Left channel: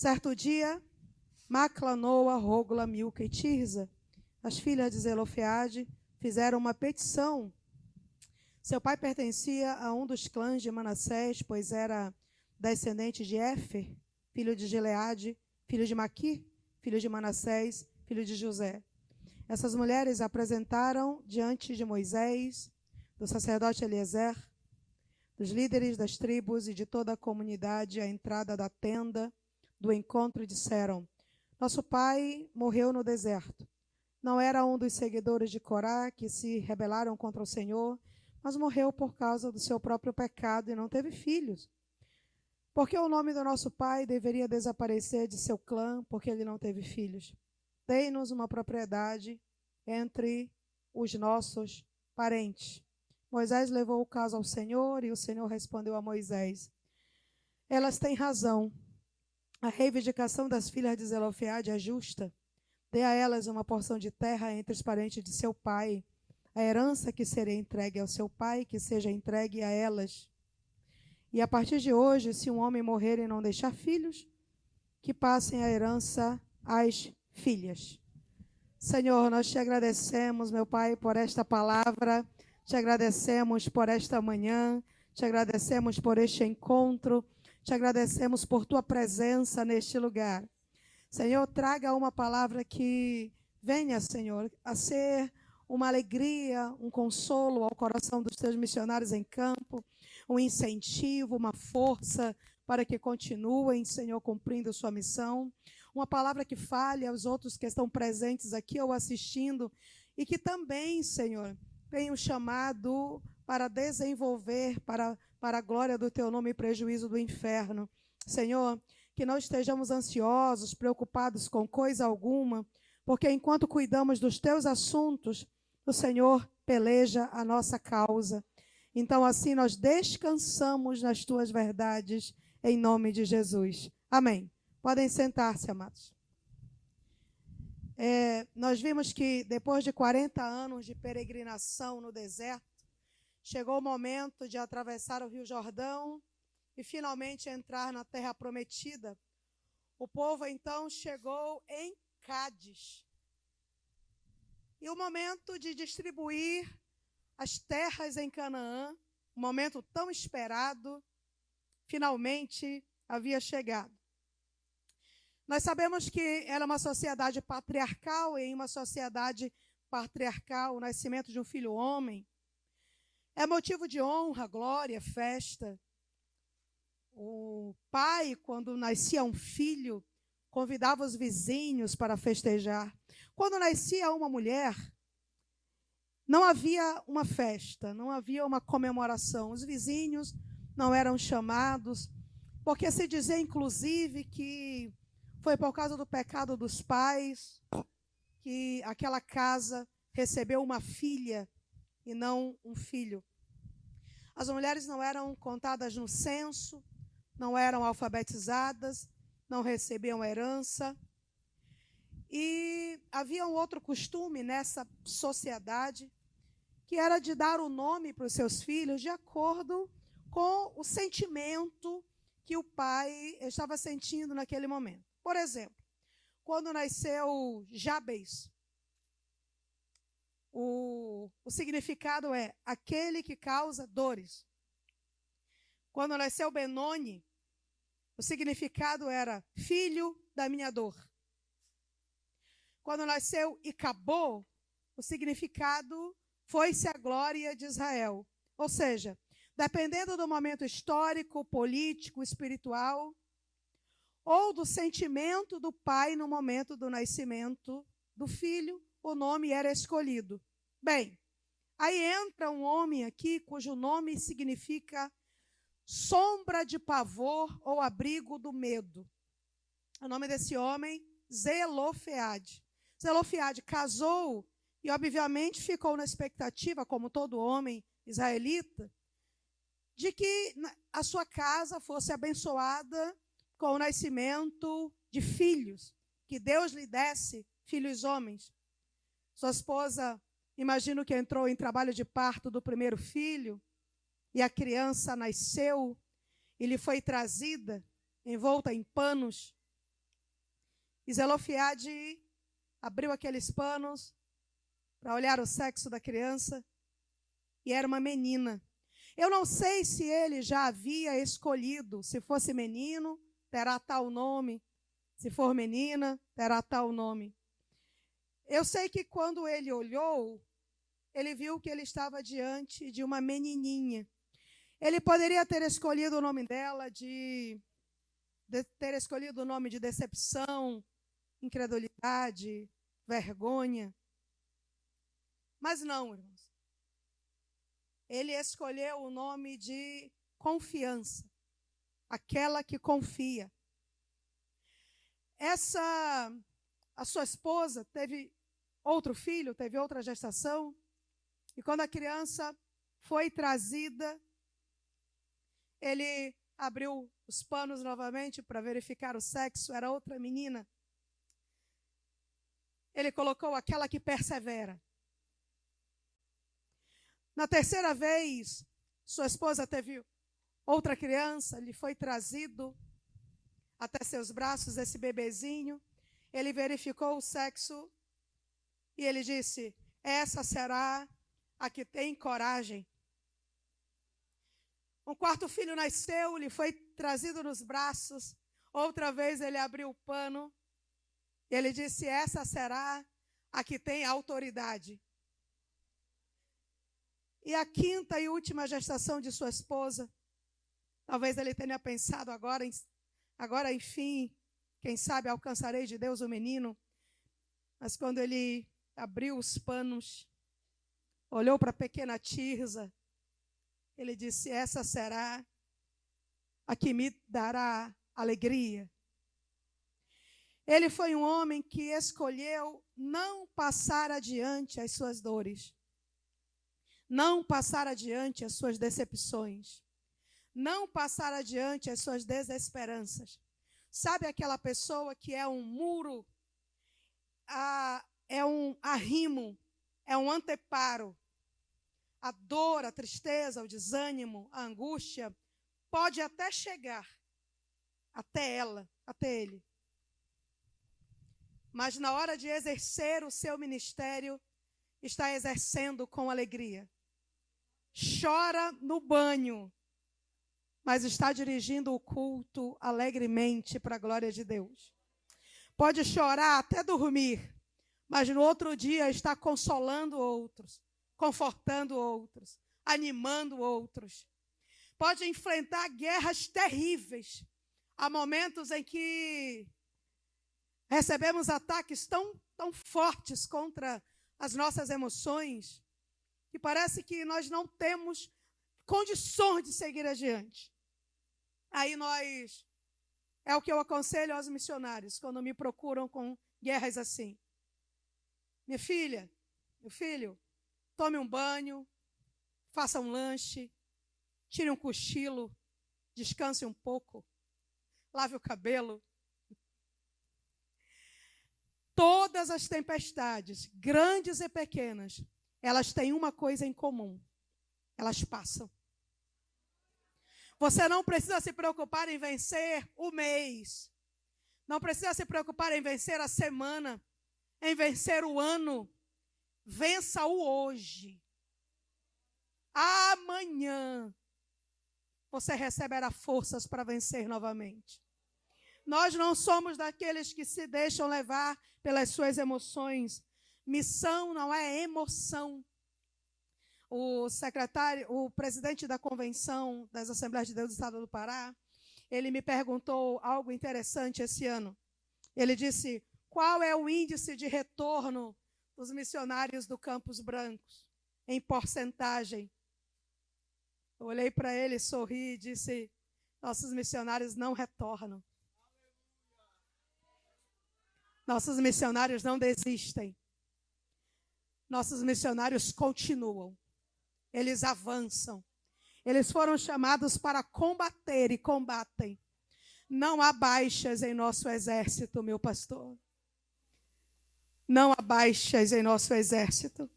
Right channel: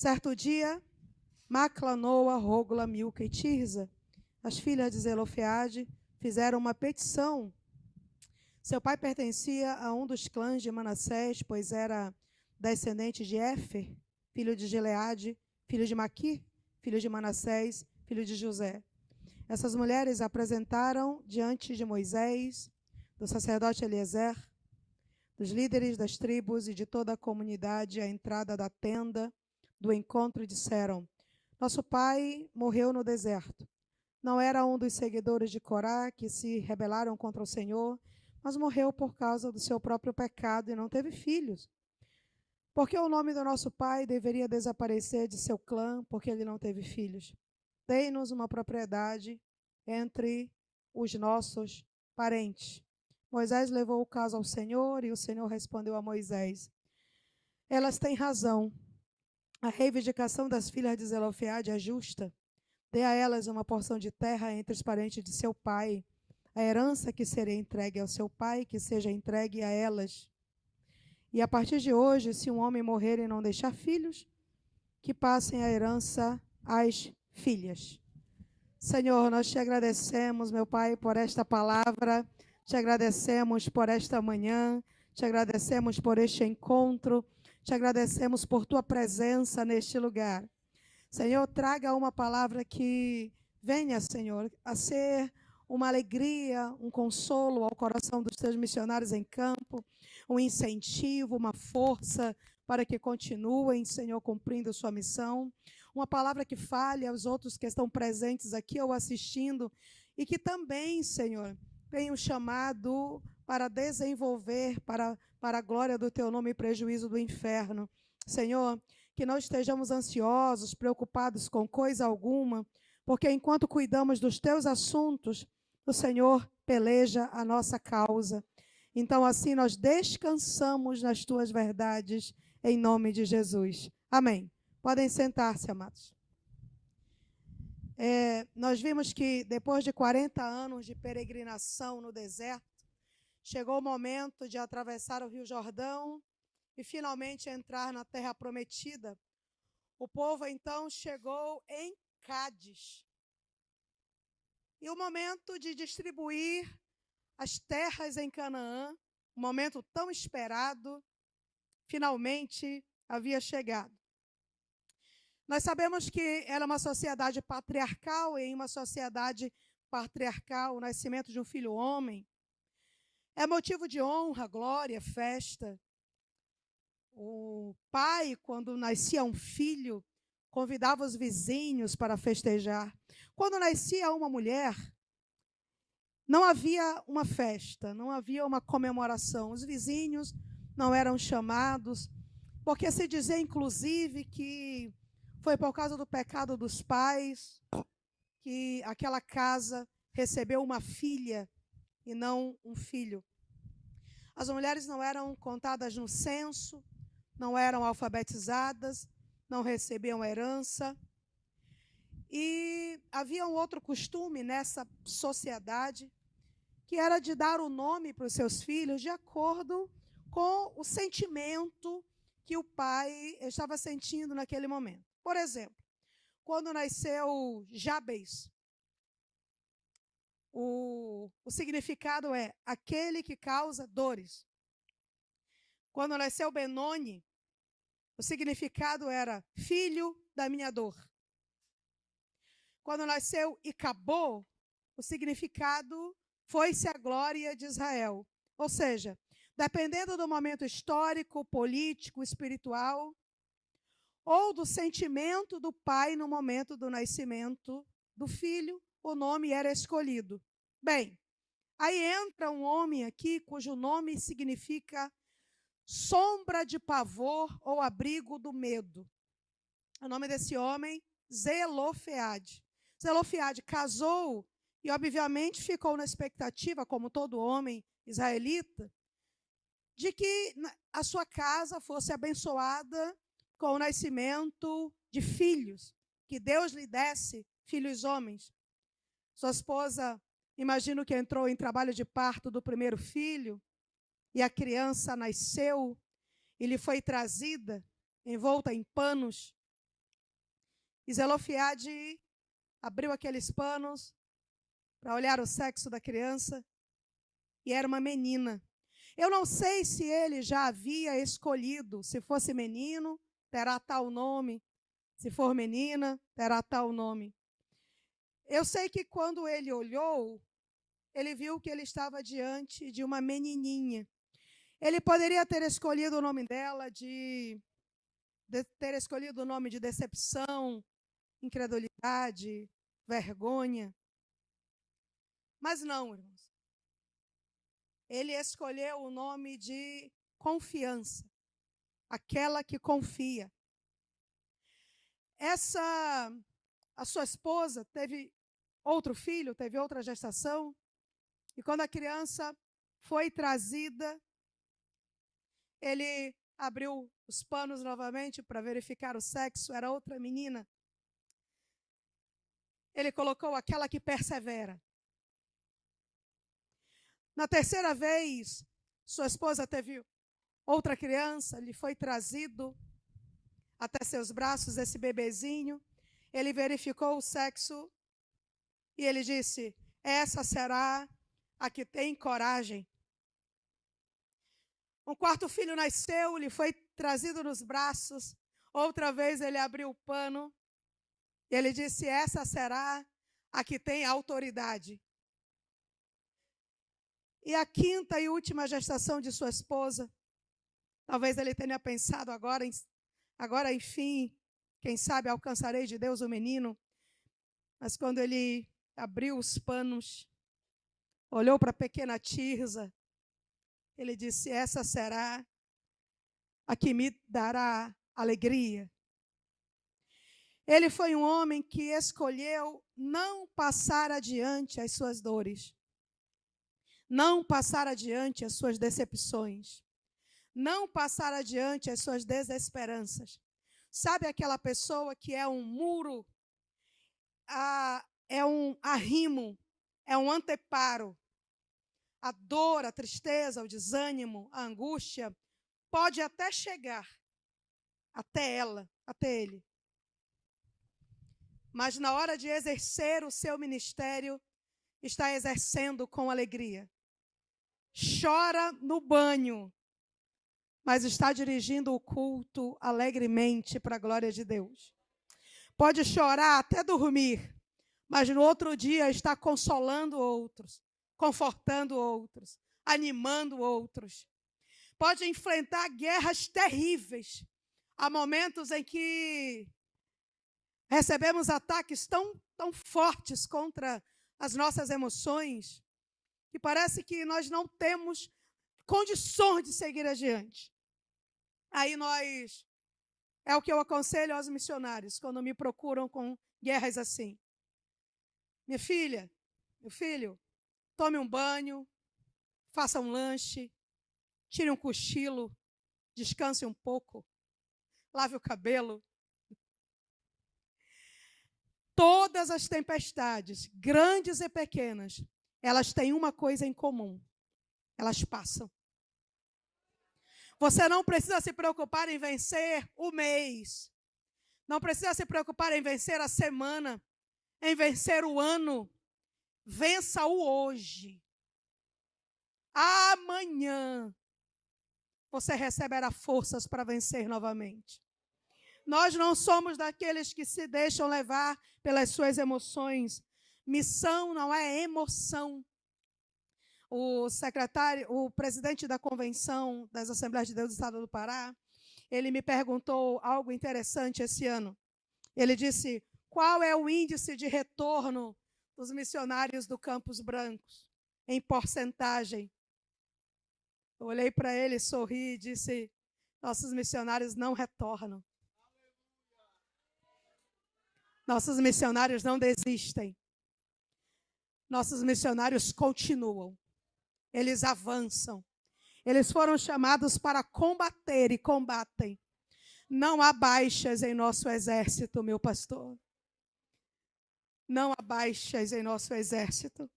Certo dia, Macla, Noa, Rógla, Milca e Tirza, as filhas de Zelofeade, fizeram uma petição. Seu pai pertencia a um dos clãs de Manassés, pois era descendente de Éfer, filho de Gileade, filho de Maquir, filho de Manassés, filho de José. Essas mulheres apresentaram diante de Moisés, do sacerdote Eliezer, dos líderes das tribos e de toda a comunidade, a entrada da tenda do encontro, e disseram: nosso pai morreu no deserto. Não era um dos seguidores de Corá que se rebelaram contra o Senhor, mas morreu por causa do seu próprio pecado e não teve filhos. Porque o nome do nosso pai deveria desaparecer de seu clã, porque ele não teve filhos. Dei-nos uma propriedade entre os nossos parentes. Moisés levou o caso ao Senhor, e o Senhor respondeu a Moisés: elas têm razão. A reivindicação das filhas de Zelofeade é justa. Dê a elas uma porção de terra entre os parentes de seu pai. A herança que seria entregue ao seu pai, que seja entregue a elas. E a partir de hoje, se um homem morrer e não deixar filhos, que passem a herança às filhas. Senhor, nós te agradecemos, meu Pai, por esta palavra. Te agradecemos por esta manhã. Te agradecemos por este encontro. Te agradecemos por tua presença neste lugar. Senhor, traga uma palavra que venha, Senhor, a ser uma alegria, um consolo ao coração dos teus missionários em campo, um incentivo, uma força para que continuem, Senhor, cumprindo sua missão. Uma palavra que fale aos outros que estão presentes aqui ou assistindo e que também, Senhor, tenham chamado para desenvolver para a glória do teu nome e prejuízo do inferno. Senhor, que não estejamos ansiosos, preocupados com coisa alguma, porque enquanto cuidamos dos teus assuntos, o Senhor peleja a nossa causa. Então, assim, nós descansamos nas tuas verdades, em nome de Jesus. Amém. Podem sentar-se, amados. Nós vimos que depois de 40 anos de peregrinação no deserto, chegou o momento de atravessar o Rio Jordão e finalmente entrar na terra prometida. O povo então chegou em Cádiz. E o momento de distribuir as terras em Canaã, um momento tão esperado, finalmente havia chegado. Nós sabemos que era uma sociedade patriarcal, e em uma sociedade patriarcal, o nascimento de um filho homem é motivo de honra, glória, festa. O pai, quando nascia um filho, convidava os vizinhos para festejar. Quando nascia uma mulher, não havia uma festa, não havia uma comemoração. Os vizinhos não eram chamados, porque se dizia, inclusive, que foi por causa do pecado dos pais que aquela casa recebeu uma filha e não um filho. As mulheres não eram contadas no censo, não eram alfabetizadas, não recebiam herança. E havia um outro costume nessa sociedade, que era de dar o nome para os seus filhos de acordo com o sentimento que o pai estava sentindo naquele momento. Por exemplo, quando nasceu Jabes, o significado é aquele que causa dores. Quando nasceu Benoni, o significado era filho da minha dor. Quando nasceu Icabô, o significado foi-se a glória de Israel. Ou seja, dependendo do momento histórico, político, espiritual, ou do sentimento do pai no momento do nascimento do filho, o nome era escolhido. Bem, aí entra um homem aqui cujo nome significa sombra de pavor ou abrigo do medo. O nome desse homem, Zelofeade. Zelofeade casou e obviamente ficou na expectativa, como todo homem israelita, de que a sua casa fosse abençoada com o nascimento de filhos, que Deus lhe desse filhos homens. Sua esposa, imagino que entrou em trabalho de parto do primeiro filho, e a criança nasceu e lhe foi trazida, envolta em panos, E Zelofeade abriu aqueles panos para olhar o sexo da criança, e era uma menina. Eu não sei se ele já havia escolhido, se fosse menino, terá tal nome, se for menina, terá tal nome. Eu sei que quando ele olhou, ele viu que ele estava diante de uma menininha. Ele poderia ter escolhido o nome dela, ter escolhido o nome de decepção, incredulidade, vergonha. Mas não, irmãos. Ele escolheu o nome de confiança, aquela que confia. A sua esposa teve outro filho, teve outra gestação, e quando a criança foi trazida, ele abriu os panos novamente para verificar o sexo, era outra menina. Ele colocou aquela que persevera. Na terceira vez, sua esposa teve outra criança, lhe foi trazido até seus braços esse bebezinho. Ele verificou o sexo e ele disse: essa será a que tem coragem. Um quarto filho nasceu, lhe foi trazido nos braços. Outra vez ele abriu o pano. Ele disse: essa será a que tem autoridade. E a quinta e última gestação de sua esposa, talvez ele tenha pensado agora enfim, quem sabe alcançarei de Deus o menino. Mas quando ele abriu os panos, olhou para a pequena Tirza, ele disse: essa será a que me dará alegria. Ele foi um homem que escolheu não passar adiante as suas dores, não passar adiante as suas decepções, não passar adiante as suas desesperanças. Sabe aquela pessoa que é um muro, é um arrimo, é um anteparo? A dor, a tristeza, o desânimo, a angústia pode até chegar até ela, até ele. Mas na hora de exercer o seu ministério, está exercendo com alegria. Chora no banho, mas está dirigindo o culto alegremente para a glória de Deus. Pode chorar até dormir, mas no outro dia está consolando outros, confortando outros, animando outros. Pode enfrentar guerras terríveis. Há momentos em que recebemos ataques tão fortes contra as nossas emoções, que parece que nós não temos condições de seguir adiante. Aí é o que eu aconselho aos missionários, quando me procuram com guerras assim. Minha filha, meu filho, tome um banho, faça um lanche, tire um cochilo, descanse um pouco, lave o cabelo. Todas as tempestades, grandes e pequenas, elas têm uma coisa em comum: elas passam. Você não precisa se preocupar em vencer o mês, não precisa se preocupar em vencer a semana, em vencer o ano. Vença o hoje. Amanhã você receberá forças para vencer novamente. Nós não somos daqueles que se deixam levar pelas suas emoções. Missão não é emoção. O presidente da Convenção das Assembleias de Deus do Estado do Pará, ele me perguntou algo interessante esse ano. Ele disse: qual é o índice de retorno dos missionários do Campos Brancos, em porcentagem? Eu olhei para ele, sorri e disse: nossos missionários não retornam. Nossos missionários não desistem. Nossos missionários continuam. Eles avançam. Eles foram chamados para combater e combatem. Não há baixas em nosso exército, meu pastor. Não há baixas em nosso exército.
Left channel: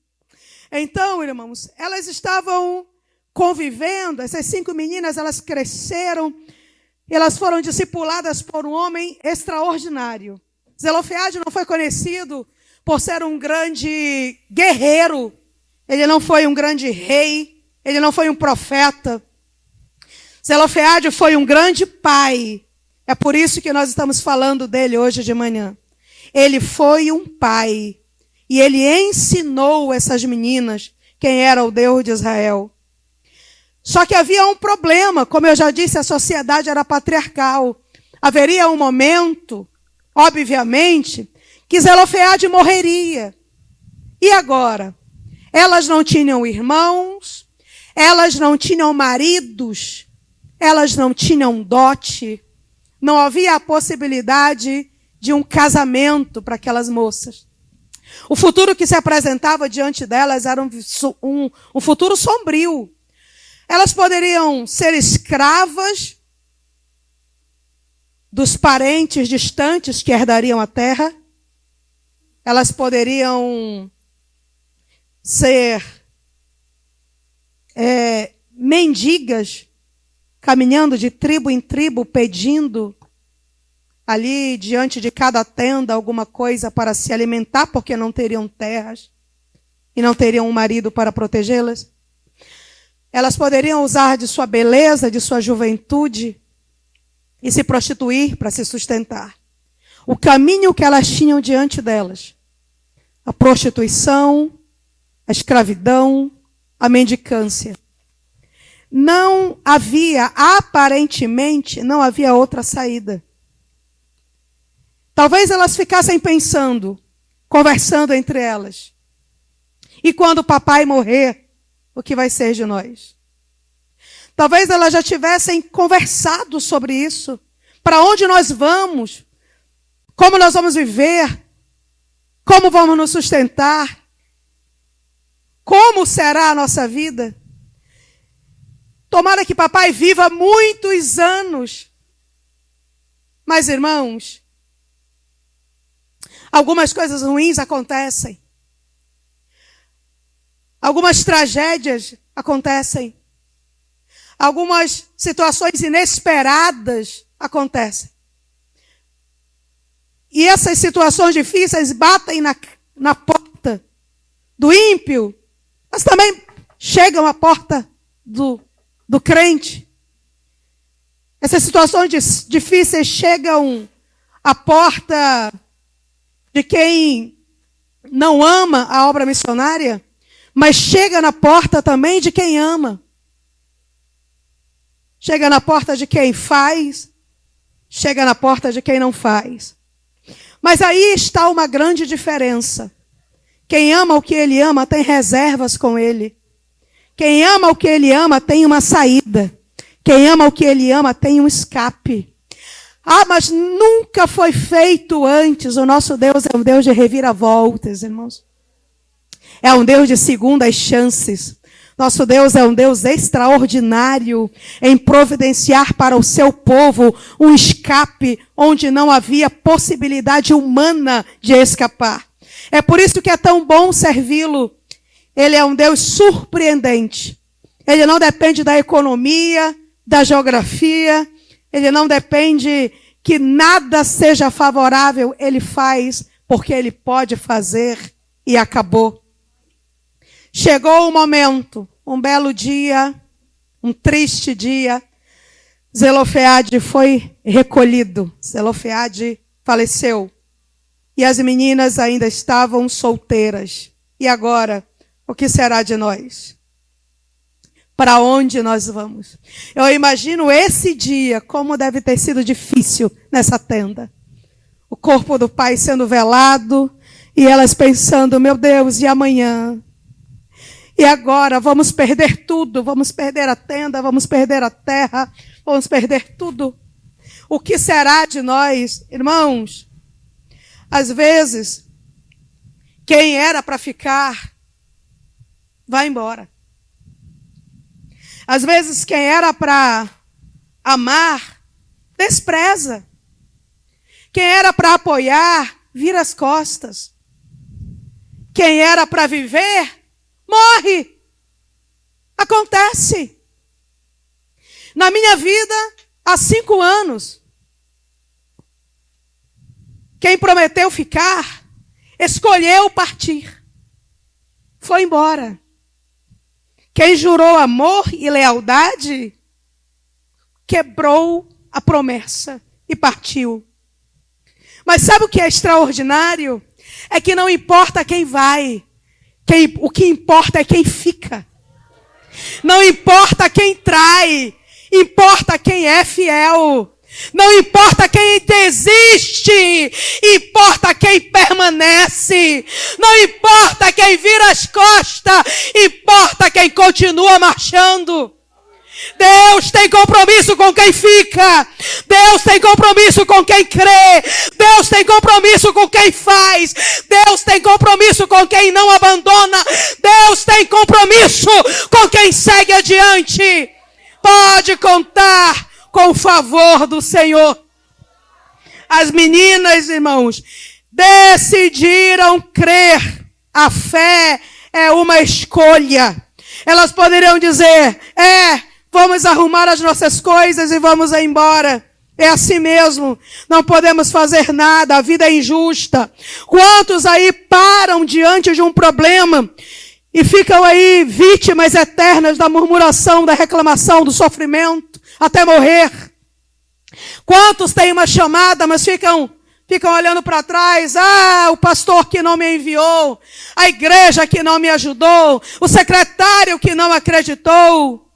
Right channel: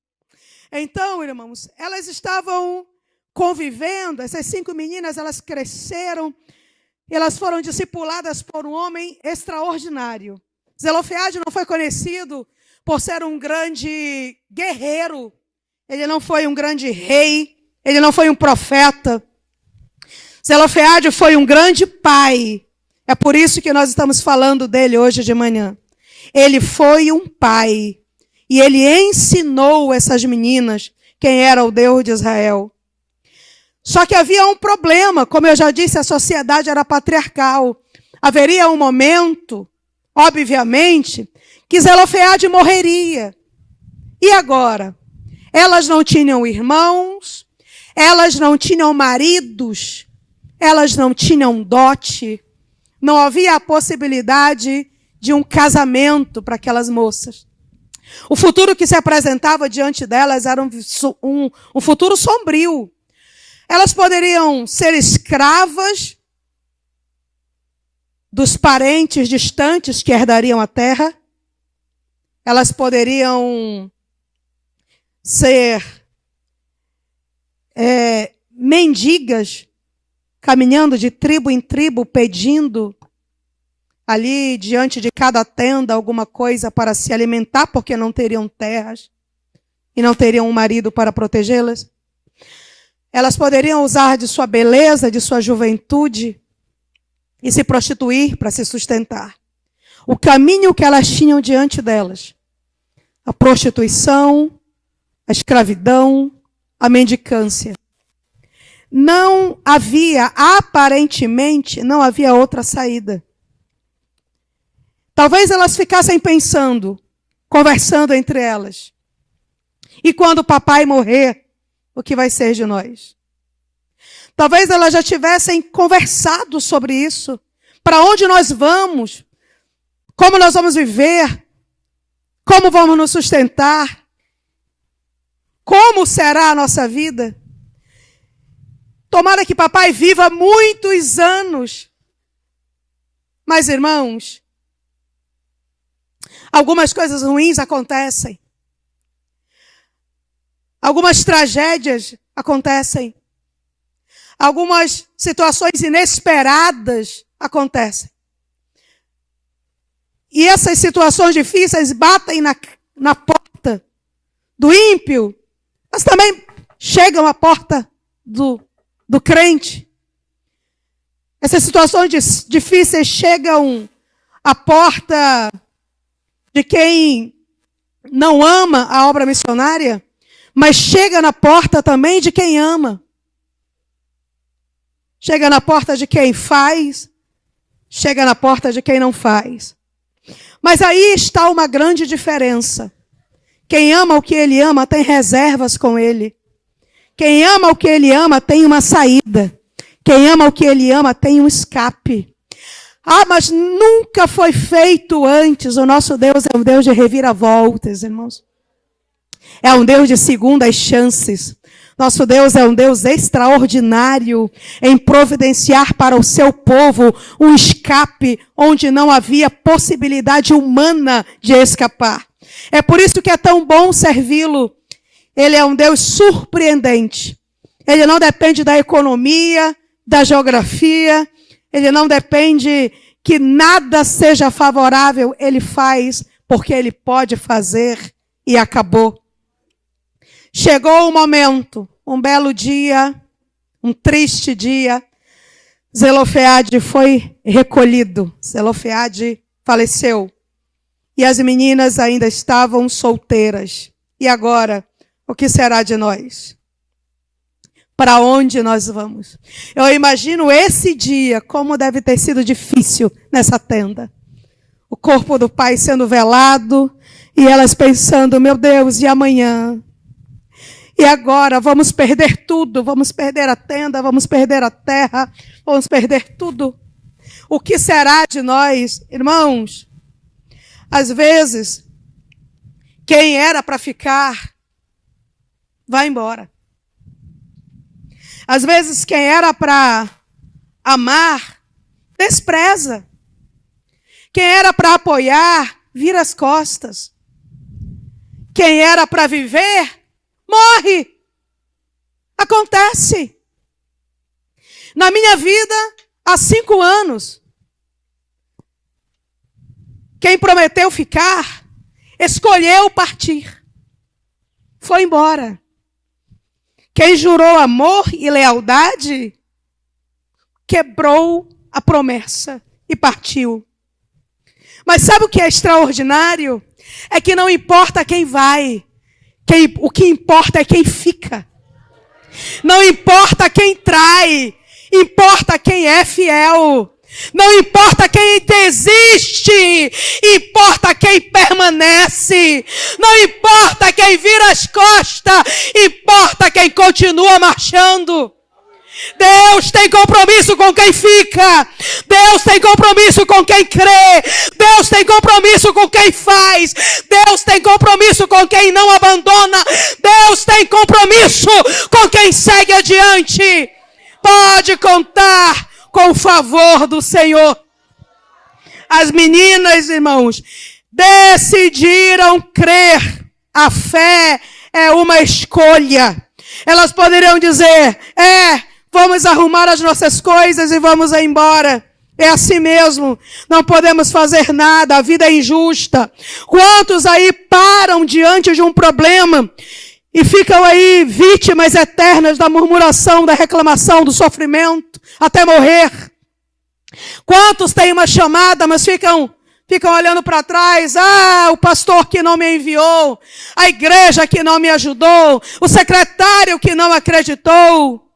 Então, irmãos, elas estavam convivendo. Essas 5 meninas, elas cresceram. Elas foram discipuladas por um homem extraordinário. Zelofeade não foi conhecido por ser um grande guerreiro. Ele não foi um grande rei. Ele não foi um profeta. Zelofeade foi um grande pai. É por isso que nós estamos falando dele hoje de manhã. Ele foi um pai. E ele ensinou essas meninas quem era o Deus de Israel. Só que havia um problema. Como eu já disse, a sociedade era patriarcal. Haveria um momento, obviamente, que Zelofeade morreria. E agora? Elas não tinham irmãos, elas não tinham maridos, elas não tinham dote. Não havia a possibilidade de um casamento para aquelas moças. O futuro que se apresentava diante delas era um futuro sombrio. Elas poderiam ser escravas dos parentes distantes que herdariam a terra. Elas poderiam ser mendigas, caminhando de tribo em tribo, pedindo ali diante de cada tenda alguma coisa para se alimentar, porque não teriam terras e não teriam um marido para protegê-las. Elas poderiam usar de sua beleza, de sua juventude e se prostituir para se sustentar. O caminho que elas tinham diante delas, a prostituição, a escravidão, a mendicância. Não havia, aparentemente, não havia outra saída. Talvez elas ficassem pensando, conversando entre elas. E quando o papai morrer, o que vai ser de nós? Talvez elas já tivessem conversado sobre isso. Para onde nós vamos? Como nós vamos viver? Como vamos nos sustentar? Como será a nossa vida? Tomara que papai viva muitos anos. Mas, irmãos, algumas coisas ruins acontecem. Algumas tragédias acontecem. Algumas situações inesperadas acontecem. E essas situações difíceis batem na porta do ímpio, mas também chegam à porta do crente. Essas situações difíceis chegam à porta de quem não ama a obra missionária, mas chega na porta também de quem ama. Chega na porta de quem faz, chega na porta de quem não faz. Mas aí está uma grande diferença. Quem ama o que ele ama tem reservas com ele. Quem ama o que ele ama tem uma saída. Quem ama o que ele ama tem um escape. Ah, mas nunca foi feito antes. O nosso Deus é um Deus de reviravoltas, irmãos. É um Deus de segundas chances. Nosso Deus é um Deus extraordinário em providenciar para o seu povo um escape onde não havia possibilidade humana de escapar. É por isso que é tão bom servi-lo. Ele é um Deus surpreendente. Ele não depende da economia, da geografia. Ele não depende que nada seja favorável. Ele faz porque ele pode fazer e acabou. Chegou o momento, um belo dia, um triste dia. Zelofeade foi recolhido. Zelofeade faleceu. E as meninas ainda estavam solteiras. E agora, o que será de nós? Para onde nós vamos? Eu imagino esse dia, como deve ter sido difícil nessa tenda. O corpo do pai sendo velado, e elas pensando, meu Deus, e amanhã? E agora vamos perder tudo, vamos perder a tenda, vamos perder a terra, vamos perder tudo. O que será de nós, irmãos? Às vezes, quem era para ficar, vai embora. Às vezes, quem era para amar, despreza. Quem era para apoiar, vira as costas. Quem era para viver, morre. Acontece. Na minha vida, há 5 anos, Quem prometeu ficar, escolheu partir. Foi embora. Quem jurou amor e lealdade, quebrou a promessa e partiu. Mas sabe o que é extraordinário? É que não importa quem vai, o que importa é quem fica. Não importa quem trai, importa quem é fiel. Não importa quem desiste, importa quem permanece. Não importa quem vira as costas, importa quem continua marchando. Deus tem compromisso com quem fica. Deus tem compromisso com quem crê. Deus tem compromisso com quem faz. Deus tem compromisso com quem não abandona. Deus tem compromisso com quem segue adiante. Pode contar com o favor do Senhor. As meninas, irmãos, decidiram crer. A fé é uma escolha. Elas poderiam dizer, vamos arrumar as nossas coisas e vamos embora. É assim mesmo. Não podemos fazer nada. A vida é injusta. Quantos aí param diante de um problema e ficam aí vítimas eternas da murmuração, da reclamação, do sofrimento, até morrer? Quantos têm uma chamada, mas ficam olhando para trás? O pastor que não me enviou, a igreja que não me ajudou, o secretário que não acreditou.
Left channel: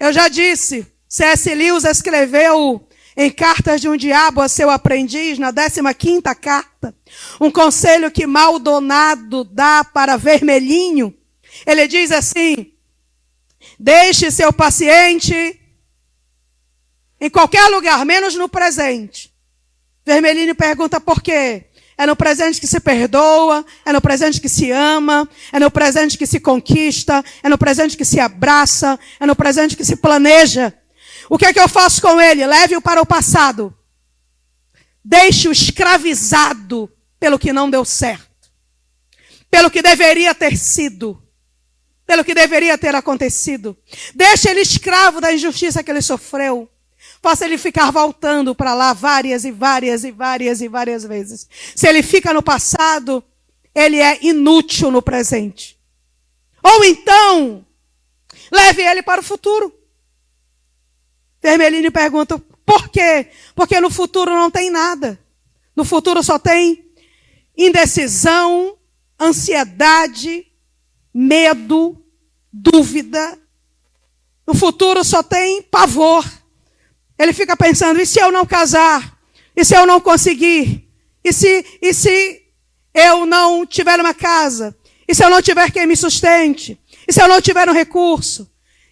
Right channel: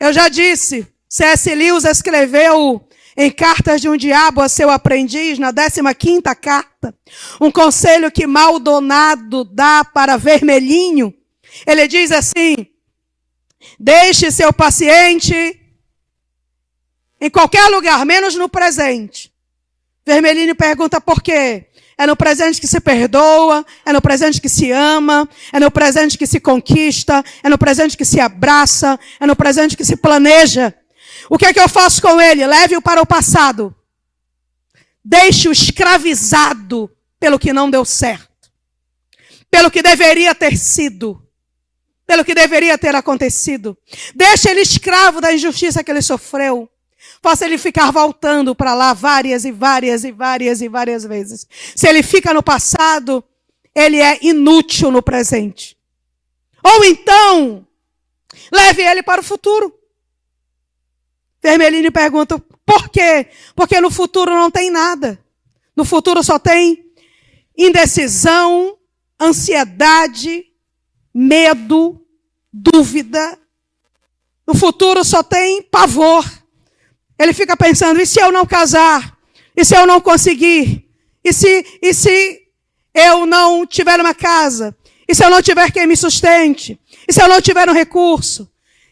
Eu já disse, C.S. Lewis escreveu em Cartas de um Diabo a seu aprendiz, na 15ª carta, um conselho que Maldonado dá para Vermelhinho. Ele diz assim: deixe seu paciente em qualquer lugar, menos no presente. Vermelhinho pergunta por quê? É no presente que se perdoa, é no presente que se ama, é no presente que se conquista, é no presente que se abraça, é no presente que se planeja. O que é que eu faço com ele? Leve-o para o passado. Deixe-o escravizado pelo que não deu certo, pelo que deveria ter sido, pelo que deveria ter acontecido. Deixe ele escravo da injustiça que ele sofreu. Faça ele ficar voltando para lá várias e várias e várias e várias vezes. Se ele fica no passado, ele é inútil no presente. Ou então, leve ele para o futuro. Vermelhinho pergunta, por quê? Porque no futuro não tem nada. No futuro só tem indecisão, ansiedade, medo, dúvida. No futuro só tem pavor. Ele fica pensando, e se eu não casar? E se eu não conseguir? E se eu não tiver uma casa? E se eu não tiver quem me sustente? E se eu não tiver um recurso?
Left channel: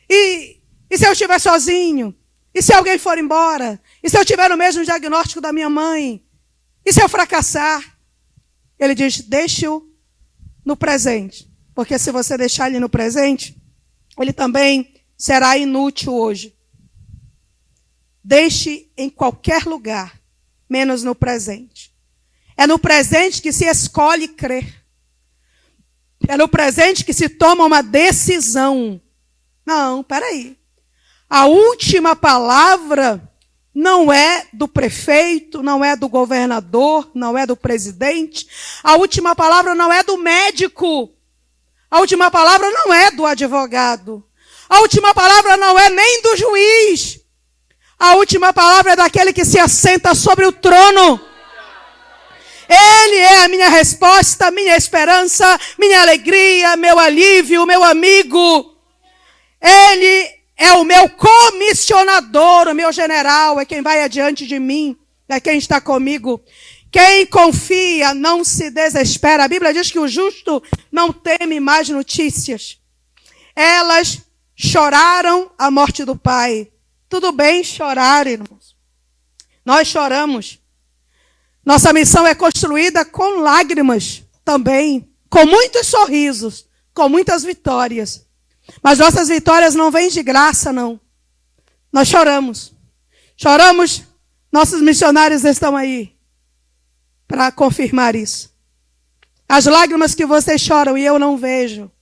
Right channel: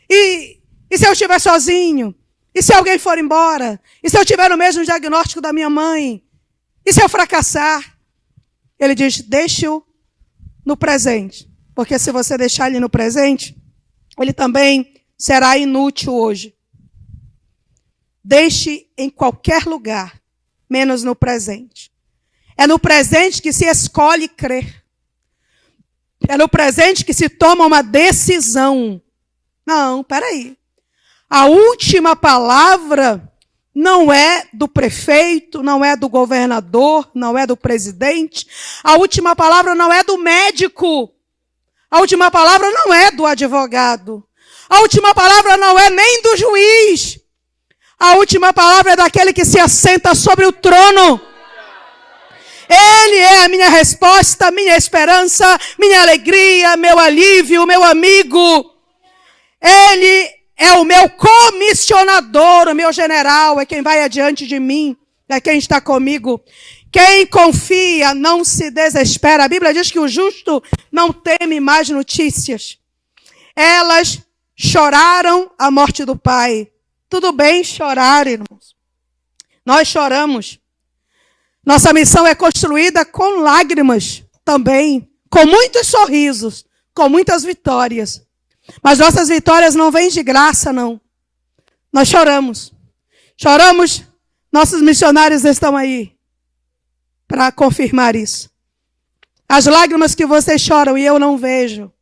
E se eu estiver sozinho? E se alguém for embora? E se eu tiver o mesmo diagnóstico da minha mãe? E se eu fracassar? Ele diz, deixe-o no presente. Porque se você deixar ele no presente, ele também será inútil hoje. Deixe em qualquer lugar, menos no presente. É no presente que se escolhe crer. É no presente que se toma uma decisão. Não, peraí. A última palavra não é do prefeito, não é do governador, não é do presidente. A última palavra não é do médico. A última palavra não é do advogado. A última palavra não é nem do juiz. A última palavra é daquele que se assenta sobre o trono. Ele é a minha resposta, minha esperança, minha alegria, meu alívio, meu amigo. Ele é o meu comissionador, o meu general, é quem vai adiante de mim, é quem está comigo. Quem confia não se desespera. A Bíblia diz que o justo não teme mais notícias. Elas choraram a morte do pai. Tudo bem chorar, irmãos. Nós choramos. Nossa missão é construída com lágrimas também, com muitos sorrisos, com muitas vitórias. Mas nossas vitórias não vêm de graça, não. Nós choramos. Choramos, nossos missionários estão aí para confirmar isso. As lágrimas que vocês choram e eu não vejo,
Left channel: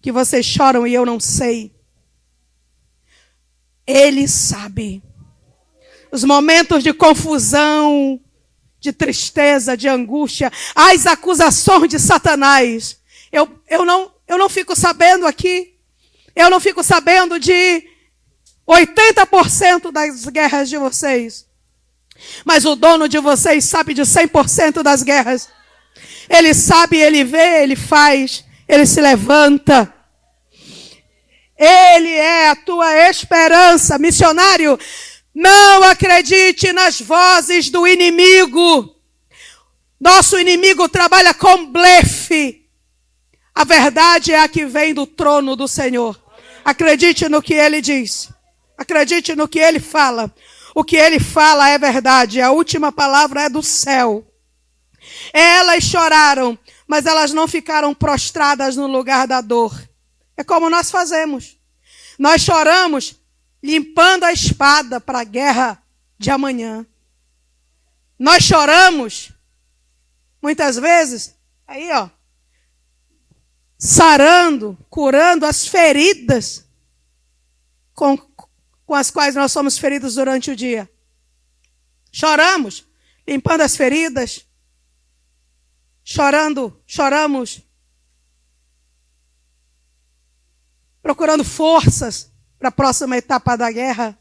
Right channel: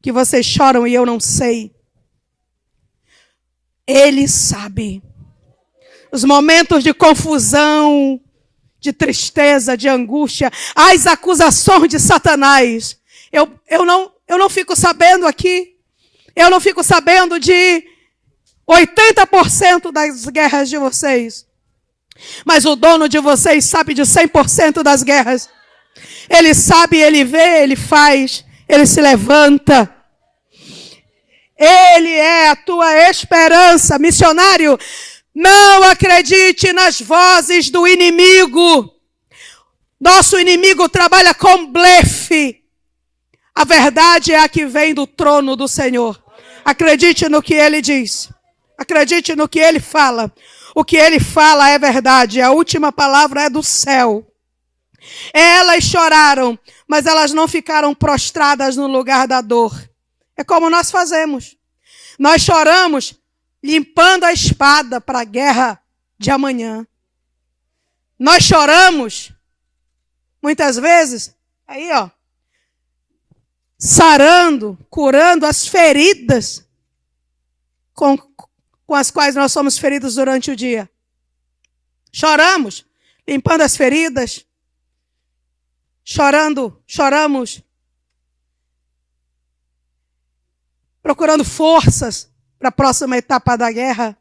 que vocês choram e eu não sei, Ele sabe. Os momentos de confusão, de tristeza, de angústia, as acusações de Satanás. Eu não fico sabendo aqui, eu não fico sabendo de 80% das guerras de vocês. Mas o dono de vocês sabe de 100% das guerras. Ele sabe, ele vê, ele faz, ele se levanta. Ele é a tua esperança, missionário. Não acredite nas vozes do inimigo. Nosso inimigo trabalha com blefe. A verdade é a que vem do trono do Senhor. Acredite no que ele diz. Acredite no que ele fala. O que ele fala é verdade. A última palavra é do céu. Elas choraram, mas elas não ficaram prostradas no lugar da dor. É como nós fazemos. Nós choramos limpando a espada para a guerra de amanhã. Nós choramos, muitas vezes, aí ó, sarando, curando as feridas com as quais nós somos feridos durante o dia. Choramos, limpando as feridas. Choramos, procurando forças para a próxima etapa da guerra.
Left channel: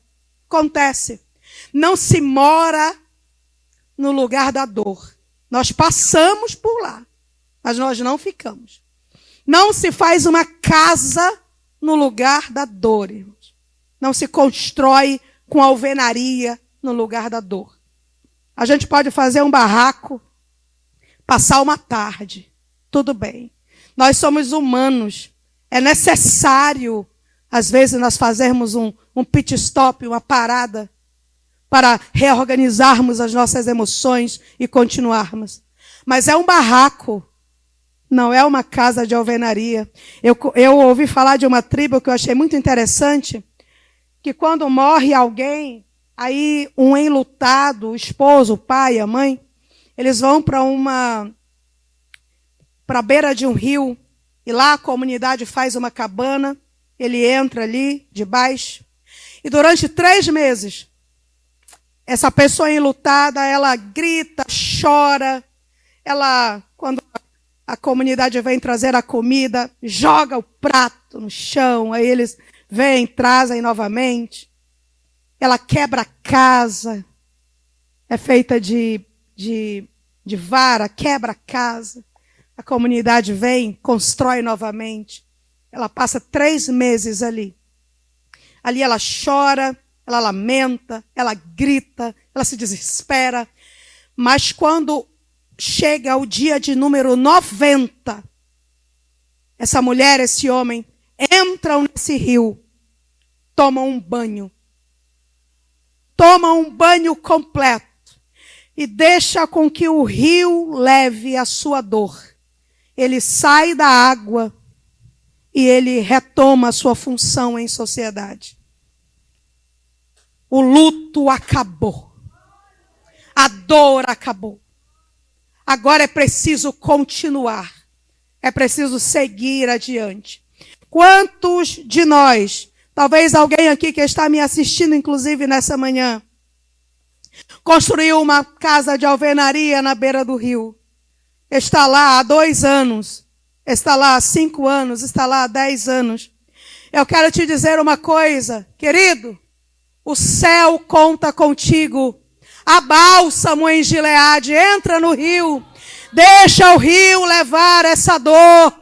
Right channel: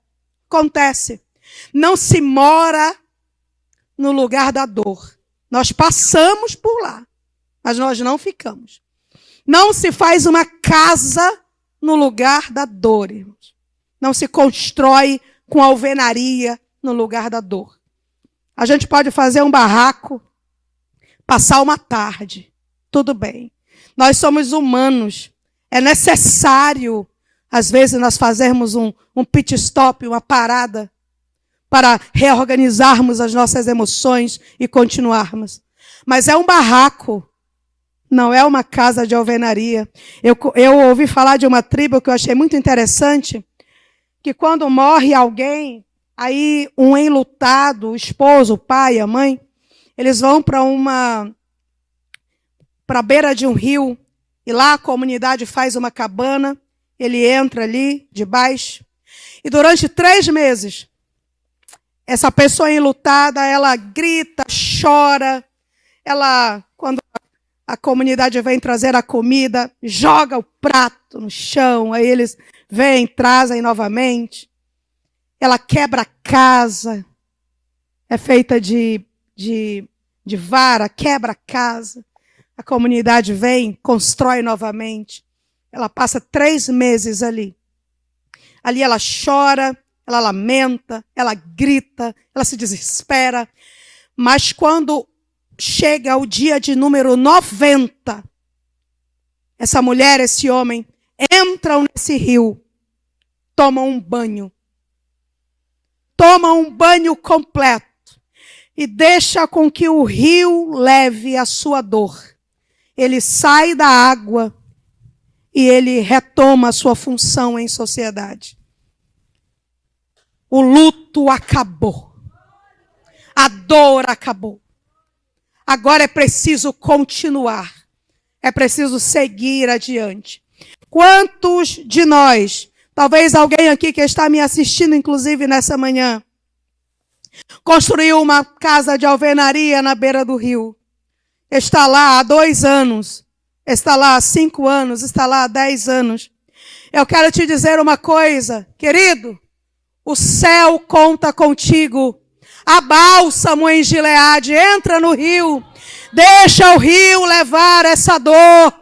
Acontece. Não se mora no lugar da dor. Nós passamos por lá, mas nós não ficamos. Não se faz uma casa no lugar da dor, irmãos. Não se constrói com alvenaria no lugar da dor. A gente pode fazer um barraco, passar uma tarde, tudo bem. Nós somos humanos. É necessário, às vezes, nós fazermos um pit stop, uma parada, para reorganizarmos as nossas emoções e continuarmos. Mas é um barraco, não é uma casa de alvenaria. Eu ouvi falar de uma tribo que eu achei muito interessante, que quando morre alguém, aí um enlutado, o esposo, o pai, a mãe, eles vão para a beira de um rio, e lá a comunidade faz uma cabana, ele entra ali, debaixo, e durante 3 meses, essa pessoa enlutada, ela grita, chora, ela, quando a comunidade vem trazer a comida, joga o prato no chão, aí eles vêm, trazem novamente, ela quebra a casa, é feita de vara, quebra a casa. A comunidade vem, constrói novamente. Ela passa 3 meses ali. Ali ela chora, ela lamenta, ela grita, ela se desespera. Mas quando chega o dia de número 90, essa mulher, esse homem, entram nesse rio, tomam um banho. Tomam um banho completo. E deixa com que o rio leve a sua dor. Ele sai da água e ele retoma a sua função em sociedade. O luto acabou. A dor acabou. Agora é preciso continuar. É preciso seguir adiante. Quantos de nós, talvez alguém aqui que está me assistindo, inclusive nessa manhã, construiu uma casa de alvenaria na beira do rio. Está lá há 2 anos. Está lá há 5 anos. Está lá há 10 anos. Eu quero te dizer uma coisa, querido. O céu conta contigo. A bálsamo em Gileade. Entra no rio. Deixa o rio levar essa dor.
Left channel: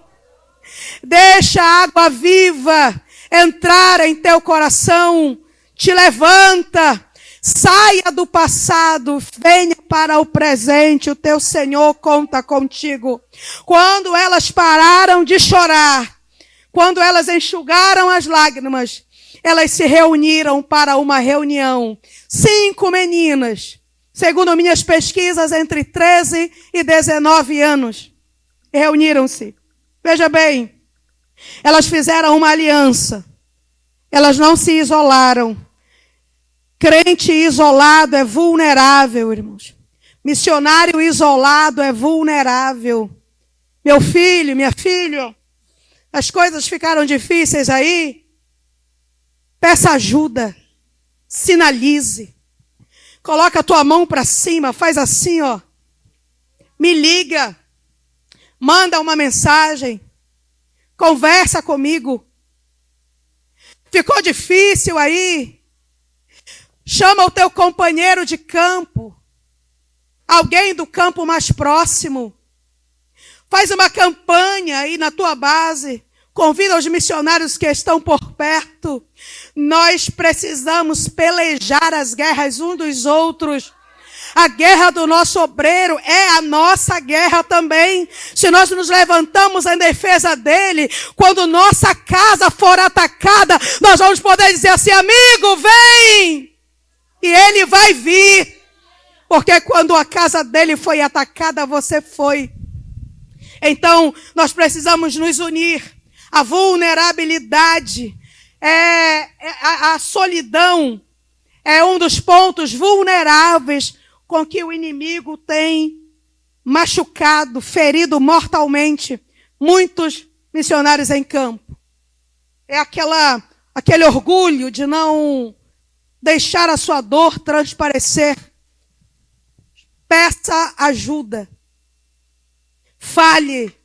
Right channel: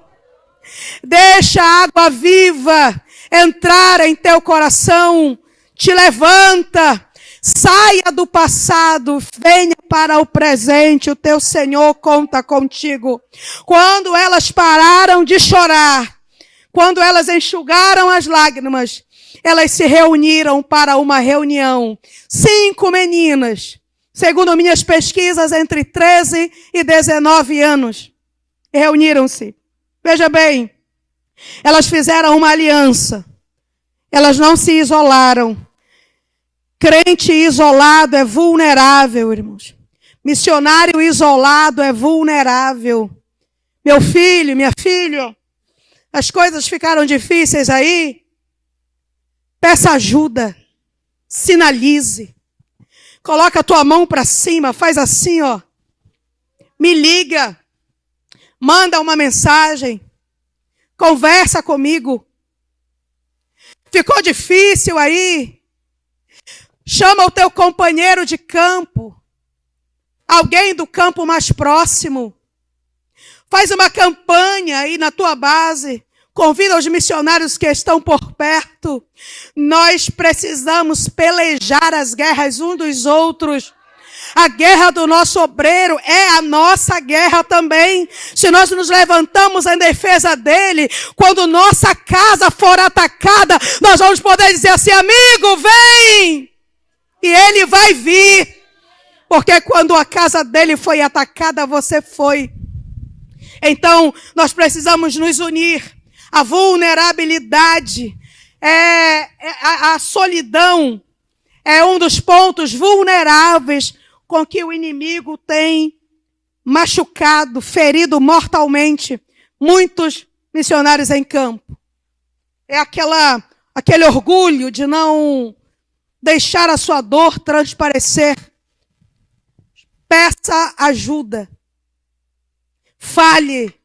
Deixa a água viva entrar em teu coração. Te levanta. Saia do passado, venha para o presente, o teu Senhor conta contigo. Quando elas pararam de chorar, quando elas enxugaram as lágrimas, elas se reuniram para uma reunião. 5 meninas, segundo minhas pesquisas, entre 13 e 19 anos, reuniram-se. Veja bem, elas fizeram uma aliança, elas não se isolaram. Crente isolado é vulnerável, irmãos. Missionário isolado é vulnerável. Meu filho, minha filha, as coisas ficaram difíceis aí? Peça ajuda. Sinalize. Coloca a tua mão para cima, faz assim, ó. me liga, manda uma mensagem, conversa comigo. Ficou difícil aí? Chama o teu companheiro de campo, alguém do campo mais próximo. Faz uma campanha aí na tua base. Convida os missionários que estão por perto. Nós precisamos pelejar as guerras uns dos outros. A guerra do nosso obreiro é a nossa guerra também. Se nós nos levantamos em defesa dele, quando nossa casa for atacada, nós vamos poder dizer assim: amigo, vem! E ele vai vir. Porque quando a casa dele foi atacada, você foi. Então, nós precisamos nos unir. A vulnerabilidade, a solidão é um dos pontos vulneráveis com que o inimigo tem machucado, ferido mortalmente muitos missionários em campo. É aquele orgulho de não deixar a sua dor transparecer. Peça ajuda. Fale.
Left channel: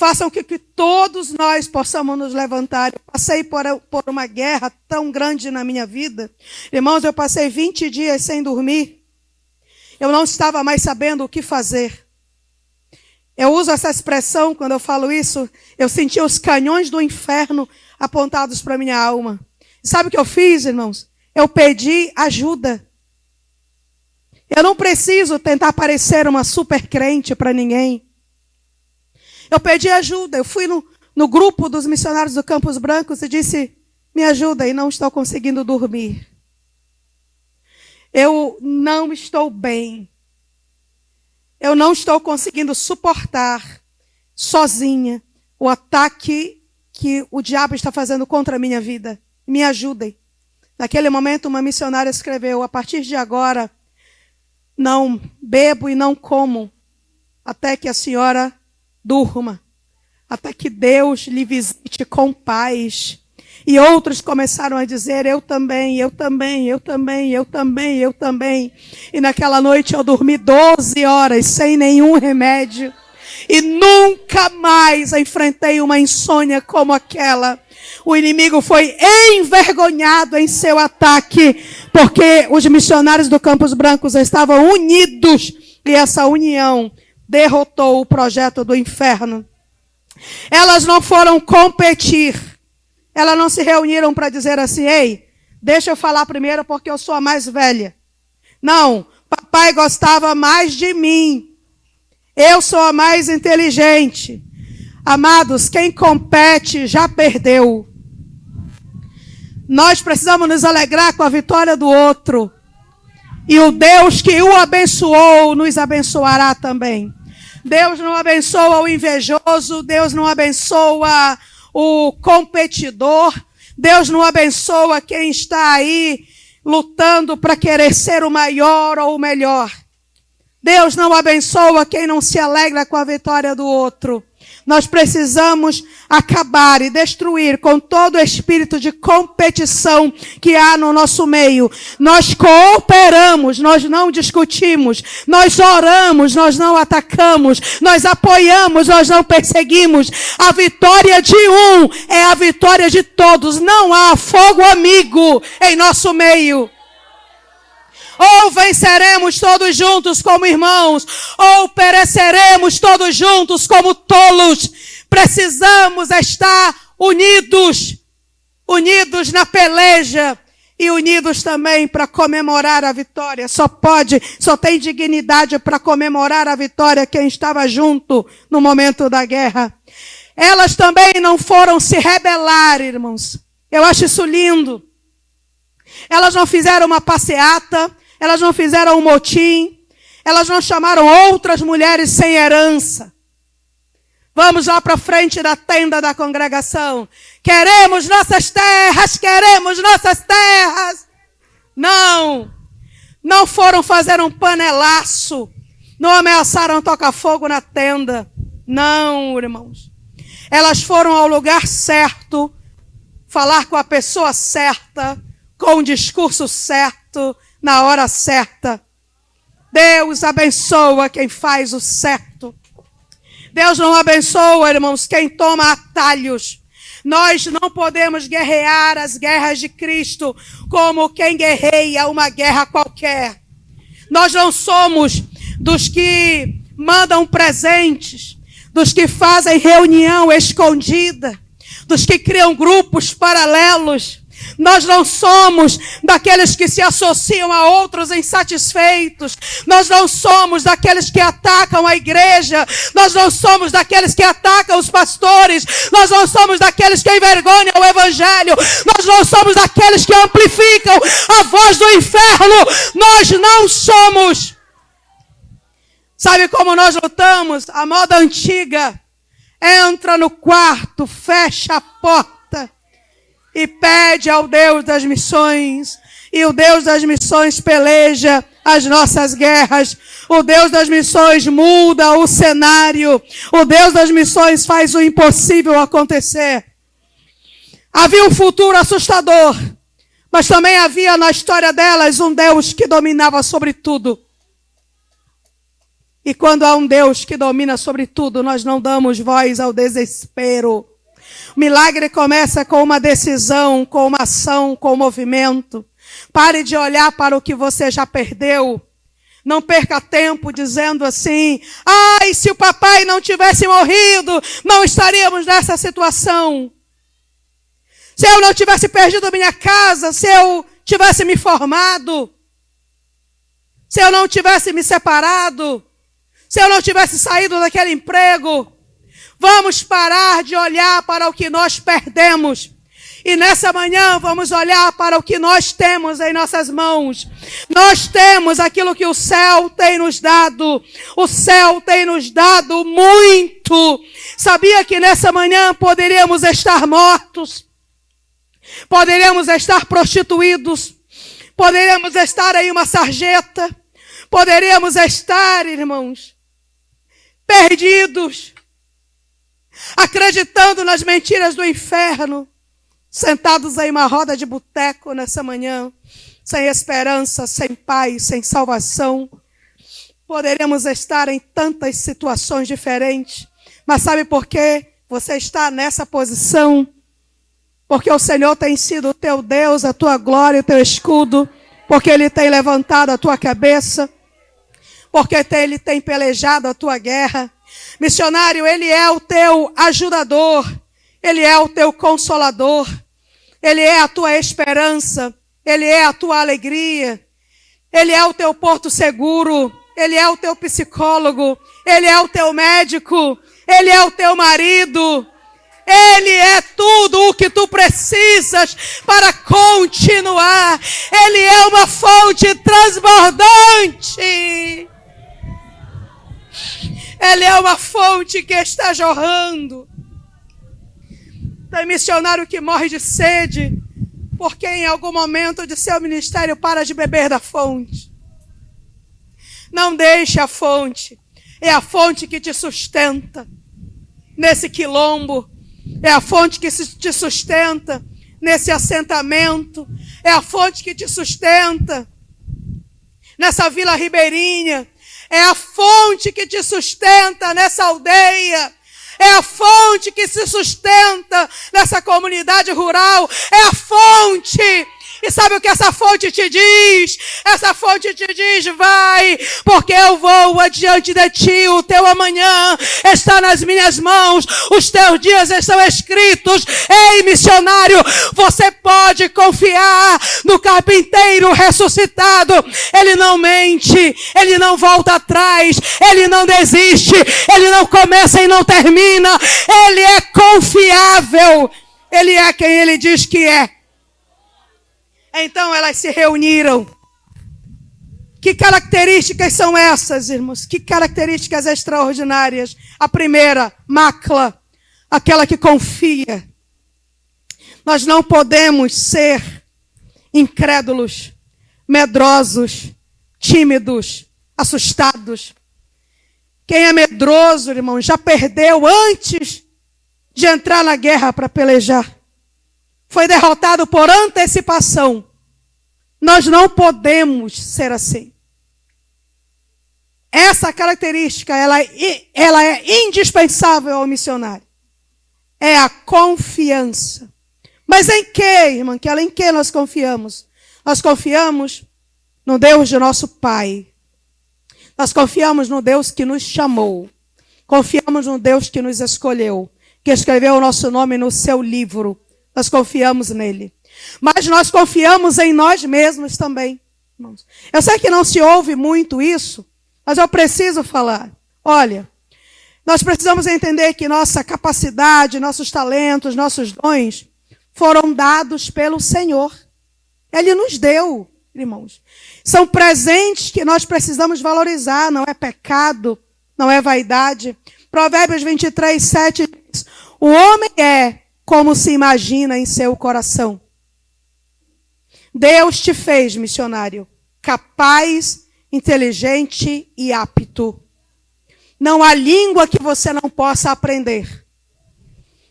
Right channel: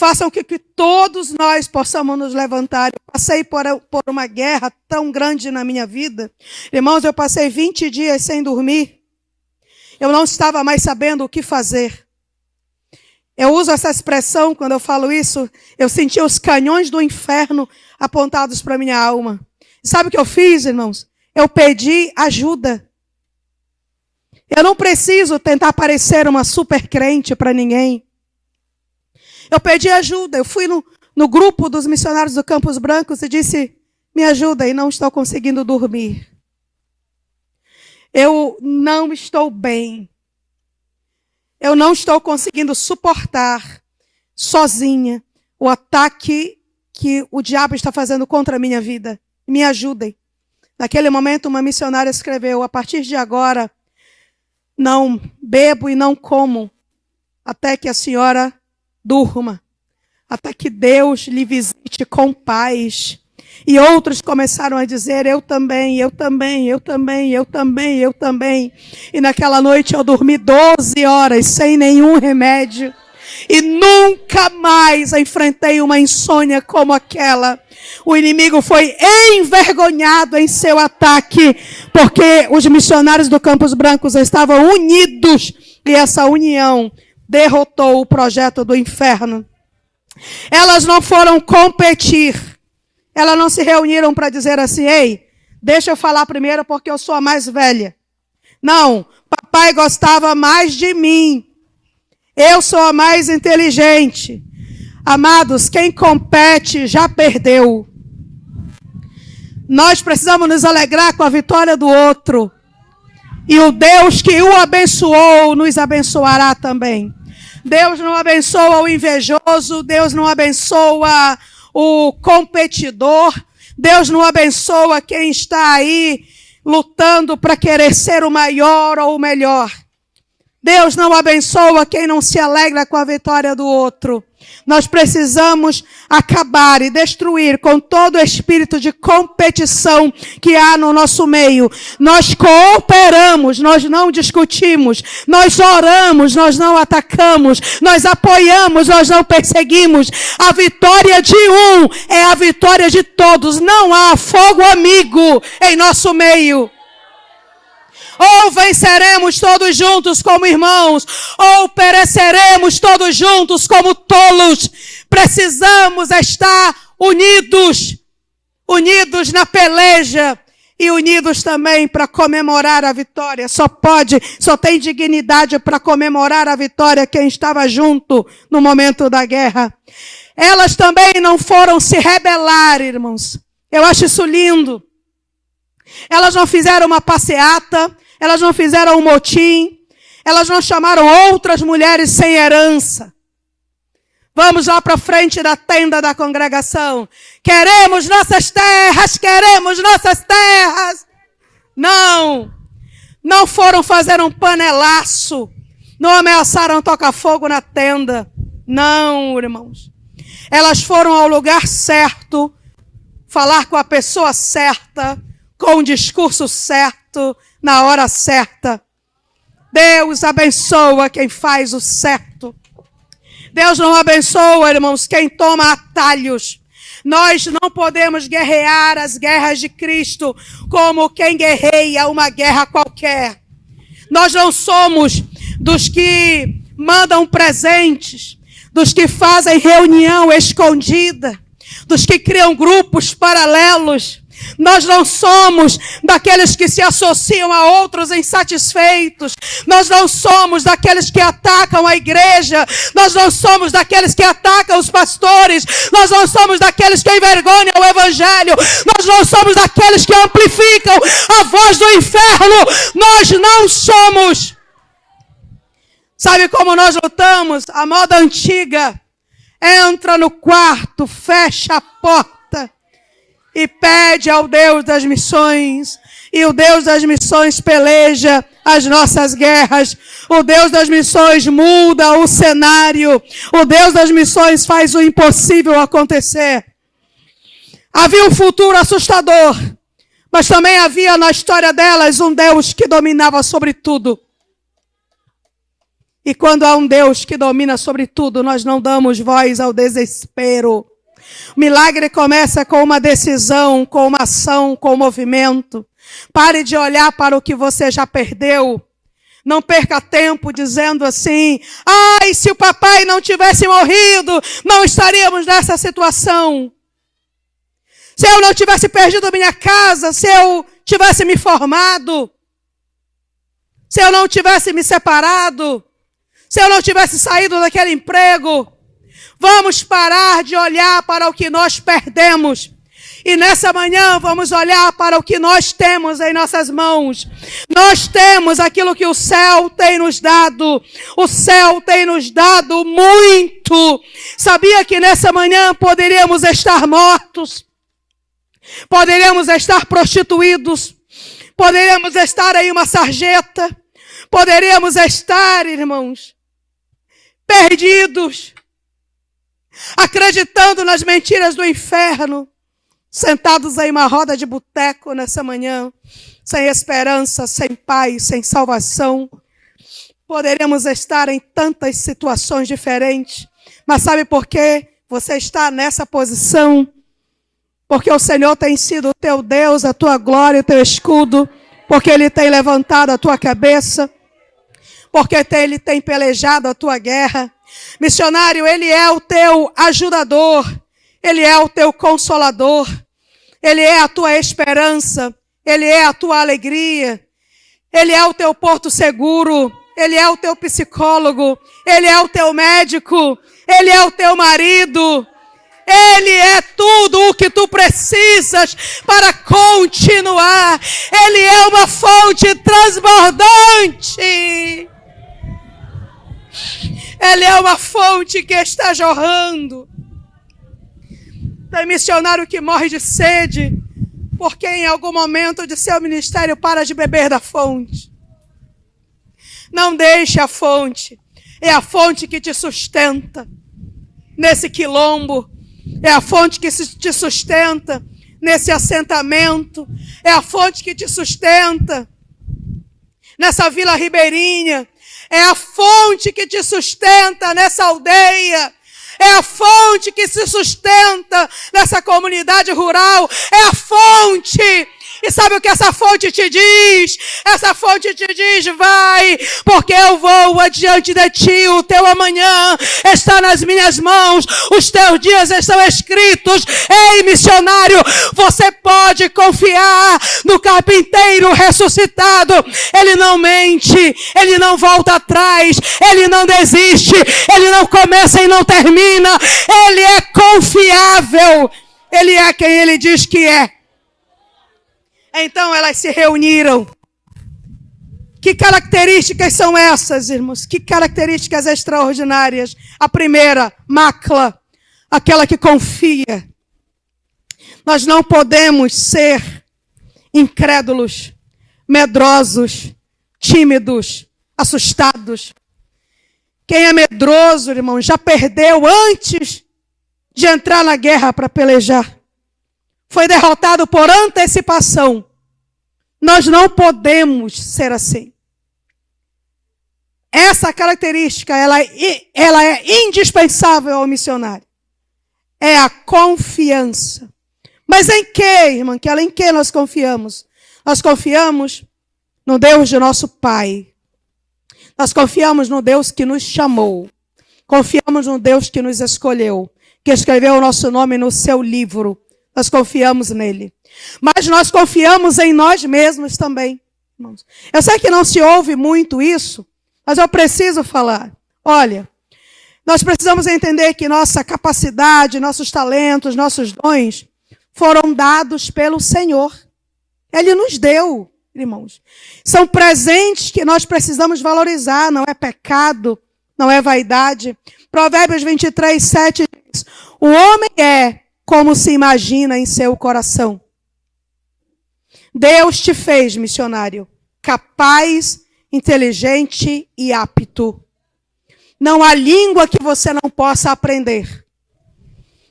Façam que todos nós possamos nos levantar. Eu passei por uma guerra tão grande na minha vida. Irmãos, eu passei 20 dias sem dormir. Eu não estava mais sabendo o que fazer. Eu uso essa expressão quando eu falo isso. Eu senti os canhões do inferno apontados para a minha alma. Sabe o que eu fiz, irmãos? Eu pedi ajuda. Eu não preciso tentar parecer uma super crente para ninguém. Eu pedi ajuda, eu fui no grupo dos missionários do Campos Brancos e disse: me ajuda, e não estou conseguindo dormir. Eu não estou bem. Eu não estou conseguindo suportar sozinha o ataque que o diabo está fazendo contra a minha vida. Me ajudem. Naquele momento, uma missionária escreveu: a partir de agora, não bebo e não como até que a senhora durma, até que Deus lhe visite com paz. E outros começaram a dizer: eu também, eu também, eu também, eu também, eu também. E naquela noite eu dormi 12 horas sem nenhum remédio. E nunca mais enfrentei uma insônia como aquela. O inimigo foi envergonhado em seu ataque, porque os missionários do Campos Brancos estavam unidos. E essa união derrotou o projeto do inferno. Elas não foram competir. Elas não se reuniram para dizer assim: ei, deixa eu falar primeiro porque eu sou a mais velha. Não, papai gostava mais de mim. Eu sou a mais inteligente. Amados, quem compete já perdeu. Nós precisamos nos alegrar com a vitória do outro. E o Deus que o abençoou nos abençoará também. Deus não abençoa o invejoso, Deus não abençoa o competidor, Deus não abençoa quem está aí lutando para querer ser o maior ou o melhor. Deus não abençoa quem não se alegra com a vitória do outro. Nós precisamos acabar e destruir com todo o espírito de competição que há no nosso meio. Nós cooperamos, nós não discutimos. Nós oramos, nós não atacamos. Nós apoiamos, nós não perseguimos. A vitória de um é a vitória de todos. Não há fogo amigo em nosso meio. Ou venceremos todos juntos como irmãos, ou pereceremos todos juntos como tolos. Precisamos estar unidos, unidos na peleja e unidos também para comemorar a vitória. Só tem dignidade para comemorar a vitória quem estava junto no momento da guerra. Elas também não foram se rebelar, irmãos. Eu acho isso lindo. Elas não fizeram uma passeata. Elas não fizeram um motim. Elas não chamaram outras mulheres sem herança. Vamos lá para frente da tenda da congregação. Queremos nossas terras, queremos nossas terras. Não. Não foram fazer um panelaço. Não ameaçaram tocar fogo na tenda. Não, irmãos. Elas foram ao lugar certo, falar com a pessoa certa, com o discurso certo, na hora certa. Deus abençoa quem faz o certo. Deus não abençoa, irmãos, quem toma atalhos. Nós não podemos guerrear as guerras de Cristo como quem guerreia uma guerra qualquer. Nós não somos dos que mandam presentes, dos que fazem reunião escondida, dos que criam grupos paralelos. Nós não somos daqueles que se associam a outros insatisfeitos. Nós não somos daqueles que atacam a igreja. Nós não somos daqueles que atacam os pastores. Nós não somos daqueles que envergonham o evangelho. Nós não somos daqueles que amplificam a voz do inferno. Nós não somos. Sabe como nós lutamos? A moda antiga. Entra no quarto, fecha a porta e pede ao Deus das missões. E o Deus das missões peleja as nossas guerras. O Deus das missões muda o cenário. O Deus das missões faz o impossível acontecer. Havia um futuro assustador, mas também havia na história delas um Deus que dominava sobre tudo. E quando há um Deus que domina sobre tudo, nós não damos voz ao desespero. O milagre começa com uma decisão, com uma ação, com um movimento. Pare de olhar para o que você já perdeu. Não perca tempo dizendo assim: ai, se o papai não tivesse morrido, não estaríamos nessa situação. Se eu não tivesse perdido minha casa, se eu tivesse me formado, se eu não tivesse me separado, se eu não tivesse saído daquele emprego. Vamos parar de olhar para o que nós perdemos. E nessa manhã vamos olhar para o que nós temos em nossas mãos. Nós temos aquilo que o céu tem nos dado. O céu tem nos dado muito. Sabia que nessa manhã poderíamos estar mortos? Poderíamos estar prostituídos? Poderíamos estar em uma sarjeta? Poderíamos estar, irmãos, perdidos, acreditando nas mentiras do inferno, sentados em uma roda de boteco nessa manhã, sem esperança, sem paz, sem salvação. Poderíamos estar em tantas situações diferentes, mas sabe por quê você está nessa posição? Porque o Senhor tem sido o teu Deus, a tua glória, o teu escudo, porque Ele tem levantado a tua cabeça, porque Ele tem pelejado a tua guerra. Missionário, Ele é o teu ajudador, Ele é o teu consolador, Ele é a tua esperança, Ele é a tua alegria, Ele é o teu porto seguro, Ele é o teu psicólogo, Ele é o teu médico, Ele é o teu marido, Ele é tudo o que tu precisas para continuar. Ele é uma fonte transbordante. Ele é uma fonte que está jorrando. Tem missionário que morre de sede, porque em algum momento de seu ministério para de beber da fonte. Não deixe a fonte. É a fonte que te sustenta nesse quilombo. É a fonte que te sustenta nesse assentamento. É a fonte que te sustenta nessa vila ribeirinha. É a fonte que te sustenta nessa aldeia. É a fonte que se sustenta nessa comunidade rural. É a fonte. E sabe o que essa fonte te diz? Essa fonte te diz: vai, porque eu vou adiante de ti. O teu amanhã está nas minhas mãos. Os teus dias estão escritos. Ei, missionário, você pode confiar no carpinteiro ressuscitado. Ele não mente, ele não volta atrás, ele não desiste, ele não começa e não termina. Ele é confiável. Ele é quem ele diz que é. Então elas se reuniram. Que características são essas, irmãos? Que características extraordinárias? A primeira, Macla, aquela que confia. Nós não podemos ser incrédulos, medrosos, tímidos, assustados. Quem é medroso, irmão, já perdeu antes de entrar na guerra para pelejar. Foi derrotado por antecipação. Nós não podemos ser assim. Essa característica, ela é indispensável ao missionário. É a confiança. Mas em que, irmã Kela? Em que nós confiamos? Nós confiamos no Deus de nosso Pai. Nós confiamos no Deus que nos chamou. Confiamos no Deus que nos escolheu, que escreveu o nosso nome no seu livro. Nós confiamos nele. Mas nós confiamos em nós mesmos também. Eu sei que não se ouve muito isso, mas eu preciso falar. Olha, nós precisamos entender que nossa capacidade, nossos talentos, nossos dons foram dados pelo Senhor. Ele nos deu, irmãos. São presentes que nós precisamos valorizar, não é pecado, não é vaidade. Provérbios 23, 7 diz: o homem é como se imagina em seu coração. Deus te fez, missionário, capaz, inteligente e apto. Não há língua que você não possa aprender.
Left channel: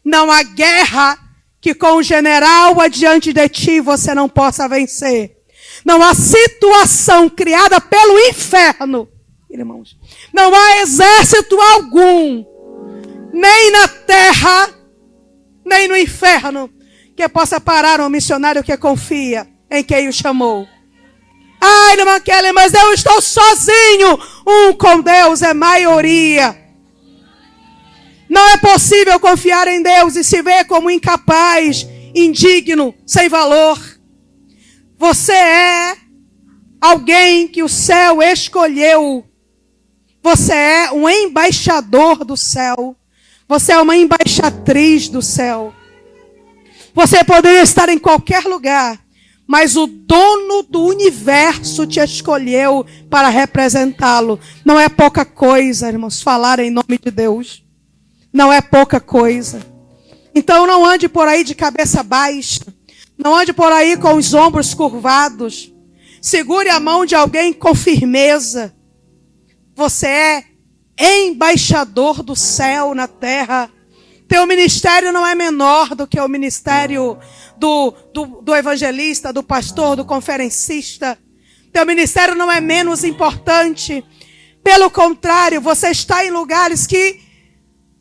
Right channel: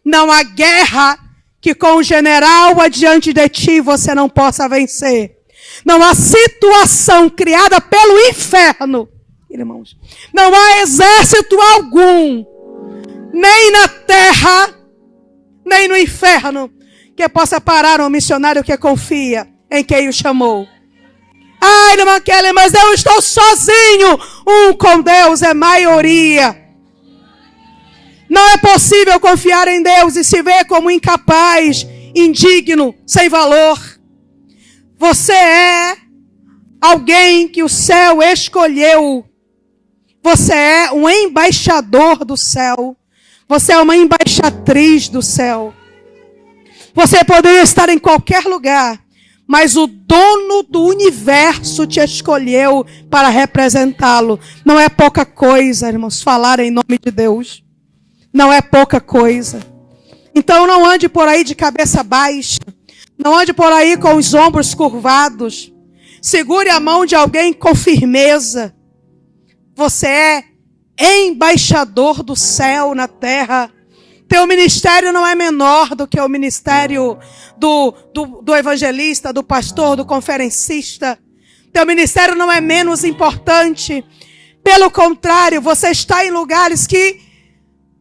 Não há guerra que com o general adiante de ti você não possa vencer. Não há situação criada pelo inferno, irmãos. Não há exército algum, nem na terra, nem no inferno, que possa parar um missionário que confia em quem o chamou. Ai, irmã Kelly, mas eu estou sozinho. Com Deus é maioria. Não é possível confiar em Deus e se ver como incapaz, indigno, sem valor. Você é alguém que o céu escolheu. Você é um embaixador do céu. Você é uma embaixatriz do céu. Você poderia estar em qualquer lugar, mas o dono do universo te escolheu para representá-lo. Não é pouca coisa, irmãos, falar em nome de Deus. Não é pouca coisa. Então não ande por aí de cabeça baixa. Não ande por aí com os ombros curvados. Segure a mão de alguém com firmeza. Você é embaixador do céu na terra. Teu ministério não é menor do que o ministério do evangelista, do pastor, do conferencista. Teu ministério não é menos importante. Pelo contrário, você está em lugares que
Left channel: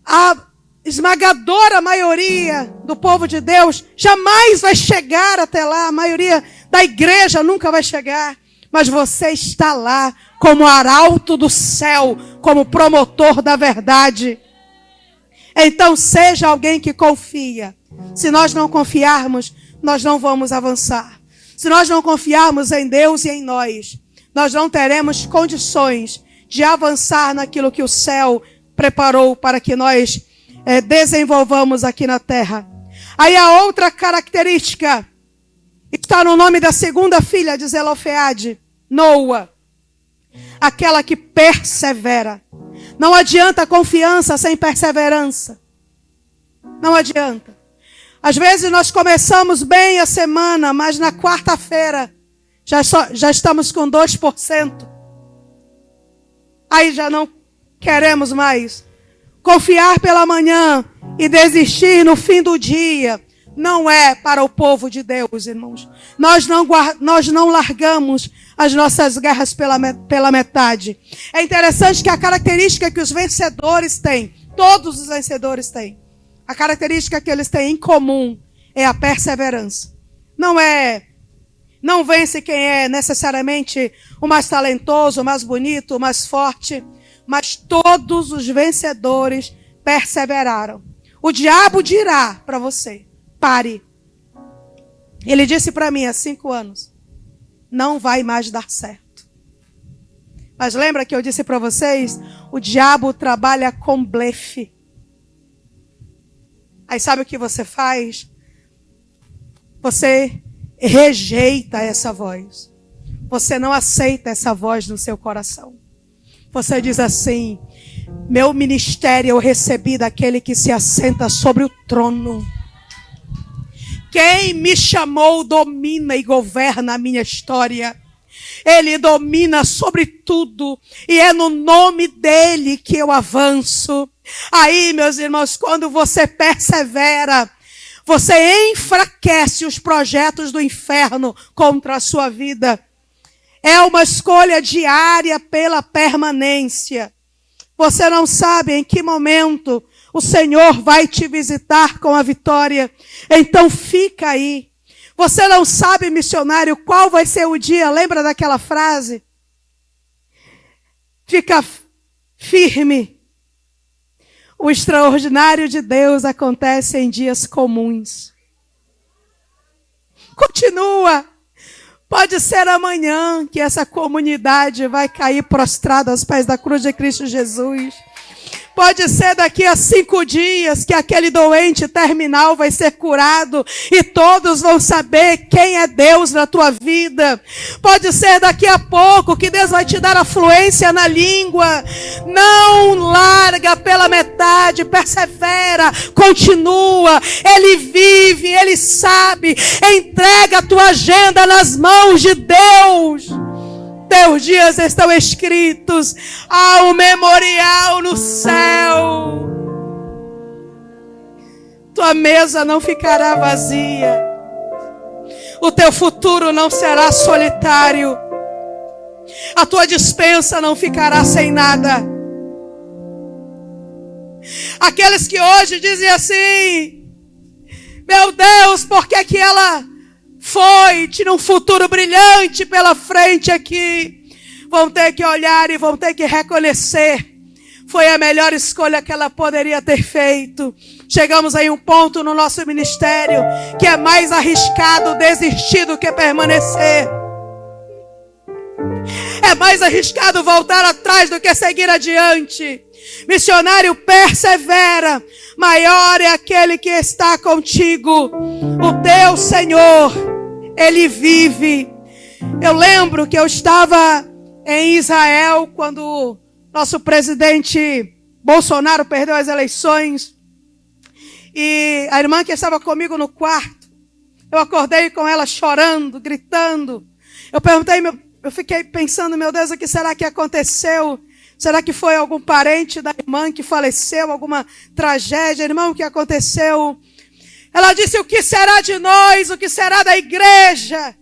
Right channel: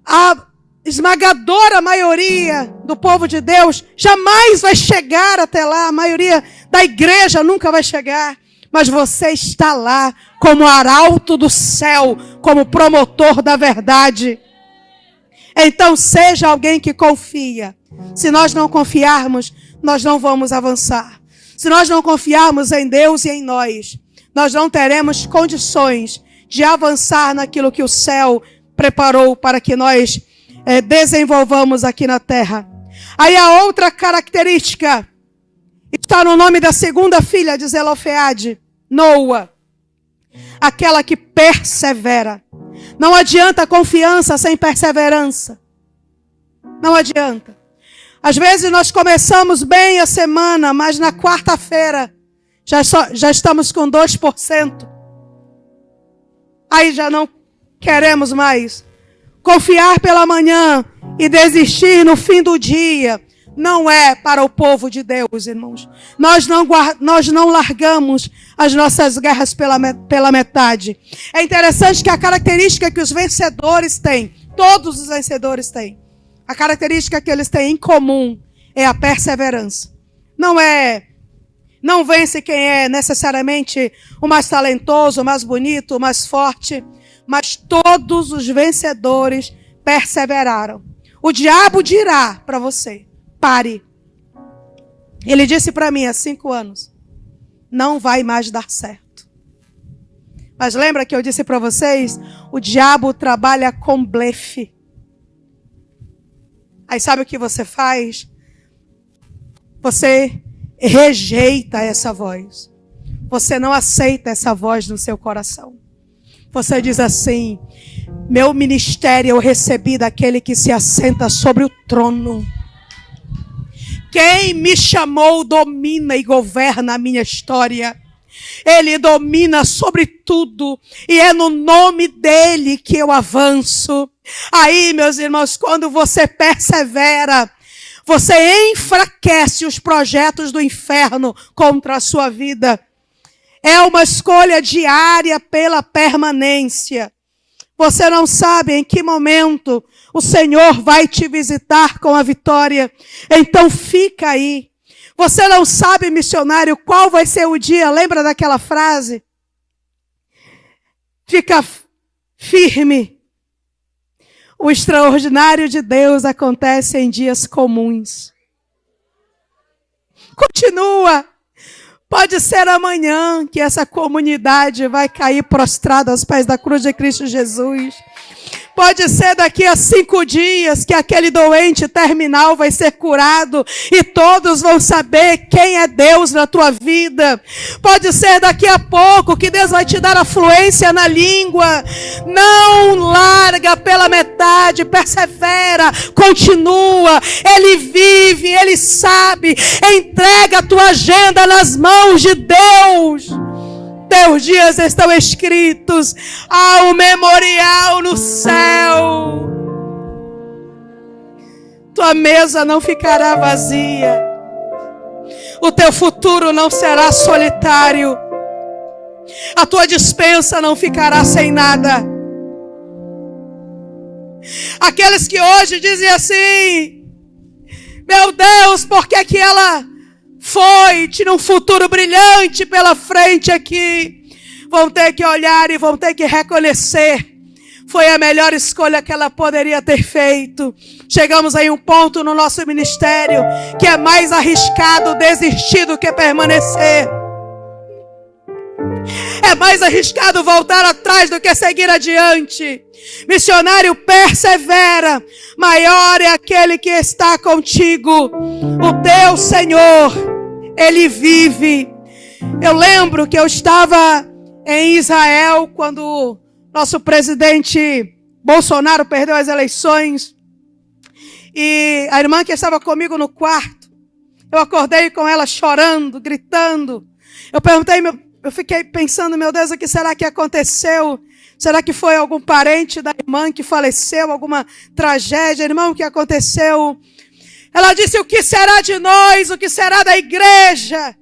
a esmagadora maioria do povo de Deus jamais vai chegar até lá. A maioria da igreja nunca vai chegar. Mas você está lá como arauto do céu, como promotor da verdade. Então seja alguém que confia. Se nós não confiarmos, nós não vamos avançar. Se nós não confiarmos em Deus e em nós, nós não teremos condições de avançar naquilo que o céu preparou para que nós desenvolvamos aqui na terra. Aí a outra característica está no nome da segunda filha de Zelofeade, Noa. Aquela que persevera. Não adianta confiança sem perseverança. Não adianta. Às vezes nós começamos bem a semana, mas na quarta-feira já estamos com 2%. Aí já não queremos mais. Confiar pela manhã e desistir no fim do dia não é para o povo de Deus, irmãos. Nós não largamos as nossas guerras pela metade. É interessante que a característica que os vencedores têm, todos os vencedores têm, a característica que eles têm em comum é a perseverança. Não vence quem é necessariamente o mais talentoso, o mais bonito, o mais forte, mas todos os vencedores perseveraram. O diabo dirá para você: pare. Ele disse para mim há 5 anos: não vai mais dar certo. Mas lembra que eu disse para vocês? O diabo trabalha com blefe. Aí sabe o que você faz? Você rejeita essa voz. Você não aceita essa voz no seu coração. Você diz assim: meu ministério eu recebi daquele que se assenta sobre o trono. Quem me chamou domina e governa a minha história. Ele domina sobre tudo. E é no nome dele que eu avanço. Aí, meus irmãos, quando você persevera, você enfraquece os projetos do inferno contra a sua vida. É uma escolha diária pela permanência. Você não sabe em que momento o Senhor vai te visitar com a vitória. Então fica aí. Você não sabe, missionário, qual vai ser o dia. Lembra daquela frase? Fica firme. O extraordinário de Deus acontece em dias comuns. Continua. Pode ser amanhã que essa comunidade vai cair prostrada aos pés da cruz de Cristo Jesus. Pode ser daqui a 5 dias que aquele doente terminal vai ser curado e todos vão saber quem é Deus na tua vida. Pode ser daqui a pouco que Deus vai te dar a fluência na língua. Não larga pela metade, persevera, continua. Ele vive, Ele sabe. Entrega a tua agenda nas mãos de Deus. Teus dias estão escritos ao memorial no céu. Tua mesa não ficará vazia. O teu futuro não será solitário. A tua despensa não ficará sem nada. Aqueles que hoje dizem assim: meu Deus, por que que ela foi, tinha um futuro brilhante pela frente aqui, vão ter que olhar e vão ter que reconhecer, foi a melhor escolha que ela poderia ter feito. Chegamos em um ponto no nosso ministério que é mais arriscado desistir do que permanecer. É mais arriscado voltar atrás do que seguir adiante. Missionário, persevera. Maior é aquele que está contigo. O teu Senhor, Ele vive. Eu lembro que eu estava em Israel quando nosso presidente Bolsonaro perdeu as eleições. E a irmã que estava comigo no quarto, eu acordei com ela chorando, gritando. Eu fiquei pensando, meu Deus, o que será que aconteceu? Será que foi algum parente da irmã que faleceu? Alguma tragédia? Irmão, o que aconteceu? Ela disse: o que será de nós? O que será da igreja?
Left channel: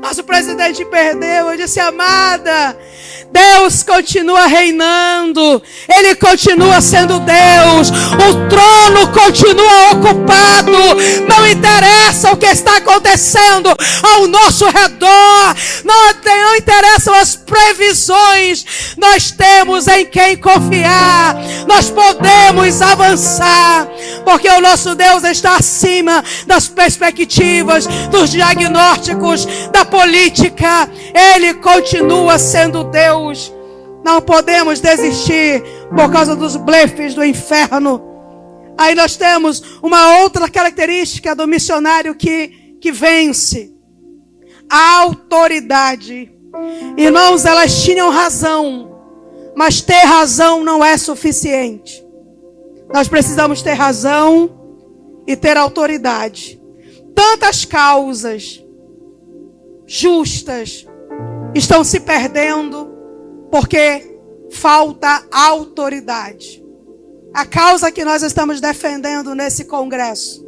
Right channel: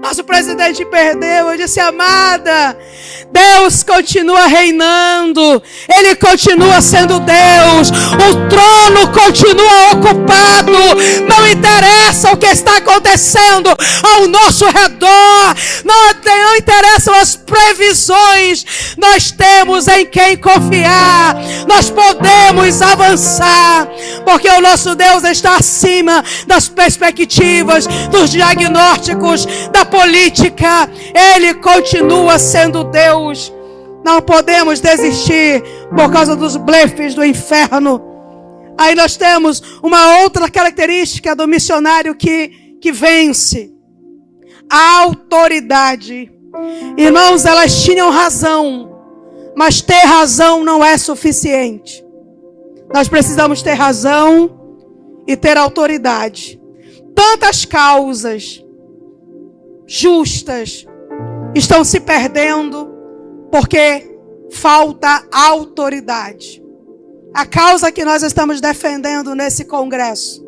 Nosso presidente perdeu. Eu disse: amada, Deus continua reinando. Ele continua sendo Deus. O trono continua ocupado. Não interessa o que está acontecendo ao nosso redor. Não interessam as previsões. Nós temos em quem confiar. Nós podemos avançar. Porque o nosso Deus está acima das perspectivas, dos diagnósticos, da política. Ele continua sendo Deus. Não podemos desistir por causa dos blefes do inferno. Aí nós temos uma outra característica do missionário que vence: a autoridade. Irmãos, elas tinham razão, mas ter razão não é suficiente. Nós precisamos ter razão e ter autoridade. Tantas causas justas estão se perdendo porque falta autoridade. A causa que nós estamos defendendo nesse congresso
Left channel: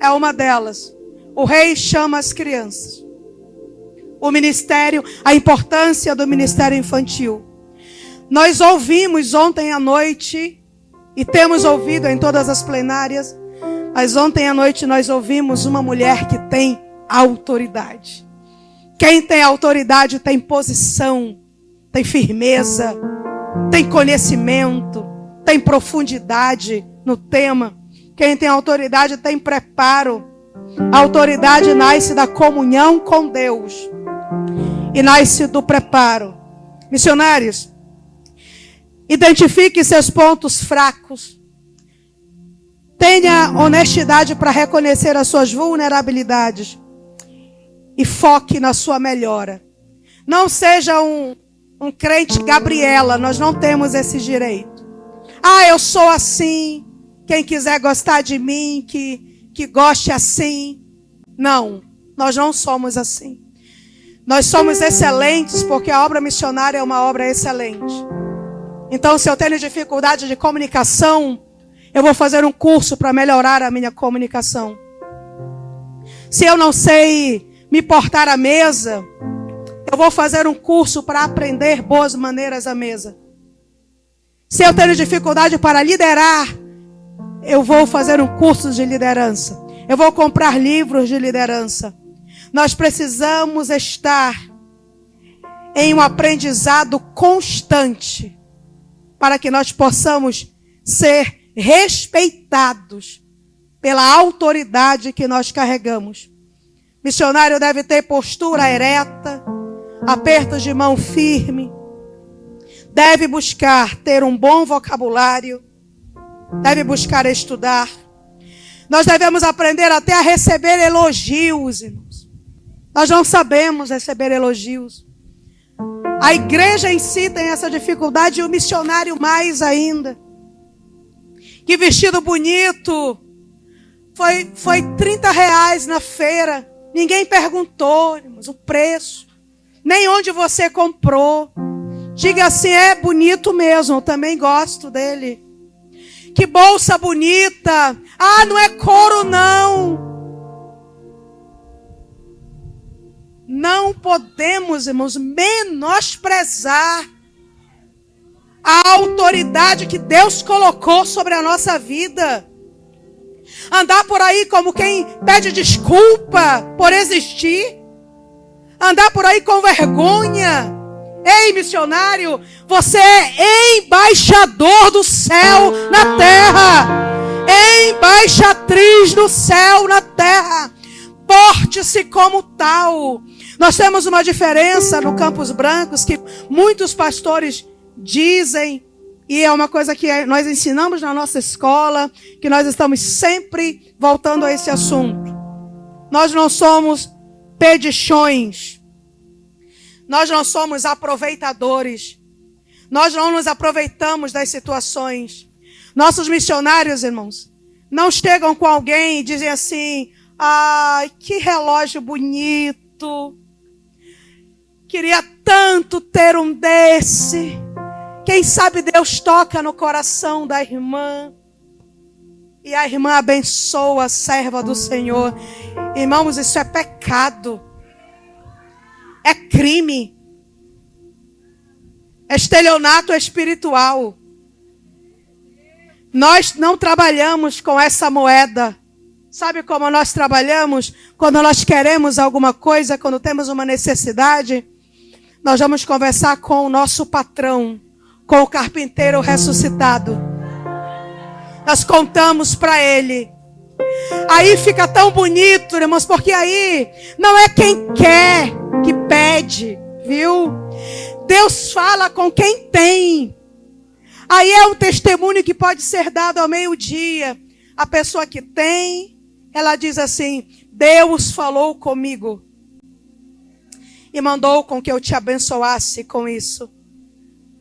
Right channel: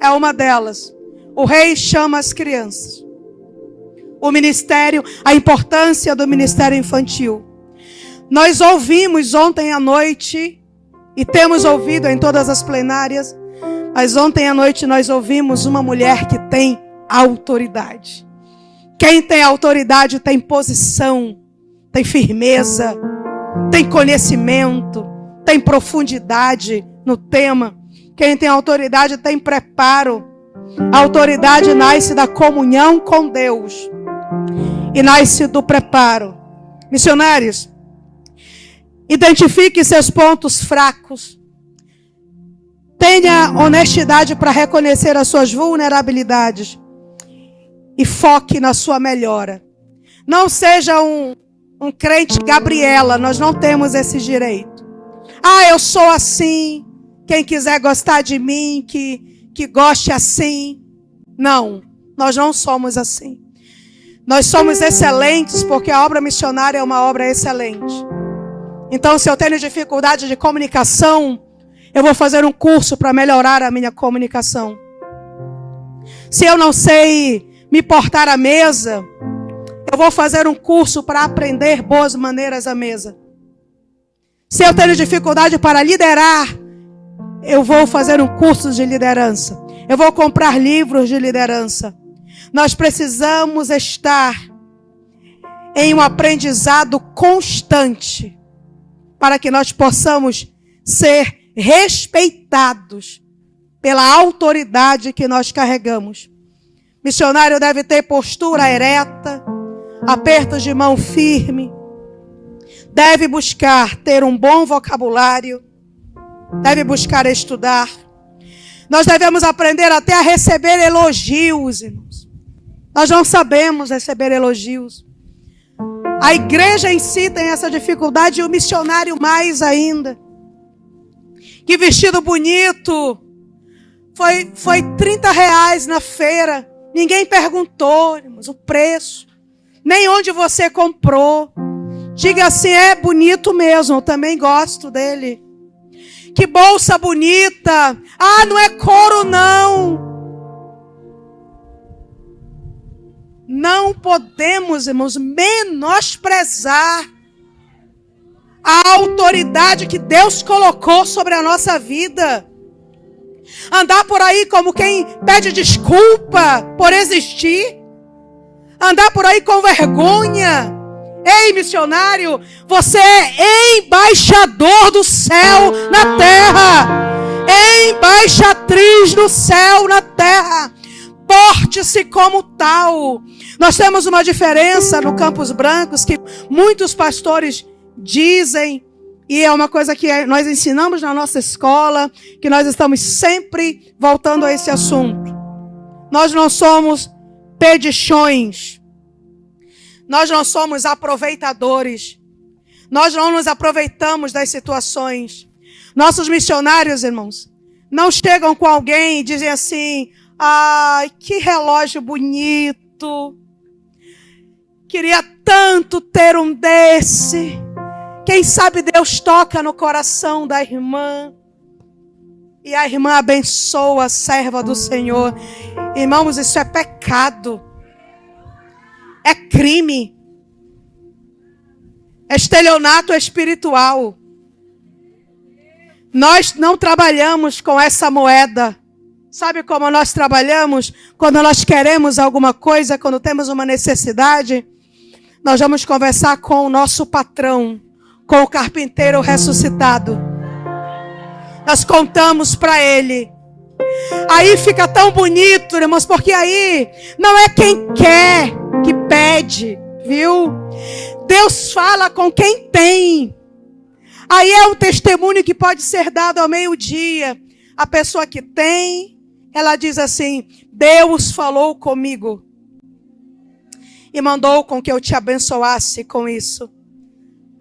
é uma delas. O rei chama as crianças. O ministério, a importância do ministério infantil. Nós ouvimos ontem à noite, e temos ouvido em todas as plenárias, mas ontem à noite nós ouvimos uma mulher que tem autoridade. Quem tem autoridade tem posição, tem firmeza, tem conhecimento, tem profundidade no tema. Quem tem autoridade tem preparo. A autoridade nasce da comunhão com Deus e nasce do preparo. Missionários, identifique seus pontos fracos. Tenha honestidade para reconhecer as suas vulnerabilidades e foque na sua melhora. Não seja um crente Gabriela. Nós não temos esse direito. Eu sou assim. Quem quiser gostar de mim, que goste assim. Não, nós não somos assim. Nós somos excelentes porque a obra missionária é uma obra excelente. Então, se eu tenho dificuldade de comunicação, eu vou fazer um curso para melhorar a minha comunicação. Se eu não sei me portar à mesa, eu vou fazer um curso para aprender boas maneiras à mesa. Se eu tenho dificuldade para liderar, eu vou fazer um curso de liderança. Eu vou comprar livros de liderança. Nós precisamos estar em um aprendizado constante para que nós possamos ser respeitados pela autoridade que nós carregamos. Missionário deve ter postura ereta, apertos de mão firme, deve buscar ter um bom vocabulário, deve buscar estudar. Nós devemos aprender até a receber elogios, irmãos. Nós não sabemos receber elogios. A igreja em si tem essa dificuldade e o missionário mais ainda. Que vestido bonito! Foi R$30 na feira. Ninguém perguntou, irmãos, o preço. Nem onde você comprou. Diga assim, é bonito mesmo, eu também gosto dele. Que bolsa bonita. Ah, não é couro não. Não podemos, irmãos, menosprezar a autoridade que Deus colocou sobre a nossa vida. Andar por aí como quem pede desculpa por existir. Andar por aí com vergonha. Ei, missionário, você é embaixador do céu na terra. Embaixatriz do céu na terra. Porte-se como tal. Nós temos uma diferença no Campos Brancos que muitos pastores dizem, e é uma coisa que nós ensinamos na nossa escola, que nós estamos sempre voltando a esse assunto. Nós não somos pedichões. Nós não somos aproveitadores. Nós não nos aproveitamos das situações. Nossos missionários, irmãos, não chegam com alguém e dizem assim, ai, que relógio bonito. Queria tanto ter um desse. Quem sabe Deus toca no coração da irmã. E a irmã abençoa a serva do Senhor. Irmãos, isso é pecado. É crime. É estelionato espiritual. Nós não trabalhamos com essa moeda. Sabe como nós trabalhamos? Quando nós queremos alguma coisa, quando temos uma necessidade, nós vamos conversar com o nosso patrão, com o carpinteiro ressuscitado. Nós contamos para ele. Aí fica tão bonito, irmãos, porque aí não é quem quer que pede, viu? Deus fala com quem tem. Aí é um testemunho que pode ser dado ao meio-dia. A pessoa que tem, ela diz assim, Deus falou comigo e mandou com que eu te abençoasse com isso.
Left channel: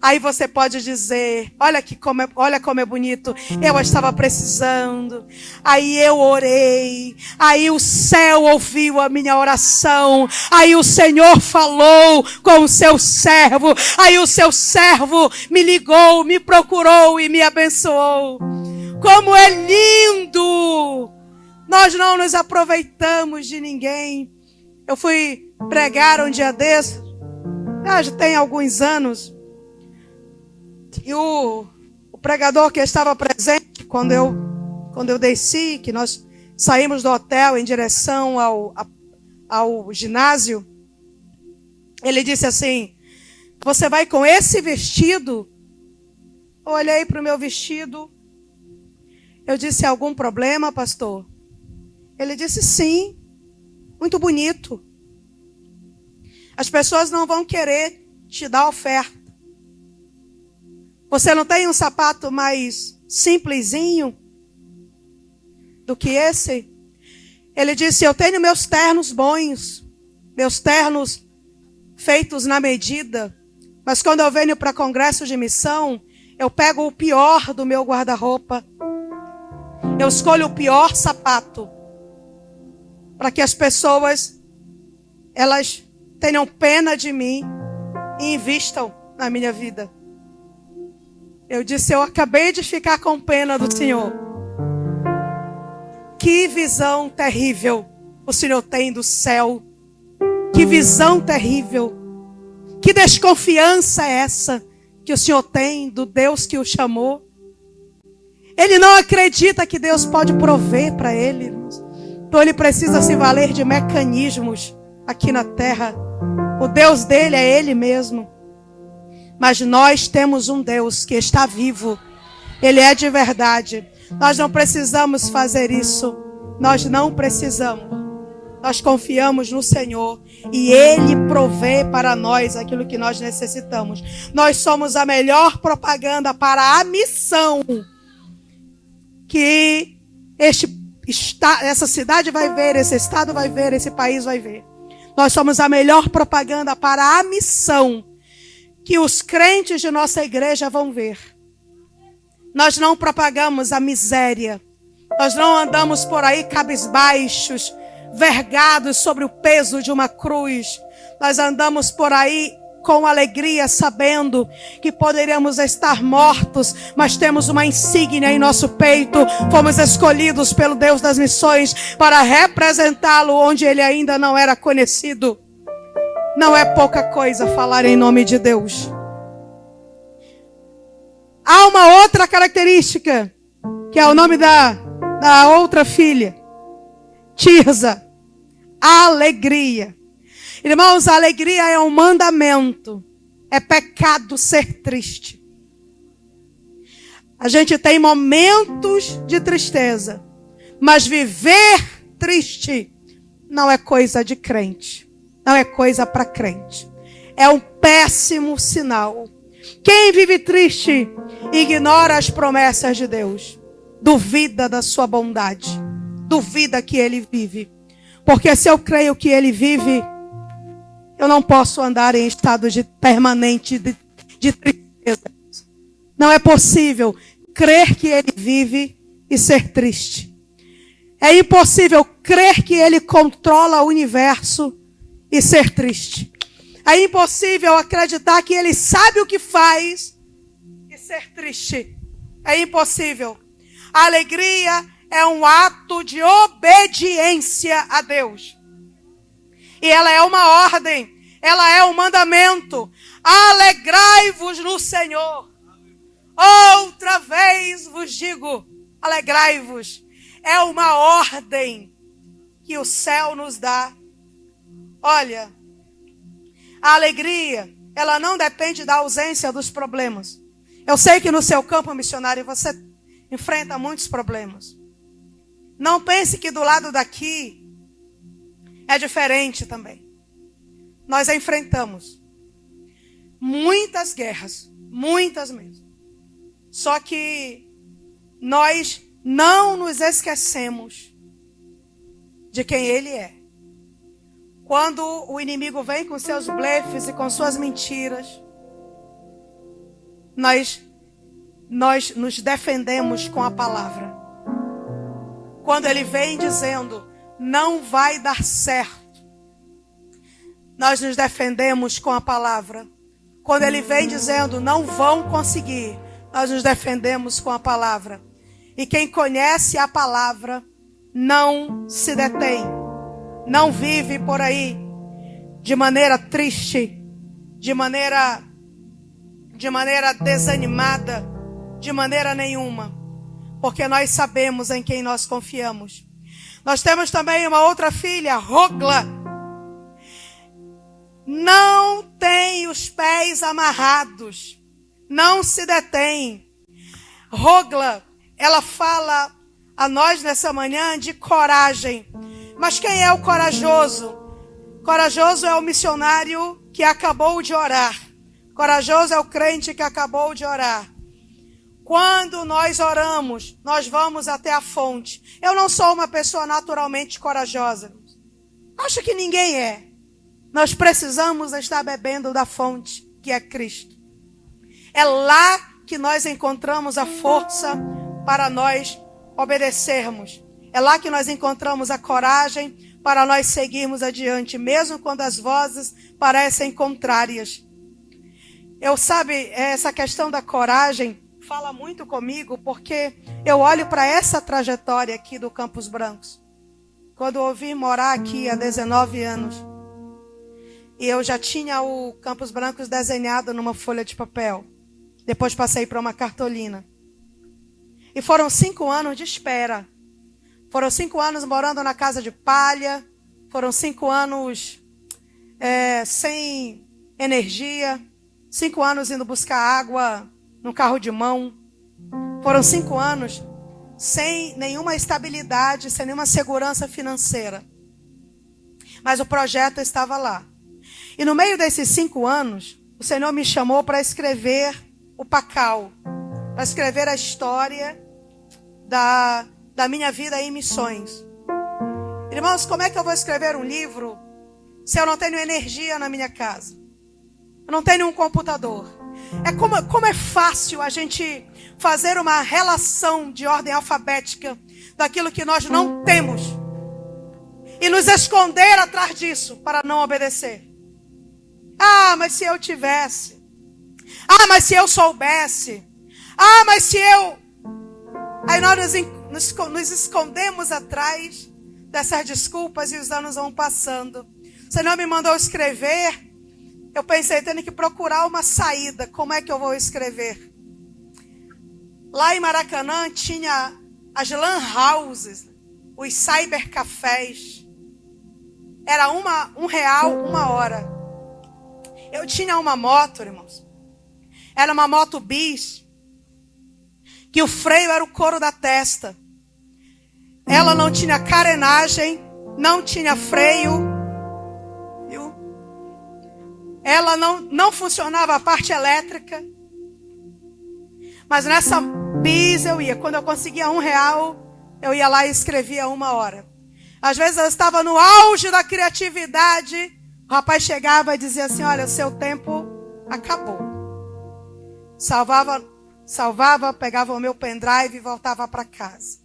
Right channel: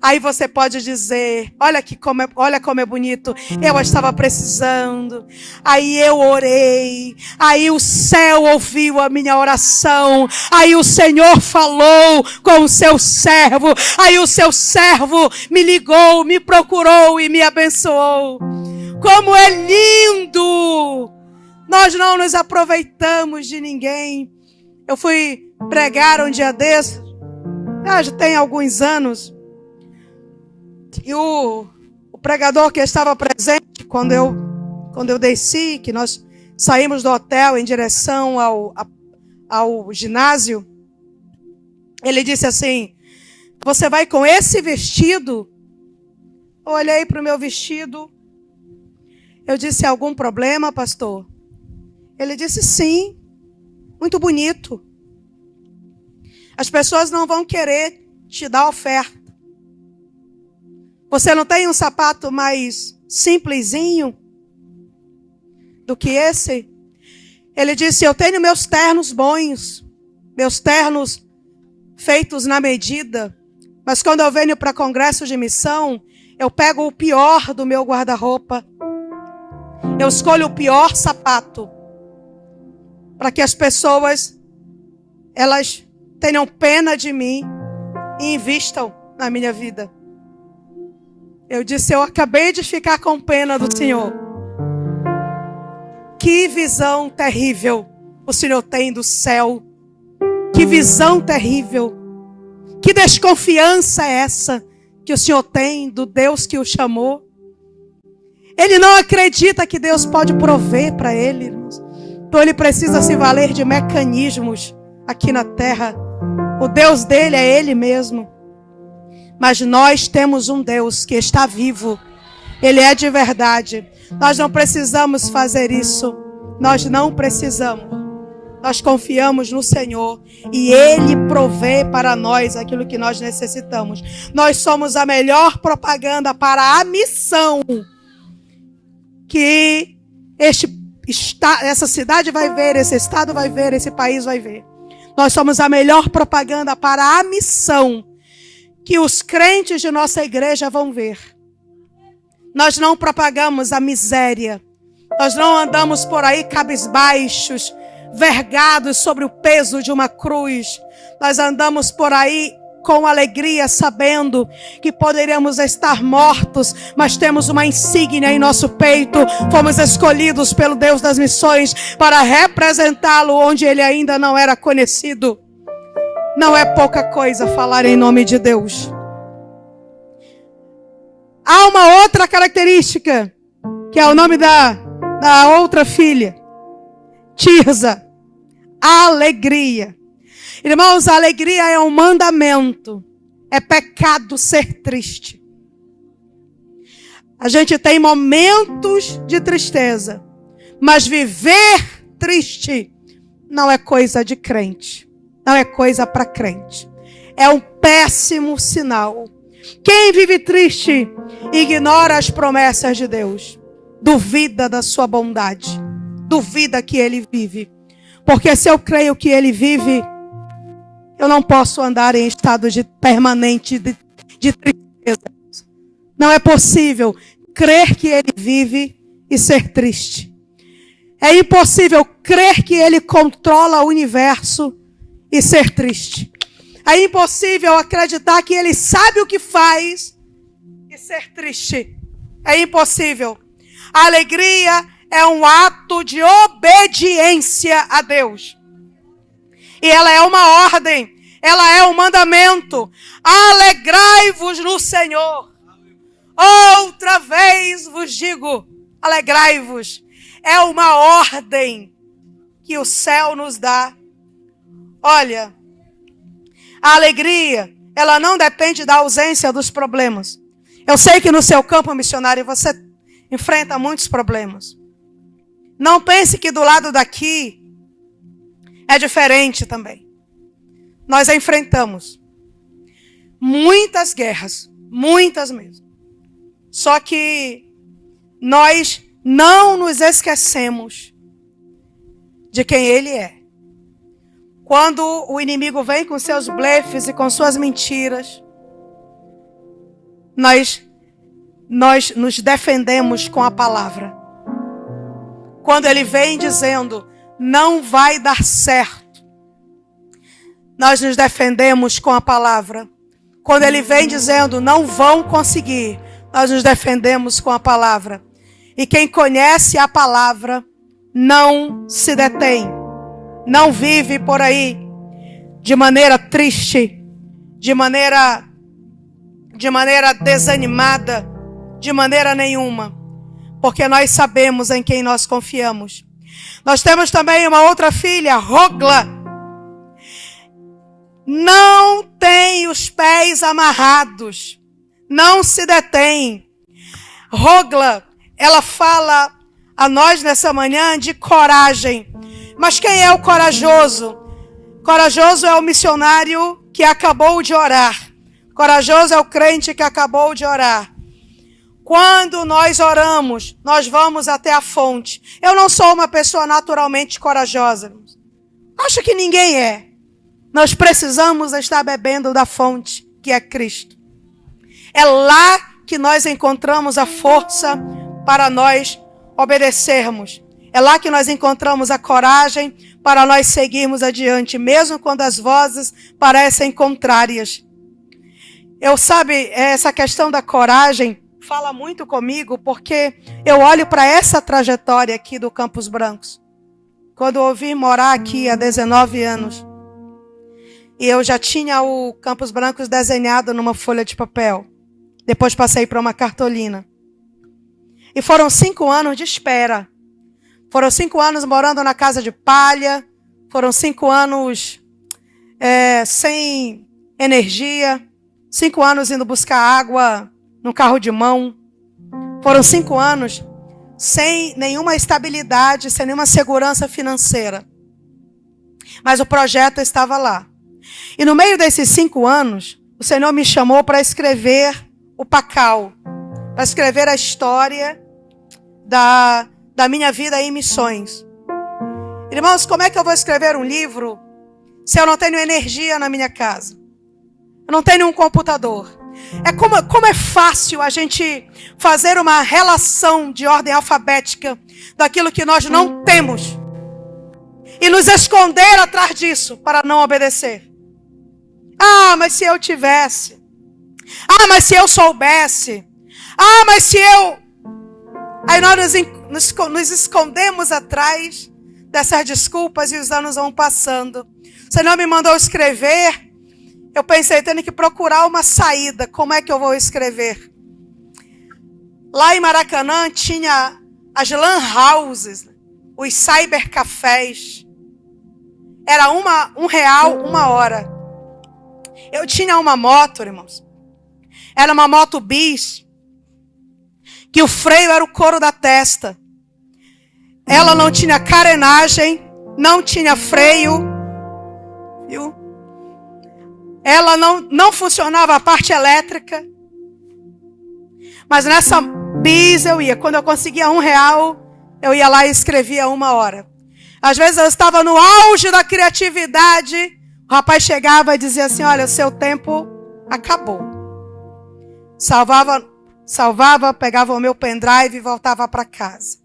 Aí você pode dizer, olha como é bonito, eu estava precisando, aí eu orei, aí o céu ouviu a minha oração, aí o Senhor falou com o seu servo, aí o seu servo me ligou, me procurou e me abençoou. Como é lindo! Nós não nos aproveitamos de ninguém. Eu fui pregar um dia desses, já tem alguns anos, e o pregador que estava presente quando eu desci, que nós saímos do hotel em direção ao ginásio, ele disse assim, você vai com esse vestido? Eu olhei para o meu vestido, eu disse, algum problema, pastor? Ele disse, sim, muito bonito. As pessoas não vão querer te dar oferta. Você não tem um sapato mais simplesinho do que esse? Ele disse, eu tenho meus ternos bons, meus ternos feitos na medida, mas quando eu venho para congresso de missão, eu pego o pior do meu guarda-roupa. Eu escolho o pior sapato, para que as pessoas, elas tenham pena de mim e invistam na minha vida. Eu disse, eu acabei de ficar com pena do Senhor. Que visão terrível o Senhor tem do céu. Que visão terrível. Que desconfiança é essa que o Senhor tem do Deus que o chamou? Ele não acredita que Deus pode prover para ele, irmãos. Então ele precisa se valer de mecanismos aqui na terra. O Deus dele é ele mesmo. Mas nós temos um Deus que está vivo. Ele é de verdade. Nós não precisamos fazer isso. Nós não precisamos. Nós confiamos no Senhor e Ele provê para nós aquilo que nós necessitamos. Nós somos a melhor propaganda para a missão que essa cidade vai ver, esse estado vai ver, esse país vai ver. Nós somos a melhor propaganda para a missão que os crentes de nossa igreja vão ver. Nós não propagamos a miséria. Nós não andamos por aí cabisbaixos, vergados sobre o peso de uma cruz. Nós andamos por aí com alegria, sabendo que poderíamos estar mortos, mas temos uma insígnia em nosso peito. Fomos escolhidos pelo Deus das missões para representá-lo onde ele ainda não era conhecido. Não é pouca coisa falar em nome de Deus. Há uma outra característica, que é o nome da outra filha, Tirza. Alegria. Irmãos, a alegria é um mandamento. É pecado ser triste. A gente tem momentos de tristeza, mas viver triste não é coisa de crente. Não é coisa para crente. É um péssimo sinal. Quem vive triste ignora as promessas de Deus. Duvida da sua bondade. Duvida que ele vive. Porque se eu creio que ele vive, eu não posso andar em estado permanente de tristeza. Não é possível crer que ele vive e ser triste. É impossível crer que ele controla o universo e ser triste. É impossível acreditar que ele sabe o que faz e ser triste. É impossível. A alegria é um ato de obediência a Deus. E ela é uma ordem. Ela é um mandamento. Alegrai-vos no Senhor. Outra vez vos digo, alegrai-vos. É uma ordem que o céu nos dá. Olha, a alegria, ela não depende da ausência dos problemas. Eu sei que no seu campo missionário você enfrenta muitos problemas. Não pense que do lado daqui é diferente também. Nós enfrentamos muitas guerras, muitas mesmo. Só que nós não nos esquecemos de quem Ele é. Quando o inimigo vem com seus blefes e com suas mentiras, nós nos defendemos com a palavra. Quando ele vem dizendo, não vai dar certo, nós nos defendemos com a palavra. Quando ele vem dizendo, não vão conseguir, nós nos defendemos com a palavra. E quem conhece a palavra não se detém, não vive por aí de maneira triste, de maneira desanimada, de maneira nenhuma. Porque nós sabemos em quem nós confiamos. Nós temos também uma outra filha, Rogla. Não tem os pés amarrados. Não se detém. Rogla, ela fala a nós nessa manhã de coragem. Mas quem é o corajoso? Corajoso é o missionário que acabou de orar. Corajoso é o crente que acabou de orar. Quando nós oramos, nós vamos até a fonte. Eu não sou uma pessoa naturalmente corajosa. Acho que ninguém é. Nós precisamos estar bebendo da fonte, que é Cristo. É lá que nós encontramos a força para nós obedecermos. É lá que nós encontramos a coragem para nós seguirmos adiante, mesmo quando as vozes parecem contrárias. Essa questão da coragem fala muito comigo, porque eu olho para essa trajetória aqui do Campos Brancos. Quando eu vim morar aqui há 19 anos, E eu já tinha o Campos Brancos desenhado numa folha de papel. Depois passei para uma cartolina. E foram 5 anos de espera. Foram 5 anos morando na casa de palha. Foram 5 anos sem energia. 5 anos indo buscar água no carro de mão. Foram 5 anos sem nenhuma estabilidade, sem nenhuma segurança financeira. Mas o projeto estava lá. E no meio desses 5 anos, o Senhor me chamou para escrever o Pacal, para escrever a história da minha vida em missões. Irmãos, como é que eu vou escrever um livro se eu não tenho energia na minha casa? Eu não tenho um computador. Como é fácil a gente fazer uma relação de ordem alfabética daquilo que nós não temos e nos esconder atrás disso para não obedecer. Ah, mas se eu tivesse. Ah, mas se eu soubesse. Ah, mas se eu... Aí nós nos escondemos atrás dessas desculpas e os anos vão passando. O Senhor me mandou escrever. Eu pensei, tendo que procurar uma saída. Como é que eu vou escrever? Lá em Maracanã tinha as lan houses, os cybercafés. Era R$1 uma hora. Eu tinha uma moto, irmãos. Era uma moto bis. Que o freio era o couro da testa. Ela não tinha carenagem. Não tinha freio. Viu? Ela não funcionava a parte elétrica. Mas nessa bis eu ia. Quando eu conseguia R$1, eu ia lá e escrevia 1 hora. Às vezes eu estava no auge da criatividade. O rapaz chegava e dizia assim, olha, o seu tempo acabou. Salvava, pegava o meu pendrive e voltava para casa.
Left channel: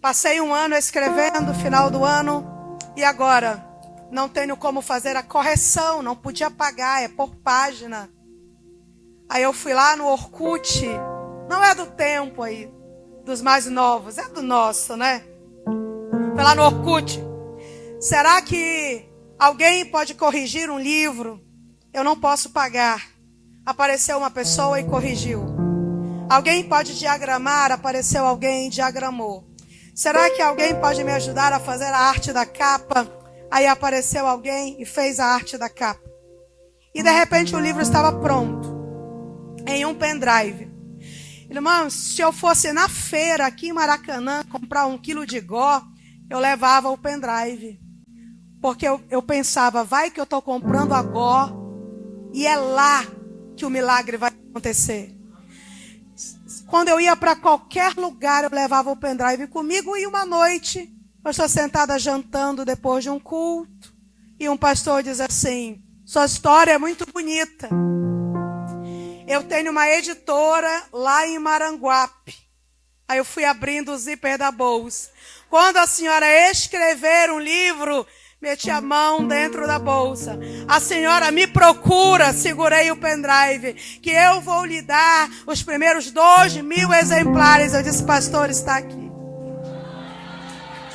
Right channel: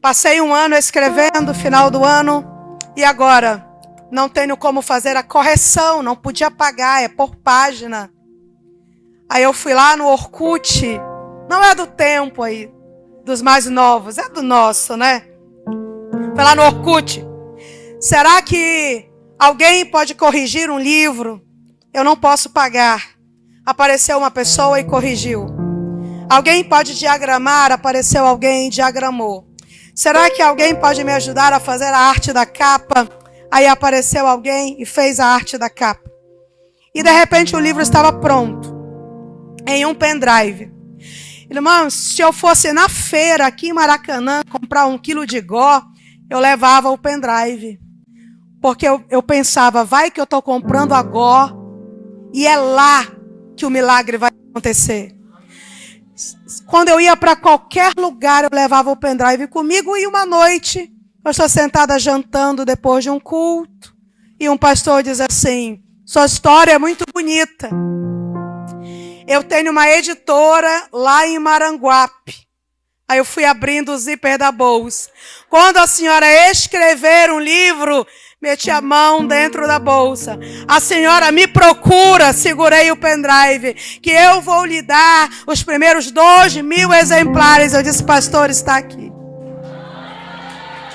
Passei 1 ano escrevendo, final do ano, e agora não tenho como fazer a correção, não podia pagar, é por página. Aí eu fui lá no Orkut, não é do tempo aí, dos mais novos, é do nosso, né? Fui lá no Orkut. Será que alguém pode corrigir um livro? Eu não posso pagar. Apareceu uma pessoa e corrigiu. Alguém pode diagramar? Apareceu alguém e diagramou. Será que alguém pode me ajudar a fazer a arte da capa? Aí apareceu alguém e fez a arte da capa. E de repente o livro estava pronto. Em um pendrive. Irmãos, se eu fosse na feira aqui em Maracanã comprar 1 quilo de gó, eu levava o pendrive. Porque eu pensava, vai que eu estou comprando a gó e é lá que o milagre vai acontecer. Quando eu ia para qualquer lugar, eu levava o pendrive comigo e uma noite, eu estou sentada jantando depois de um culto e um pastor diz assim, sua história é muito bonita. Eu tenho uma editora lá em Maranguape. Aí eu fui abrindo o zíper da bolsa. Quando a senhora escrever um livro, meti a mão dentro da bolsa. A senhora me procura, segurei o pendrive, que eu vou lhe dar os primeiros 2.000 exemplares. Eu disse, pastor, está aqui.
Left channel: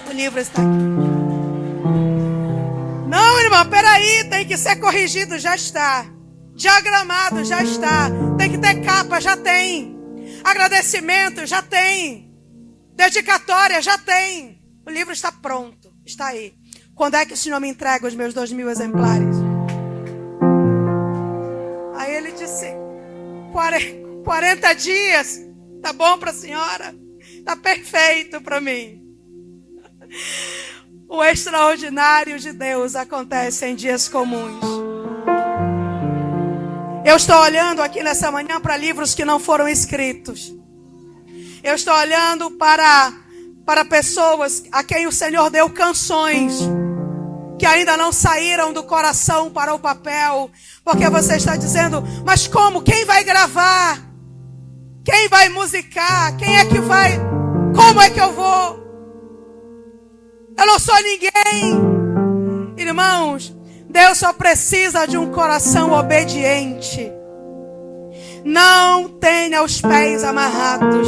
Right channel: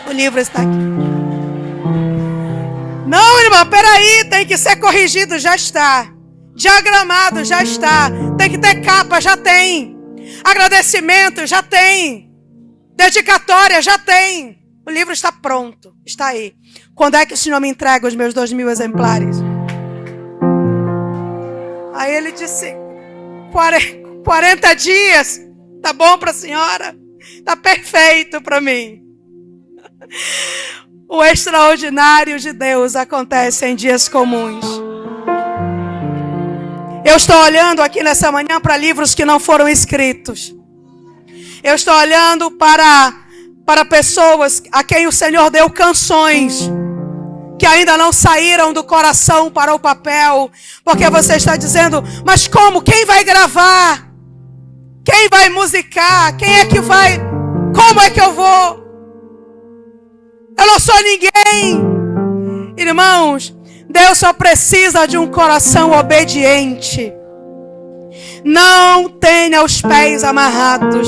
O livro está aqui. Não, irmão, peraí, tem que ser corrigido, já está. Diagramado, já está. Tem que ter capa, já tem. Agradecimento, já tem. Dedicatória, já tem. O livro está pronto, está aí. Quando é que o Senhor me entrega os meus 2.000 exemplares? Aí ele disse, 40 dias, tá bom para a senhora? Tá perfeito para mim. O extraordinário de Deus acontece em dias comuns. Eu estou olhando aqui nessa manhã para livros que não foram escritos. Eu estou olhando para pessoas a quem o Senhor deu canções que ainda não saíram do coração para o papel, porque você está dizendo, mas como? Quem vai gravar? Quem vai musicar? Quem é que vai? Como é que eu vou? Eu não sou ninguém. Irmãos, Deus só precisa de um coração obediente. Não tenha os pés amarrados.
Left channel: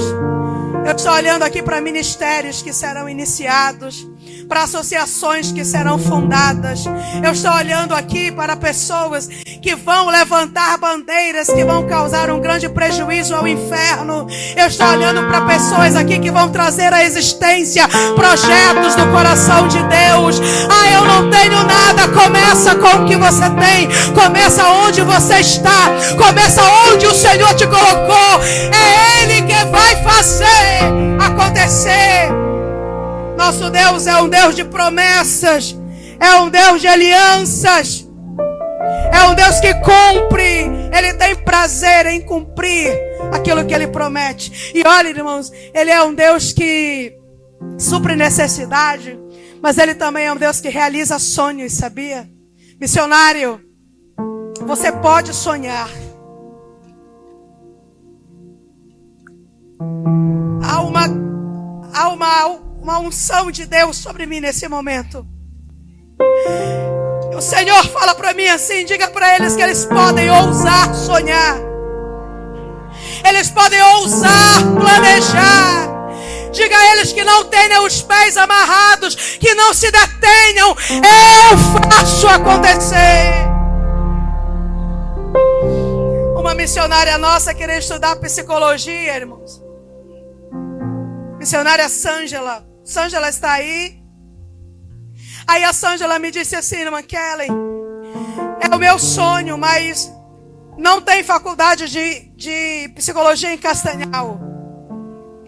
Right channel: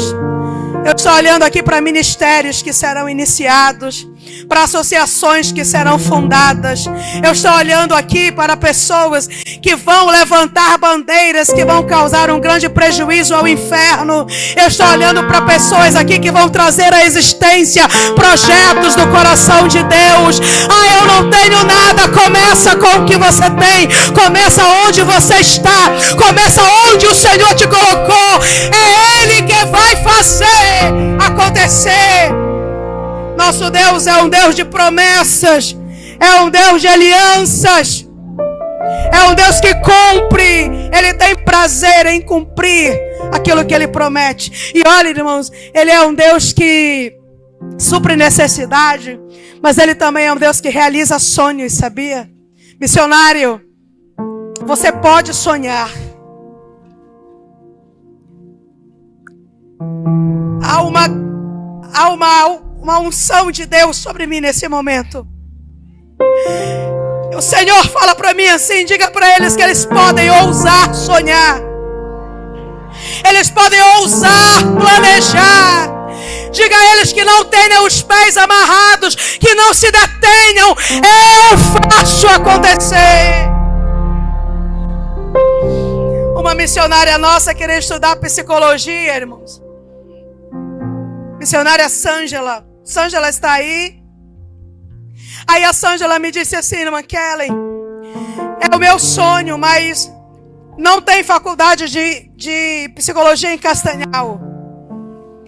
Eu estou olhando aqui para ministérios que serão iniciados. para associações que serão fundadas. Eu estou olhando aqui para pessoas que vão levantar bandeiras que vão causar um grande prejuízo ao inferno. Eu estou olhando para pessoas aqui que vão trazer à existência projetos do coração de Deus. Eu não tenho nada. Começa com o que você tem. Começa onde você está. Começa onde o Senhor te colocou. É Ele que vai fazer acontecer. Nosso Deus é um Deus de promessas. É um Deus de alianças. É um Deus que cumpre. Ele tem prazer em cumprir aquilo que Ele promete. E olha, irmãos, Ele é um Deus que supre necessidade, mas Ele também é um Deus que realiza sonhos, sabia? Missionário, você pode sonhar. Há uma unção de Deus sobre mim nesse momento. O Senhor fala para mim assim: diga para eles que eles podem ousar sonhar. Eles podem ousar planejar. Diga a eles que não tenham os pés amarrados, que não se detenham. Eu faço acontecer. Uma missionária nossa queria estudar psicologia, irmãos. Missionária Sângela. Sângela está aí. Aí a Sângela me disse assim: irmã Kelly, é o meu sonho, mas não tem faculdade de psicologia em Castanhal.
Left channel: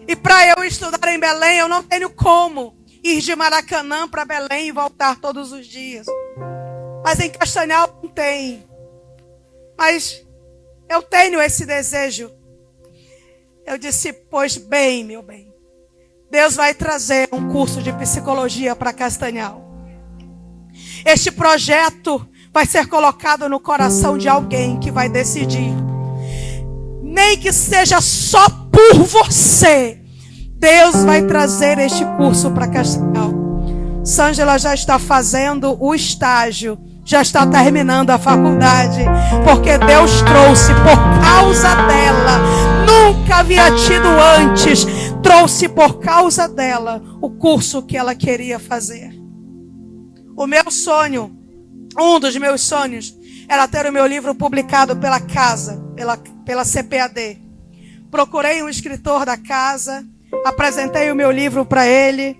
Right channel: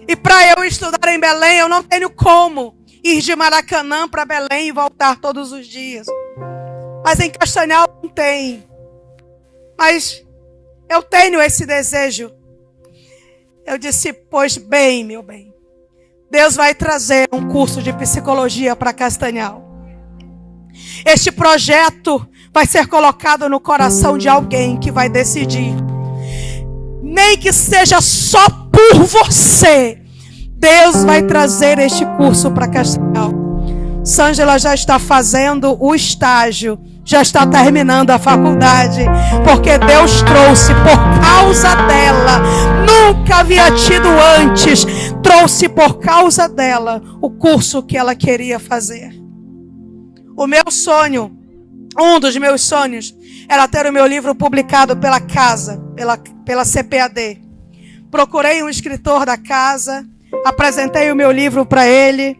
E para eu estudar em Belém, eu não tenho como ir de Maracanã para Belém e voltar todos os dias. Mas em Castanhal não tem. Mas eu tenho esse desejo. Eu disse: pois bem, meu bem, Deus vai trazer um curso de psicologia para Castanhal. Este projeto vai ser colocado no coração de alguém que vai decidir. Nem que seja só por você, Deus vai trazer este curso para Castanhal. Sângela já está fazendo o estágio, já está terminando a faculdade, porque Deus trouxe por causa dela, nunca havia tido antes, trouxe por causa dela o curso que ela queria fazer. O meu sonho, um dos meus sonhos, era ter o meu livro publicado pela casa, pela CPAD. Procurei um escritor da casa, apresentei o meu livro para ele.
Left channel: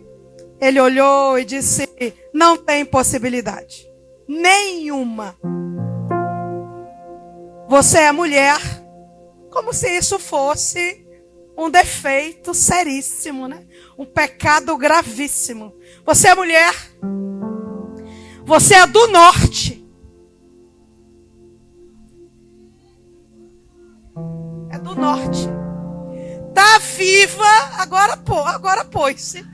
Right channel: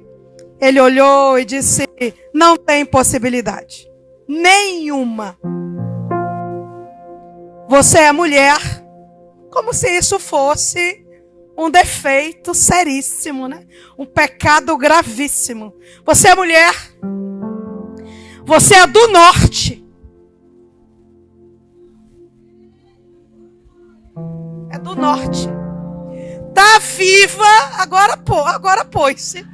Ele olhou e disse: não tem possibilidade nenhuma. Você é mulher, como se isso fosse um defeito seríssimo, né? Um pecado gravíssimo. Você é mulher, você é do norte. É do norte. Tá viva, agora pôs-se.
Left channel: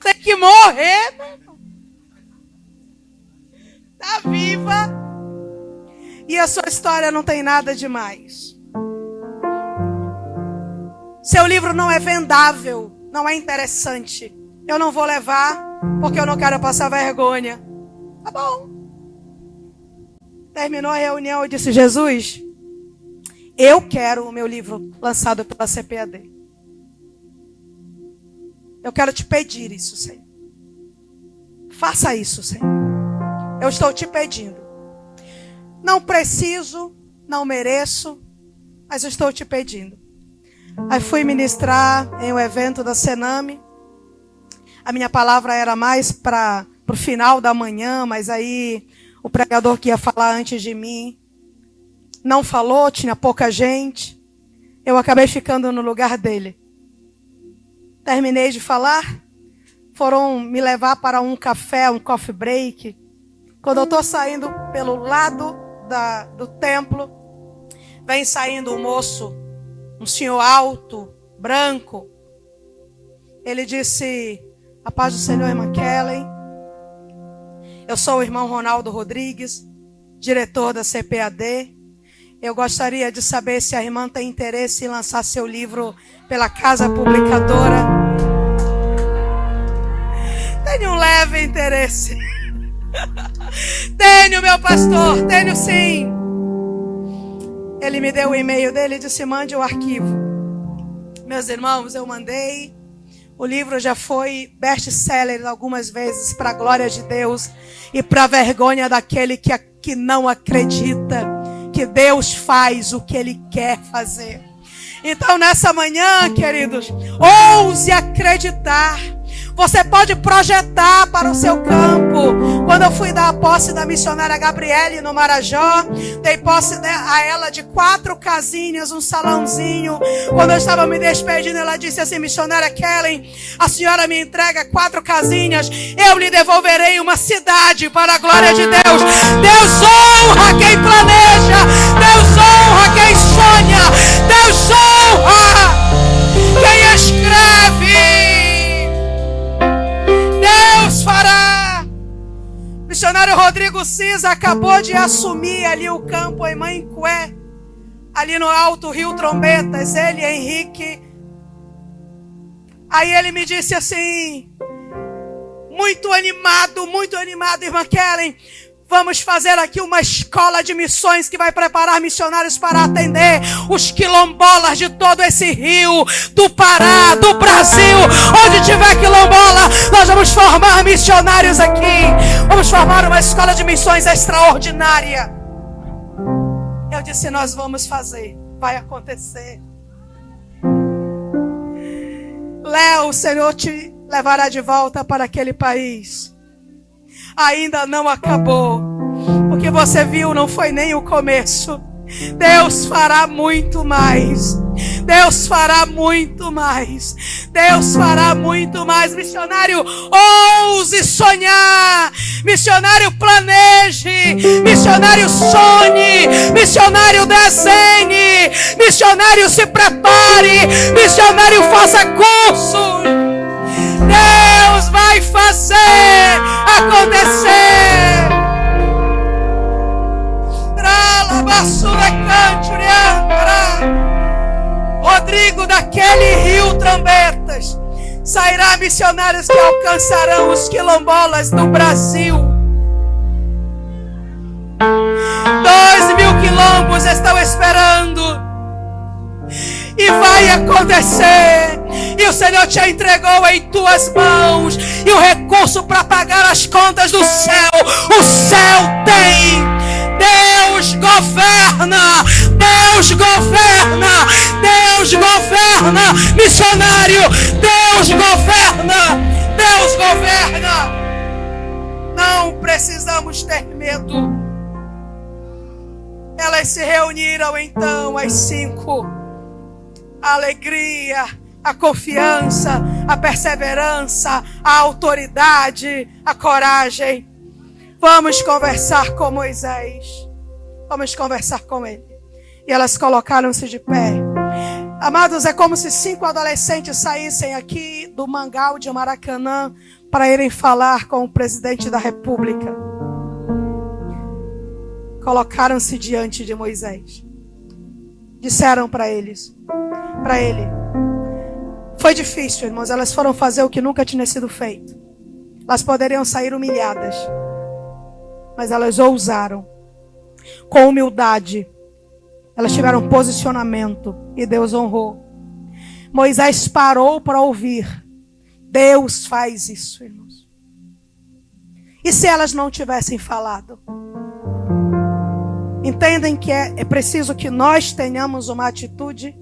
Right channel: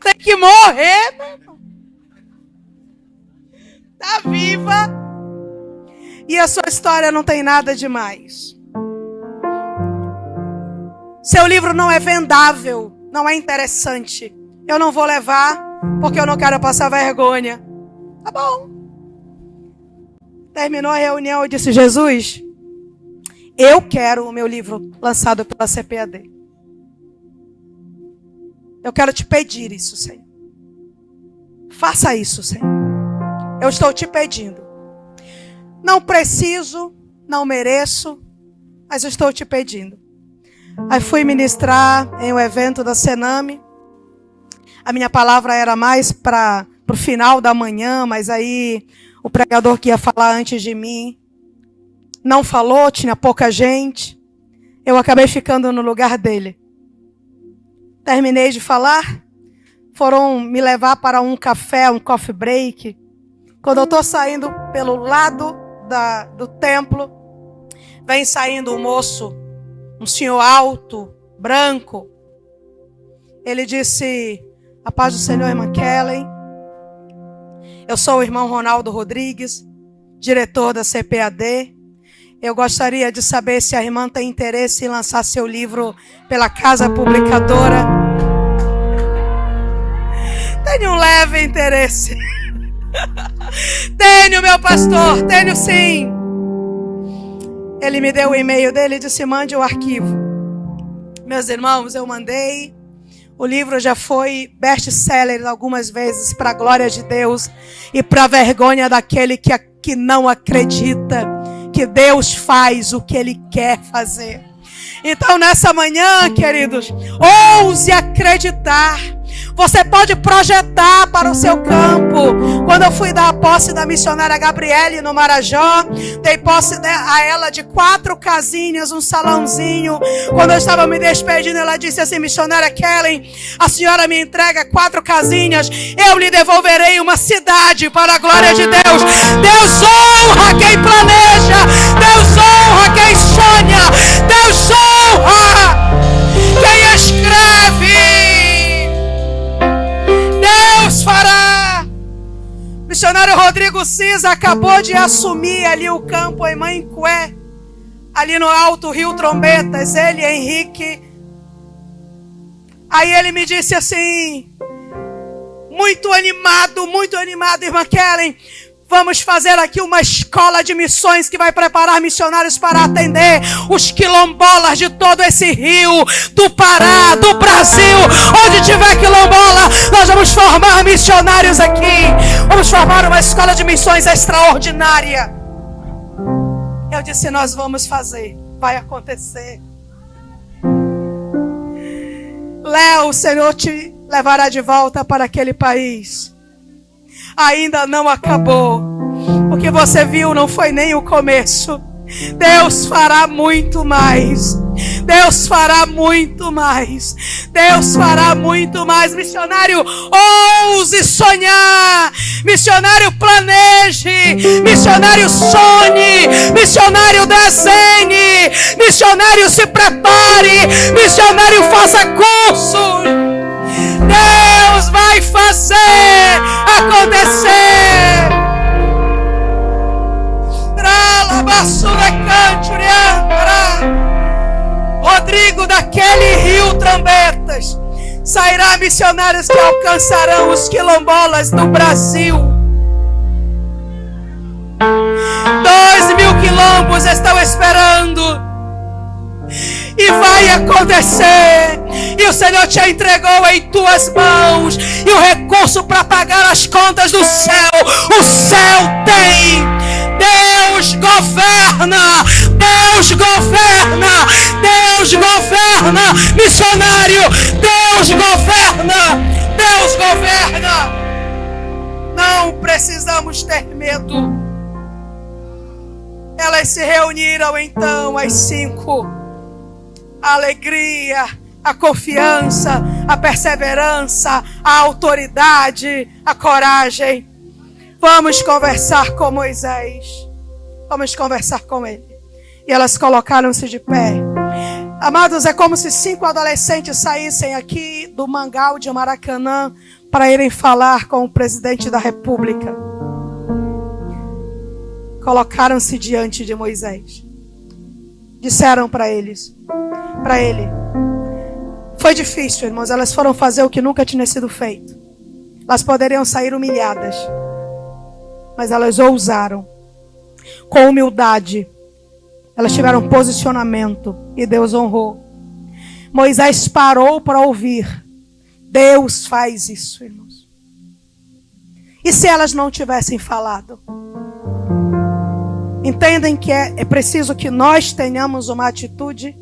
Tem que morrer, mano. Tá viva. E a sua história não tem nada demais. Seu livro não é vendável, não é interessante. Eu não vou levar, porque eu não quero passar vergonha. Tá bom. Terminou a reunião, eu disse: Jesus, eu quero o meu livro lançado pela CPAD. Eu quero te pedir isso, Senhor. Faça isso, Senhor. Eu estou te pedindo. Não preciso, não mereço, mas eu estou te pedindo. Aí fui ministrar em um evento da Sename. A minha palavra era mais para o final da manhã, mas aí o pregador que ia falar antes de mim não falou, tinha pouca gente. Eu acabei ficando no lugar dele. Terminei de falar, foram me levar para um café, um coffee break. Quando eu estou saindo pelo lado do templo, vem saindo um moço, um senhor alto, branco. Ele disse: a paz do Senhor, irmã Kelly. Eu sou o irmão Ronaldo Rodrigues, diretor da CPAD. Eu gostaria de saber se a irmã tem interesse em lançar seu livro pela casa publicadora. Tenho um leve interesse. Tenho, meu pastor, tenho sim. Ele me deu o e-mail dele e disse: mande o arquivo. Meus irmãos, eu mandei O livro já foi best-seller algumas vezes, para a glória de Deus e para a vergonha daquele que não acredita que Deus faz o que Ele quer fazer. Então, nessa manhã, queridos, ouse acreditar. Você pode projetar para o seu campo. Quando eu fui dar a posse da missionária Gabriele no Marajó, dei posse a ela de 4 casinhas, um salãozinho. Quando eu estava me despedindo, ela disse assim: missionária Kellen, a senhora me entrega 4 casinhas, eu lhe devolverei uma cidade para a glória de Deus. Deus honra quem planeja, Deus honra quem sonha, Deus honra quem escreve. Deus fará. O missionário Rodrigo Cisa acabou de assumir ali o campo em Mancué, ali no Alto Rio Trombetas, ele e Henrique. Aí ele me disse assim, muito animado, irmã Kellen, vamos fazer aqui uma escola de missões que vai preparar missionários para atender os quilombolas de todo esse rio, do Pará, do Brasil. Onde tiver quilombola, nós vamos formar missionários aqui. Vamos formar uma escola de missões extraordinária. Eu disse, nós vamos fazer, vai acontecer. Léo, o Senhor te levará de volta para aquele país. Ainda não acabou. O que você viu não foi nem o começo. Deus fará muito mais. Deus fará muito mais. Deus fará muito mais. Missionário, ouse sonhar. Missionário, planeje. Missionário, sonhe. Missionário, desenhe. Missionário, se prepare. Missionário, faça curso. Deus vai fazer acontecer. Rodrigo, daquele rio Trombetas sairá missionários que alcançarão os quilombolas do Brasil. 2.000 quilombos estão esperando. E vai acontecer. E o Senhor te entregou em tuas mãos e o recurso para pagar as contas do céu. O céu tem. Deus governa. Deus governa. Deus governa. Missionário, Deus governa. Deus governa. Não precisamos ter medo. Elas se reuniram então, as 5. A alegria, a confiança, a perseverança, a autoridade, a coragem. Vamos conversar com Moisés. Vamos conversar com ele. E elas colocaram-se de pé. Amados, é como se 5 adolescentes saíssem aqui do Mangal de Maracanã para irem falar com o presidente da República. Colocaram-se diante de Moisés. Disseram para ele, foi difícil, irmãos, elas foram fazer o que nunca tinha sido feito. Elas poderiam sair humilhadas, mas elas ousaram, com humildade, elas tiveram posicionamento e Deus honrou. Moisés parou para ouvir. Deus faz isso, irmãos. E se elas não tivessem falado? Entendem que é preciso que nós tenhamos uma atitude?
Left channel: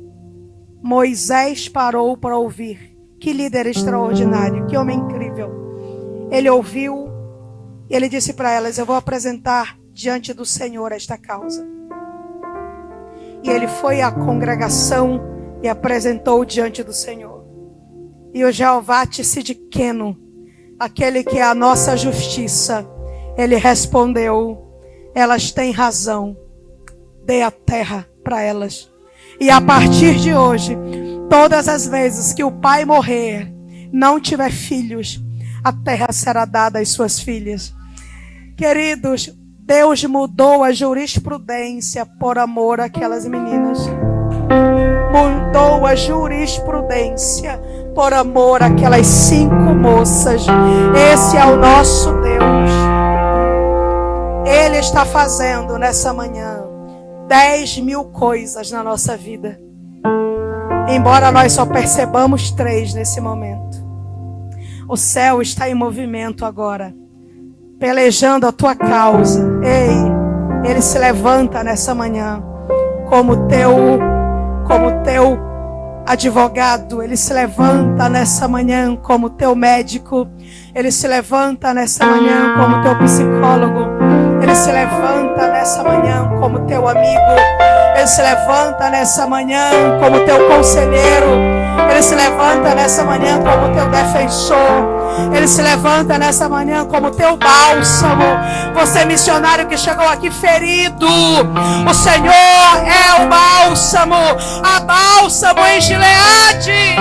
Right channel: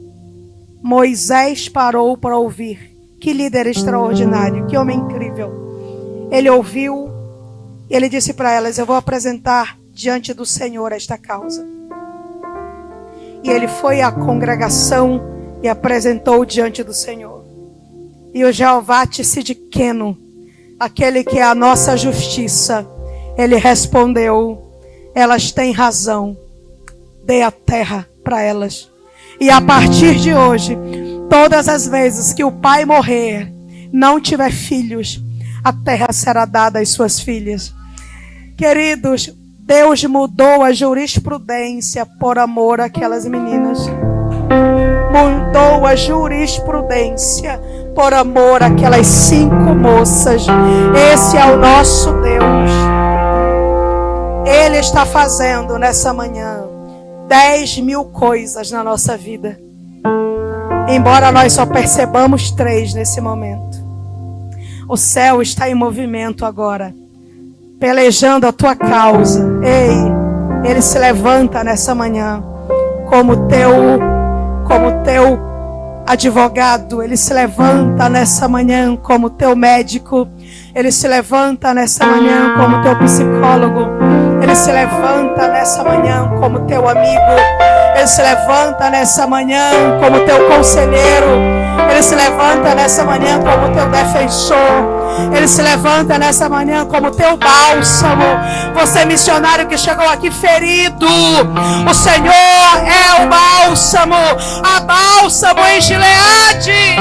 Moisés parou para ouvir. Que líder extraordinário, que homem incrível. Ele ouviu, ele disse para elas, eu vou apresentar diante do Senhor esta causa. E ele foi à congregação e apresentou diante do Senhor. E o Jeová Tsidkenu, aquele que é a nossa justiça, ele respondeu, elas têm razão, dê a terra para elas. E a partir de hoje, todas as vezes que o pai morrer, não tiver filhos, a terra será dada às suas filhas. Queridos, Deus mudou a jurisprudência por amor àquelas meninas. Mudou a jurisprudência por amor àquelas 5 moças. Esse é o nosso Deus. Ele está fazendo nessa manhã 10.000 coisas na nossa vida. Embora nós só percebamos 3 nesse momento. O céu está em movimento agora, pelejando a tua causa. Ei, Ele se levanta nessa manhã como teu advogado. Ele se levanta nessa manhã como teu médico. Ele se levanta nessa manhã como teu psicólogo. Ele se levanta nessa manhã como teu amigo. Ele se levanta nessa manhã como teu conselheiro. Ele se levanta nessa manhã como teu defensor. Ele se levanta nessa manhã como teu bálsamo. Você missionário que chegou aqui ferido, o Senhor é o bálsamo. A bálsamo em Gileade.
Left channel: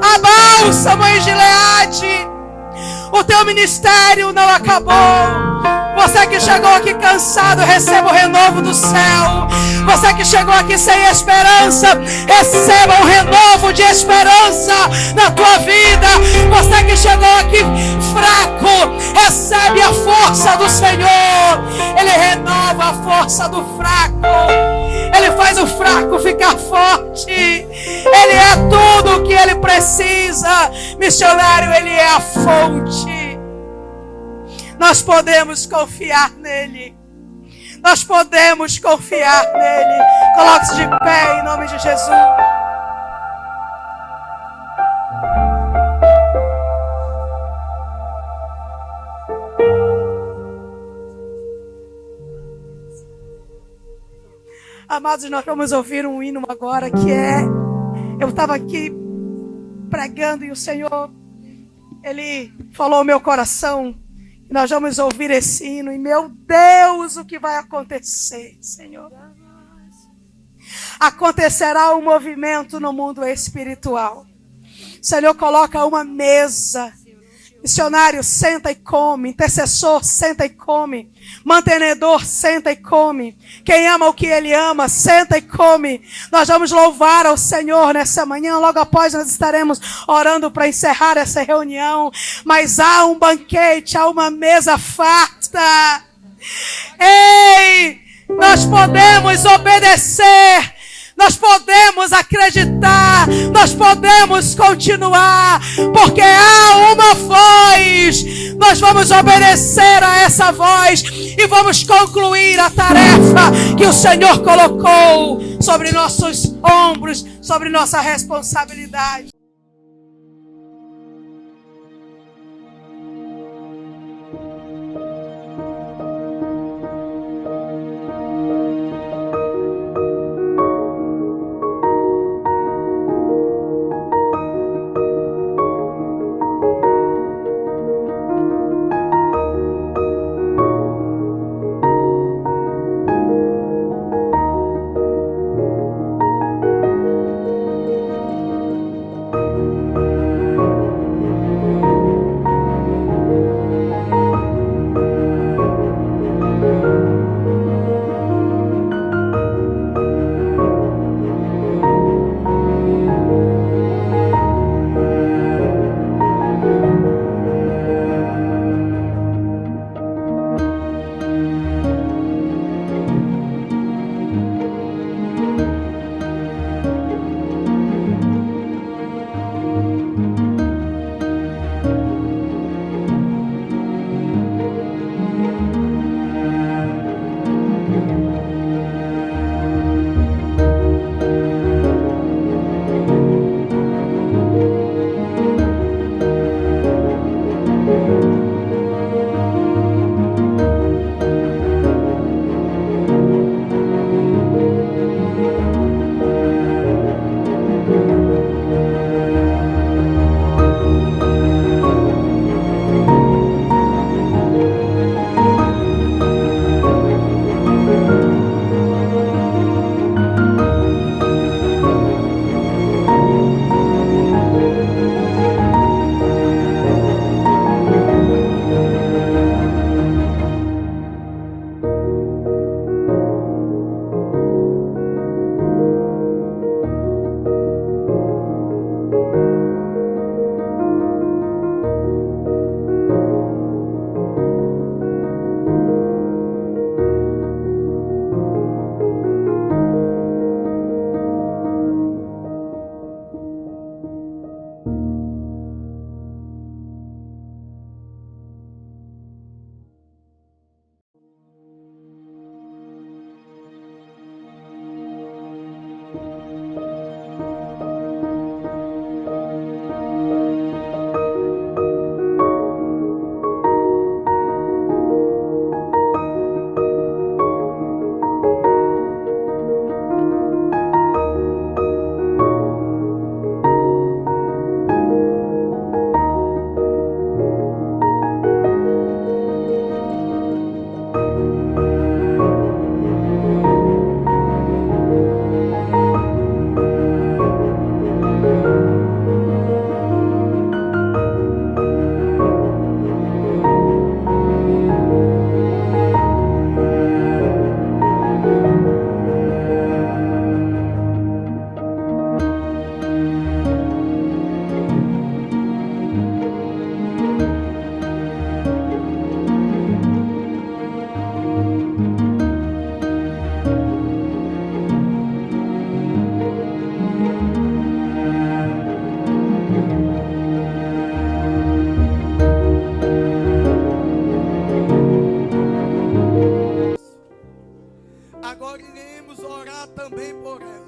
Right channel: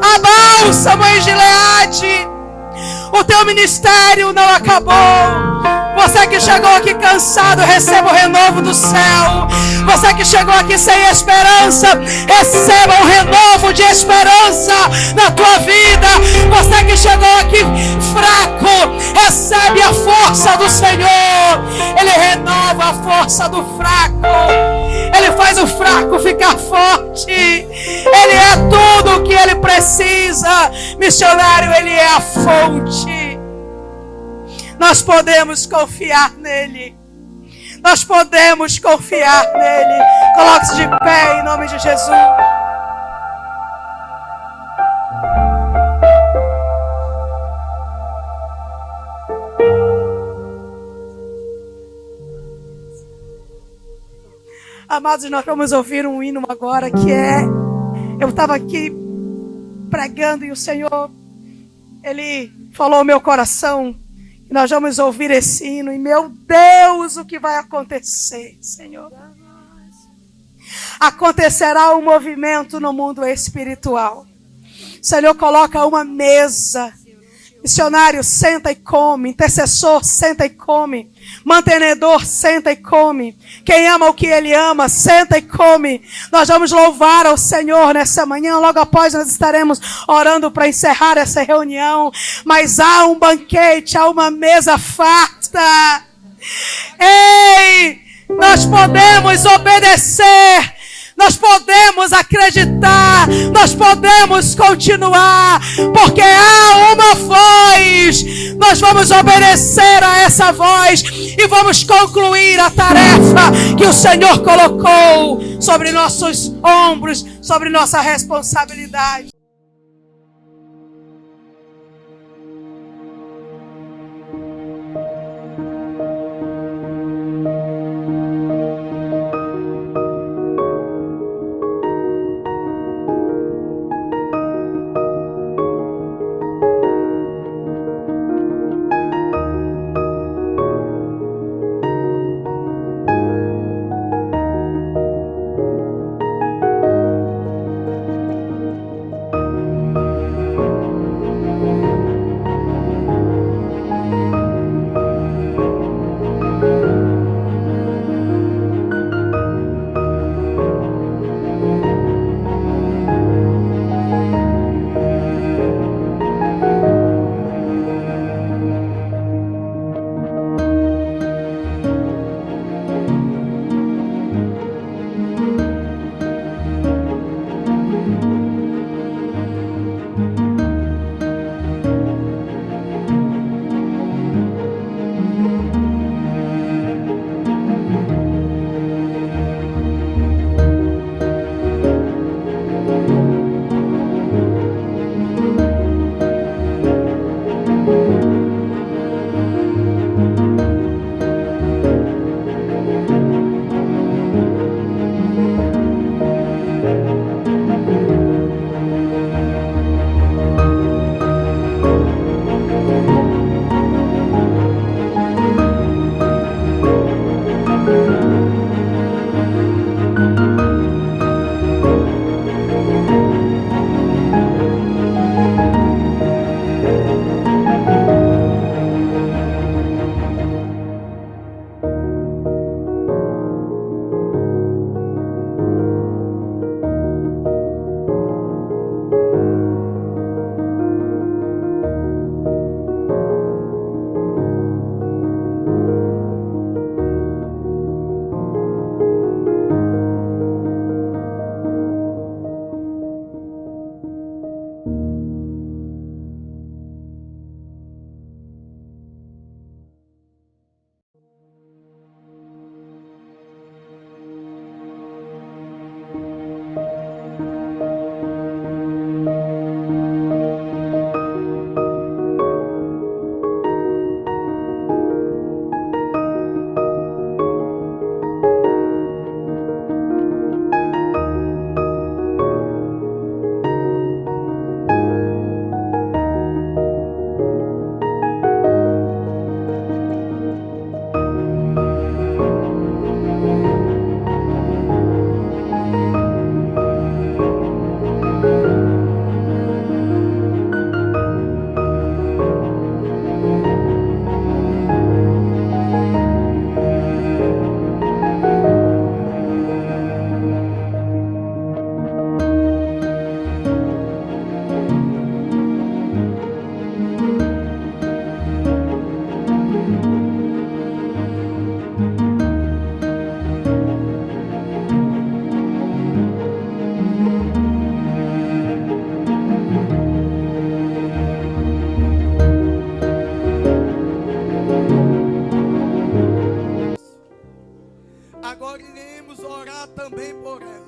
A bálsamo em Gileade. O teu ministério não acabou. Você que chegou aqui cansado, receba o renovo do céu. Você que chegou aqui sem esperança, receba um renovo de esperança na tua vida. Você que chegou aqui fraco, recebe a força do Senhor. Ele renova a força do fraco. Ele faz o fraco ficar forte. Ele é tudo o que ele precisa. Missionário, ele é a fonte. Nós podemos confiar nele. Nós podemos confiar nele. Coloque-se de pé em nome de Jesus. Amados, nós vamos ouvir um hino agora que é... Eu estava aqui pregando e o Senhor, Ele falou ao meu coração. E nós vamos ouvir esse hino. E meu Deus, o que vai acontecer, Senhor? Acontecerá um movimento no mundo espiritual. O Senhor coloca uma mesa. Missionário, senta e come. Intercessor, senta e come. Mantenedor, senta e come. Quem ama o que Ele ama, senta e come. Nós vamos louvar ao Senhor nessa manhã. Logo após nós estaremos orando para encerrar essa reunião. Mas há um banquete, há uma mesa farta. Ei, nós podemos obedecer. Nós podemos acreditar, nós podemos continuar, porque há uma voz. Nós vamos obedecer a essa voz e vamos concluir a tarefa que o Senhor colocou sobre nossos ombros, sobre nossa responsabilidade. também por ela,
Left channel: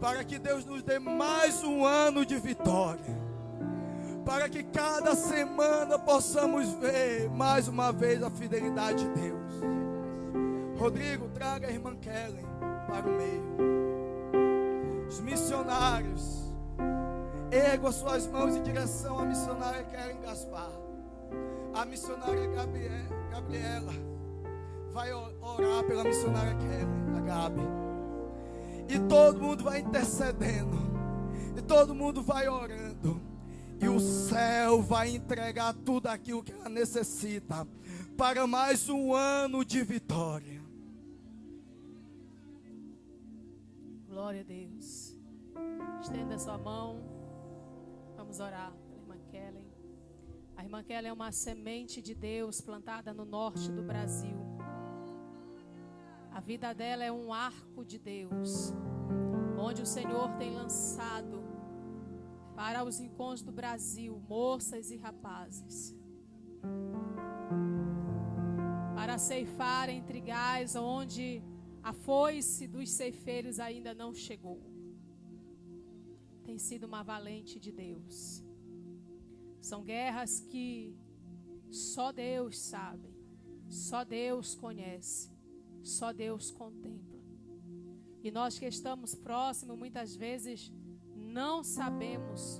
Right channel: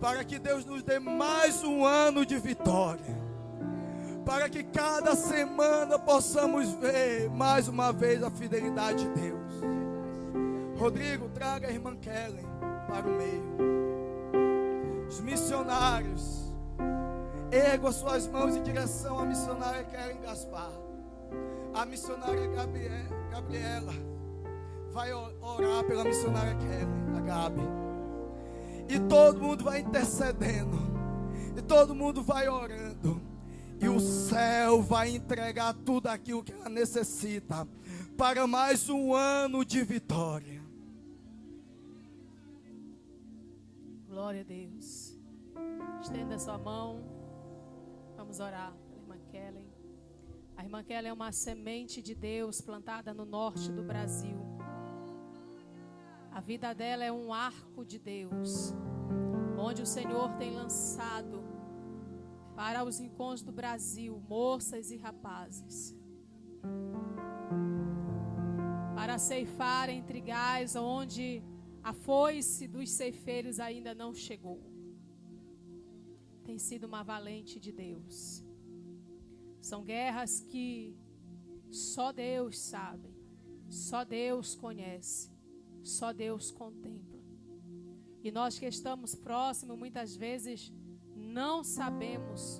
para que Deus nos dê mais um ano de vitória, para que cada semana possamos ver mais uma vez a fidelidade de Deus. Rodrigo, traga a irmã Kellen para o meio. Os missionários, ergam suas mãos em direção à missionária Kellen Gaspar. A missionária Gabriela vai orar pela missionária Kellen, a Gabi. E todo mundo vai intercedendo. E todo mundo vai orando. E o céu vai entregar tudo aquilo que ela necessita para mais um ano de vitória. Glória a Deus. Estenda a sua mão. Vamos orar pela irmã Kellen. A irmã Kellen é uma semente de Deus plantada no norte do Brasil. A vida dela é um arco de Deus, onde o Senhor tem lançado para os encontros do Brasil moças e rapazes, para ceifar em trigais onde a foice dos ceifeiros ainda não chegou. Tem sido uma valente de Deus. São guerras que só Deus sabe, só Deus conhece, só Deus contempla. E nós que estamos próximos, muitas vezes não sabemos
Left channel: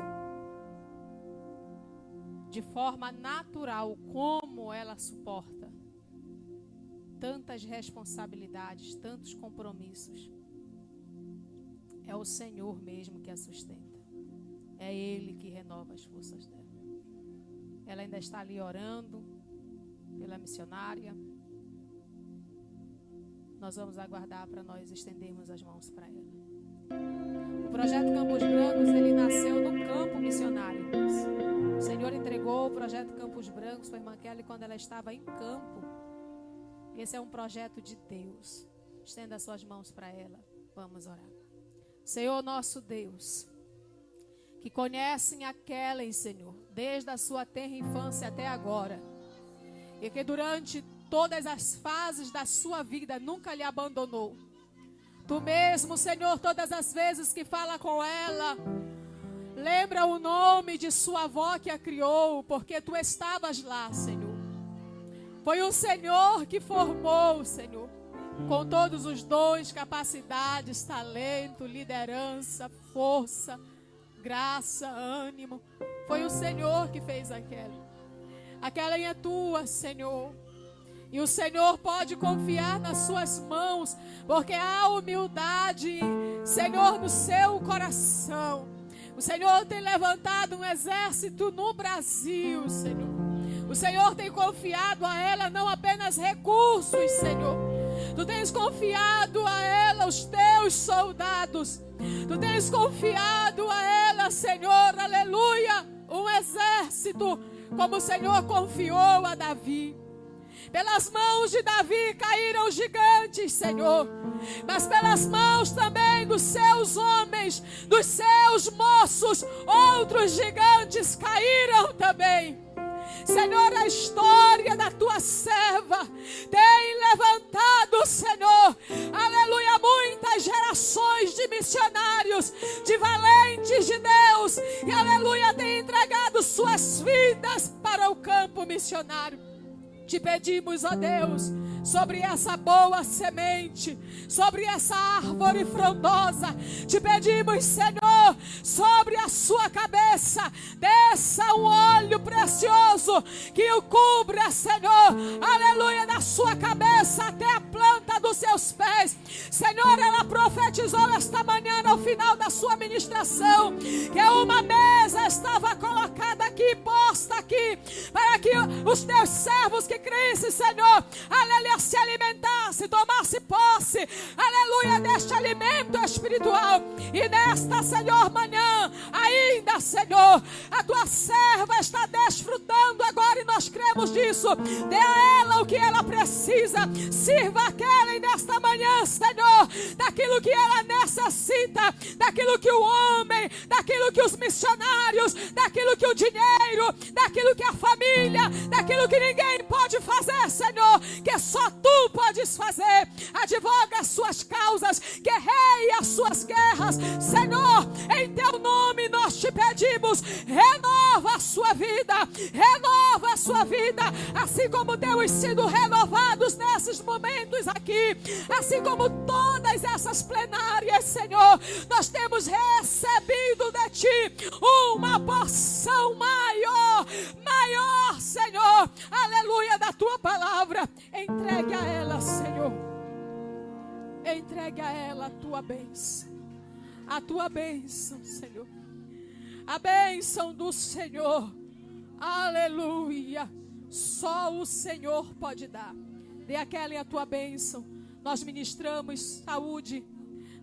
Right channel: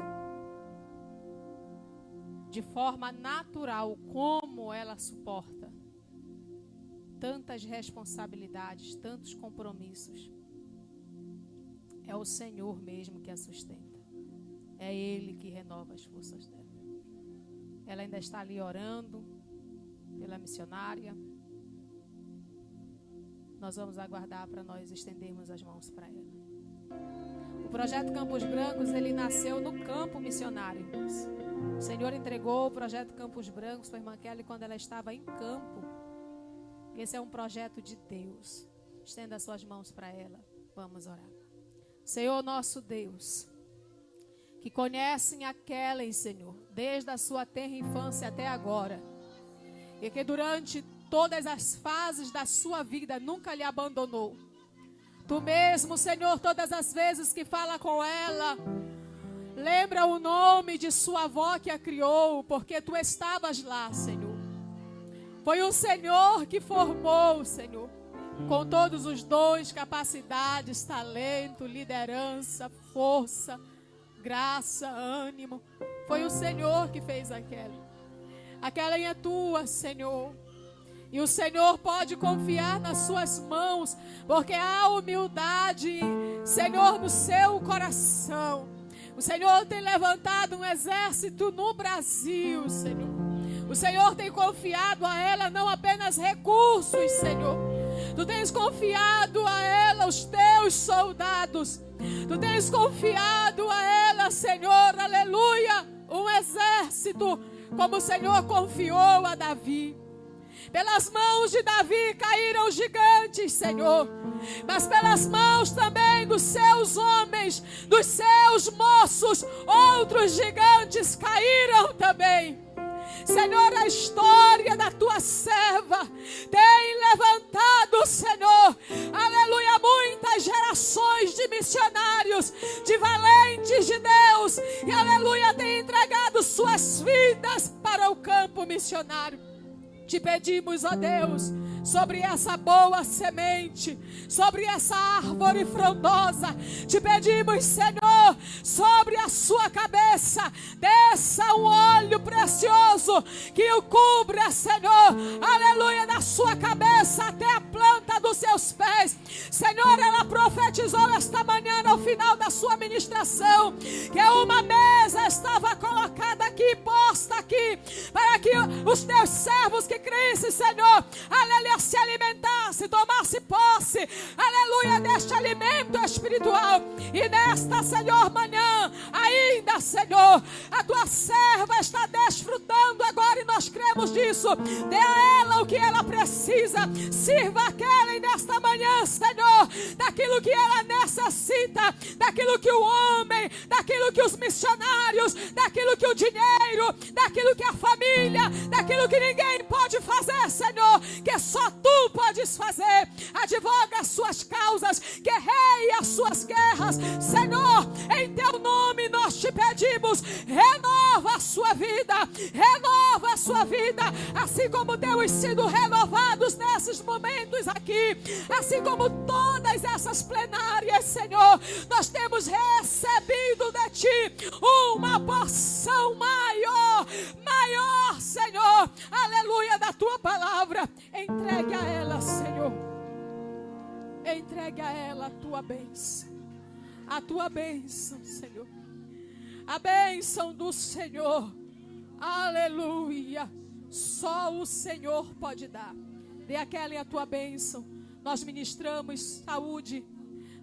de forma natural como ela suporta tantas responsabilidades, tantos compromissos. É o Senhor mesmo que a sustenta. É Ele que renova as forças dela. Ela ainda está ali orando pela missionária. Nós vamos aguardar para nós estendermos as mãos para ela. O projeto Campos Brancos, ele nasceu no campo missionário. O Senhor entregou o projeto Campos Brancos para a irmã Kelly quando ela estava em campo. Esse é um projeto de Deus. Estenda as suas mãos para ela. Vamos orar. Senhor nosso Deus, que conhecem a Kellen, Senhor, desde a sua tenra infância até agora, e que durante todas as fases da sua vida nunca lhe abandonou. Tu mesmo, Senhor, todas as vezes que fala com ela, lembra o nome de sua avó que a criou, porque tu estavas lá, Senhor. Foi o Senhor que formou, Senhor, com todos os dons, capacidades, talento, liderança, força, graça, ânimo. Foi o Senhor que fez aquela. Aquela é tua, Senhor. E o Senhor pode confiar nas suas mãos, porque há humildade, Senhor, no seu coração. O Senhor tem levantado um exército no Brasil, Senhor. O Senhor tem confiado a ela não apenas recursos, Senhor. Tu tens confiado a ela os teus soldados. Tu tens confiado a ela, Senhor, aleluia, um exército, como o Senhor confiou a Davi. Pelas mãos de Davi caíram os gigantes, Senhor. Mas pelas mãos também dos seus homens, dos seus moços, outros gigantes caíram também. Senhor, a história da tua serva tem levantado, Senhor, aleluia, muitas gerações de missionários, de valentes de Deus, e aleluia, tem entregado suas vidas para o campo missionário. Te pedimos, ó Deus, sobre essa boa semente, sobre essa árvore frondosa, te pedimos, Senhor, sobre a sua cabeça, desça um óleo precioso que o cubra, Senhor, aleluia, da sua cabeça até a planta dos seus pés. Senhor, ela profetizou esta manhã no final da sua ministração que uma mesa estava colocada aqui, posta aqui, para que os teus servos que crescem, Senhor, aleluia, se alimentasse, tomasse posse, aleluia, deste alimento espiritual. E nesta, Senhor, manhã, ainda, Senhor, a tua serva está desfrutando agora, e nós cremos disso. Dê a ela o que ela precisa, sirva aquela e nesta manhã, Senhor, daquilo que ela necessita, daquilo que o homem, daquilo que os missionários, daquilo que o dinheiro, daquilo que a família, daquilo que ninguém pode fazer, Senhor, que só tu podes fazer. Advoga as suas causas, assim como todas essas plenárias, Senhor, nós temos recebido de Ti uma porção maior, Senhor, aleluia, da Tua palavra. Entregue a ela, Senhor, entregue a ela a Tua bênção, Senhor, a bênção do Senhor, aleluia, só o Senhor pode dar. Dê a Kelly a Tua bênção. Nós ministramos saúde,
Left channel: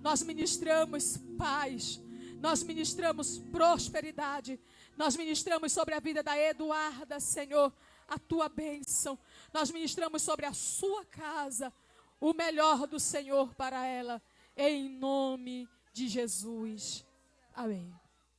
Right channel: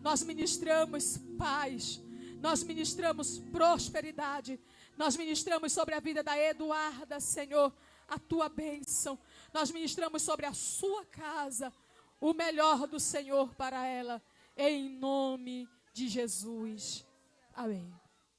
nós ministramos paz, nós ministramos prosperidade, nós ministramos sobre a vida da Eduarda, Senhor, a Tua bênção. Nós ministramos sobre a sua casa o melhor do Senhor para ela, em nome de Jesus. Amém.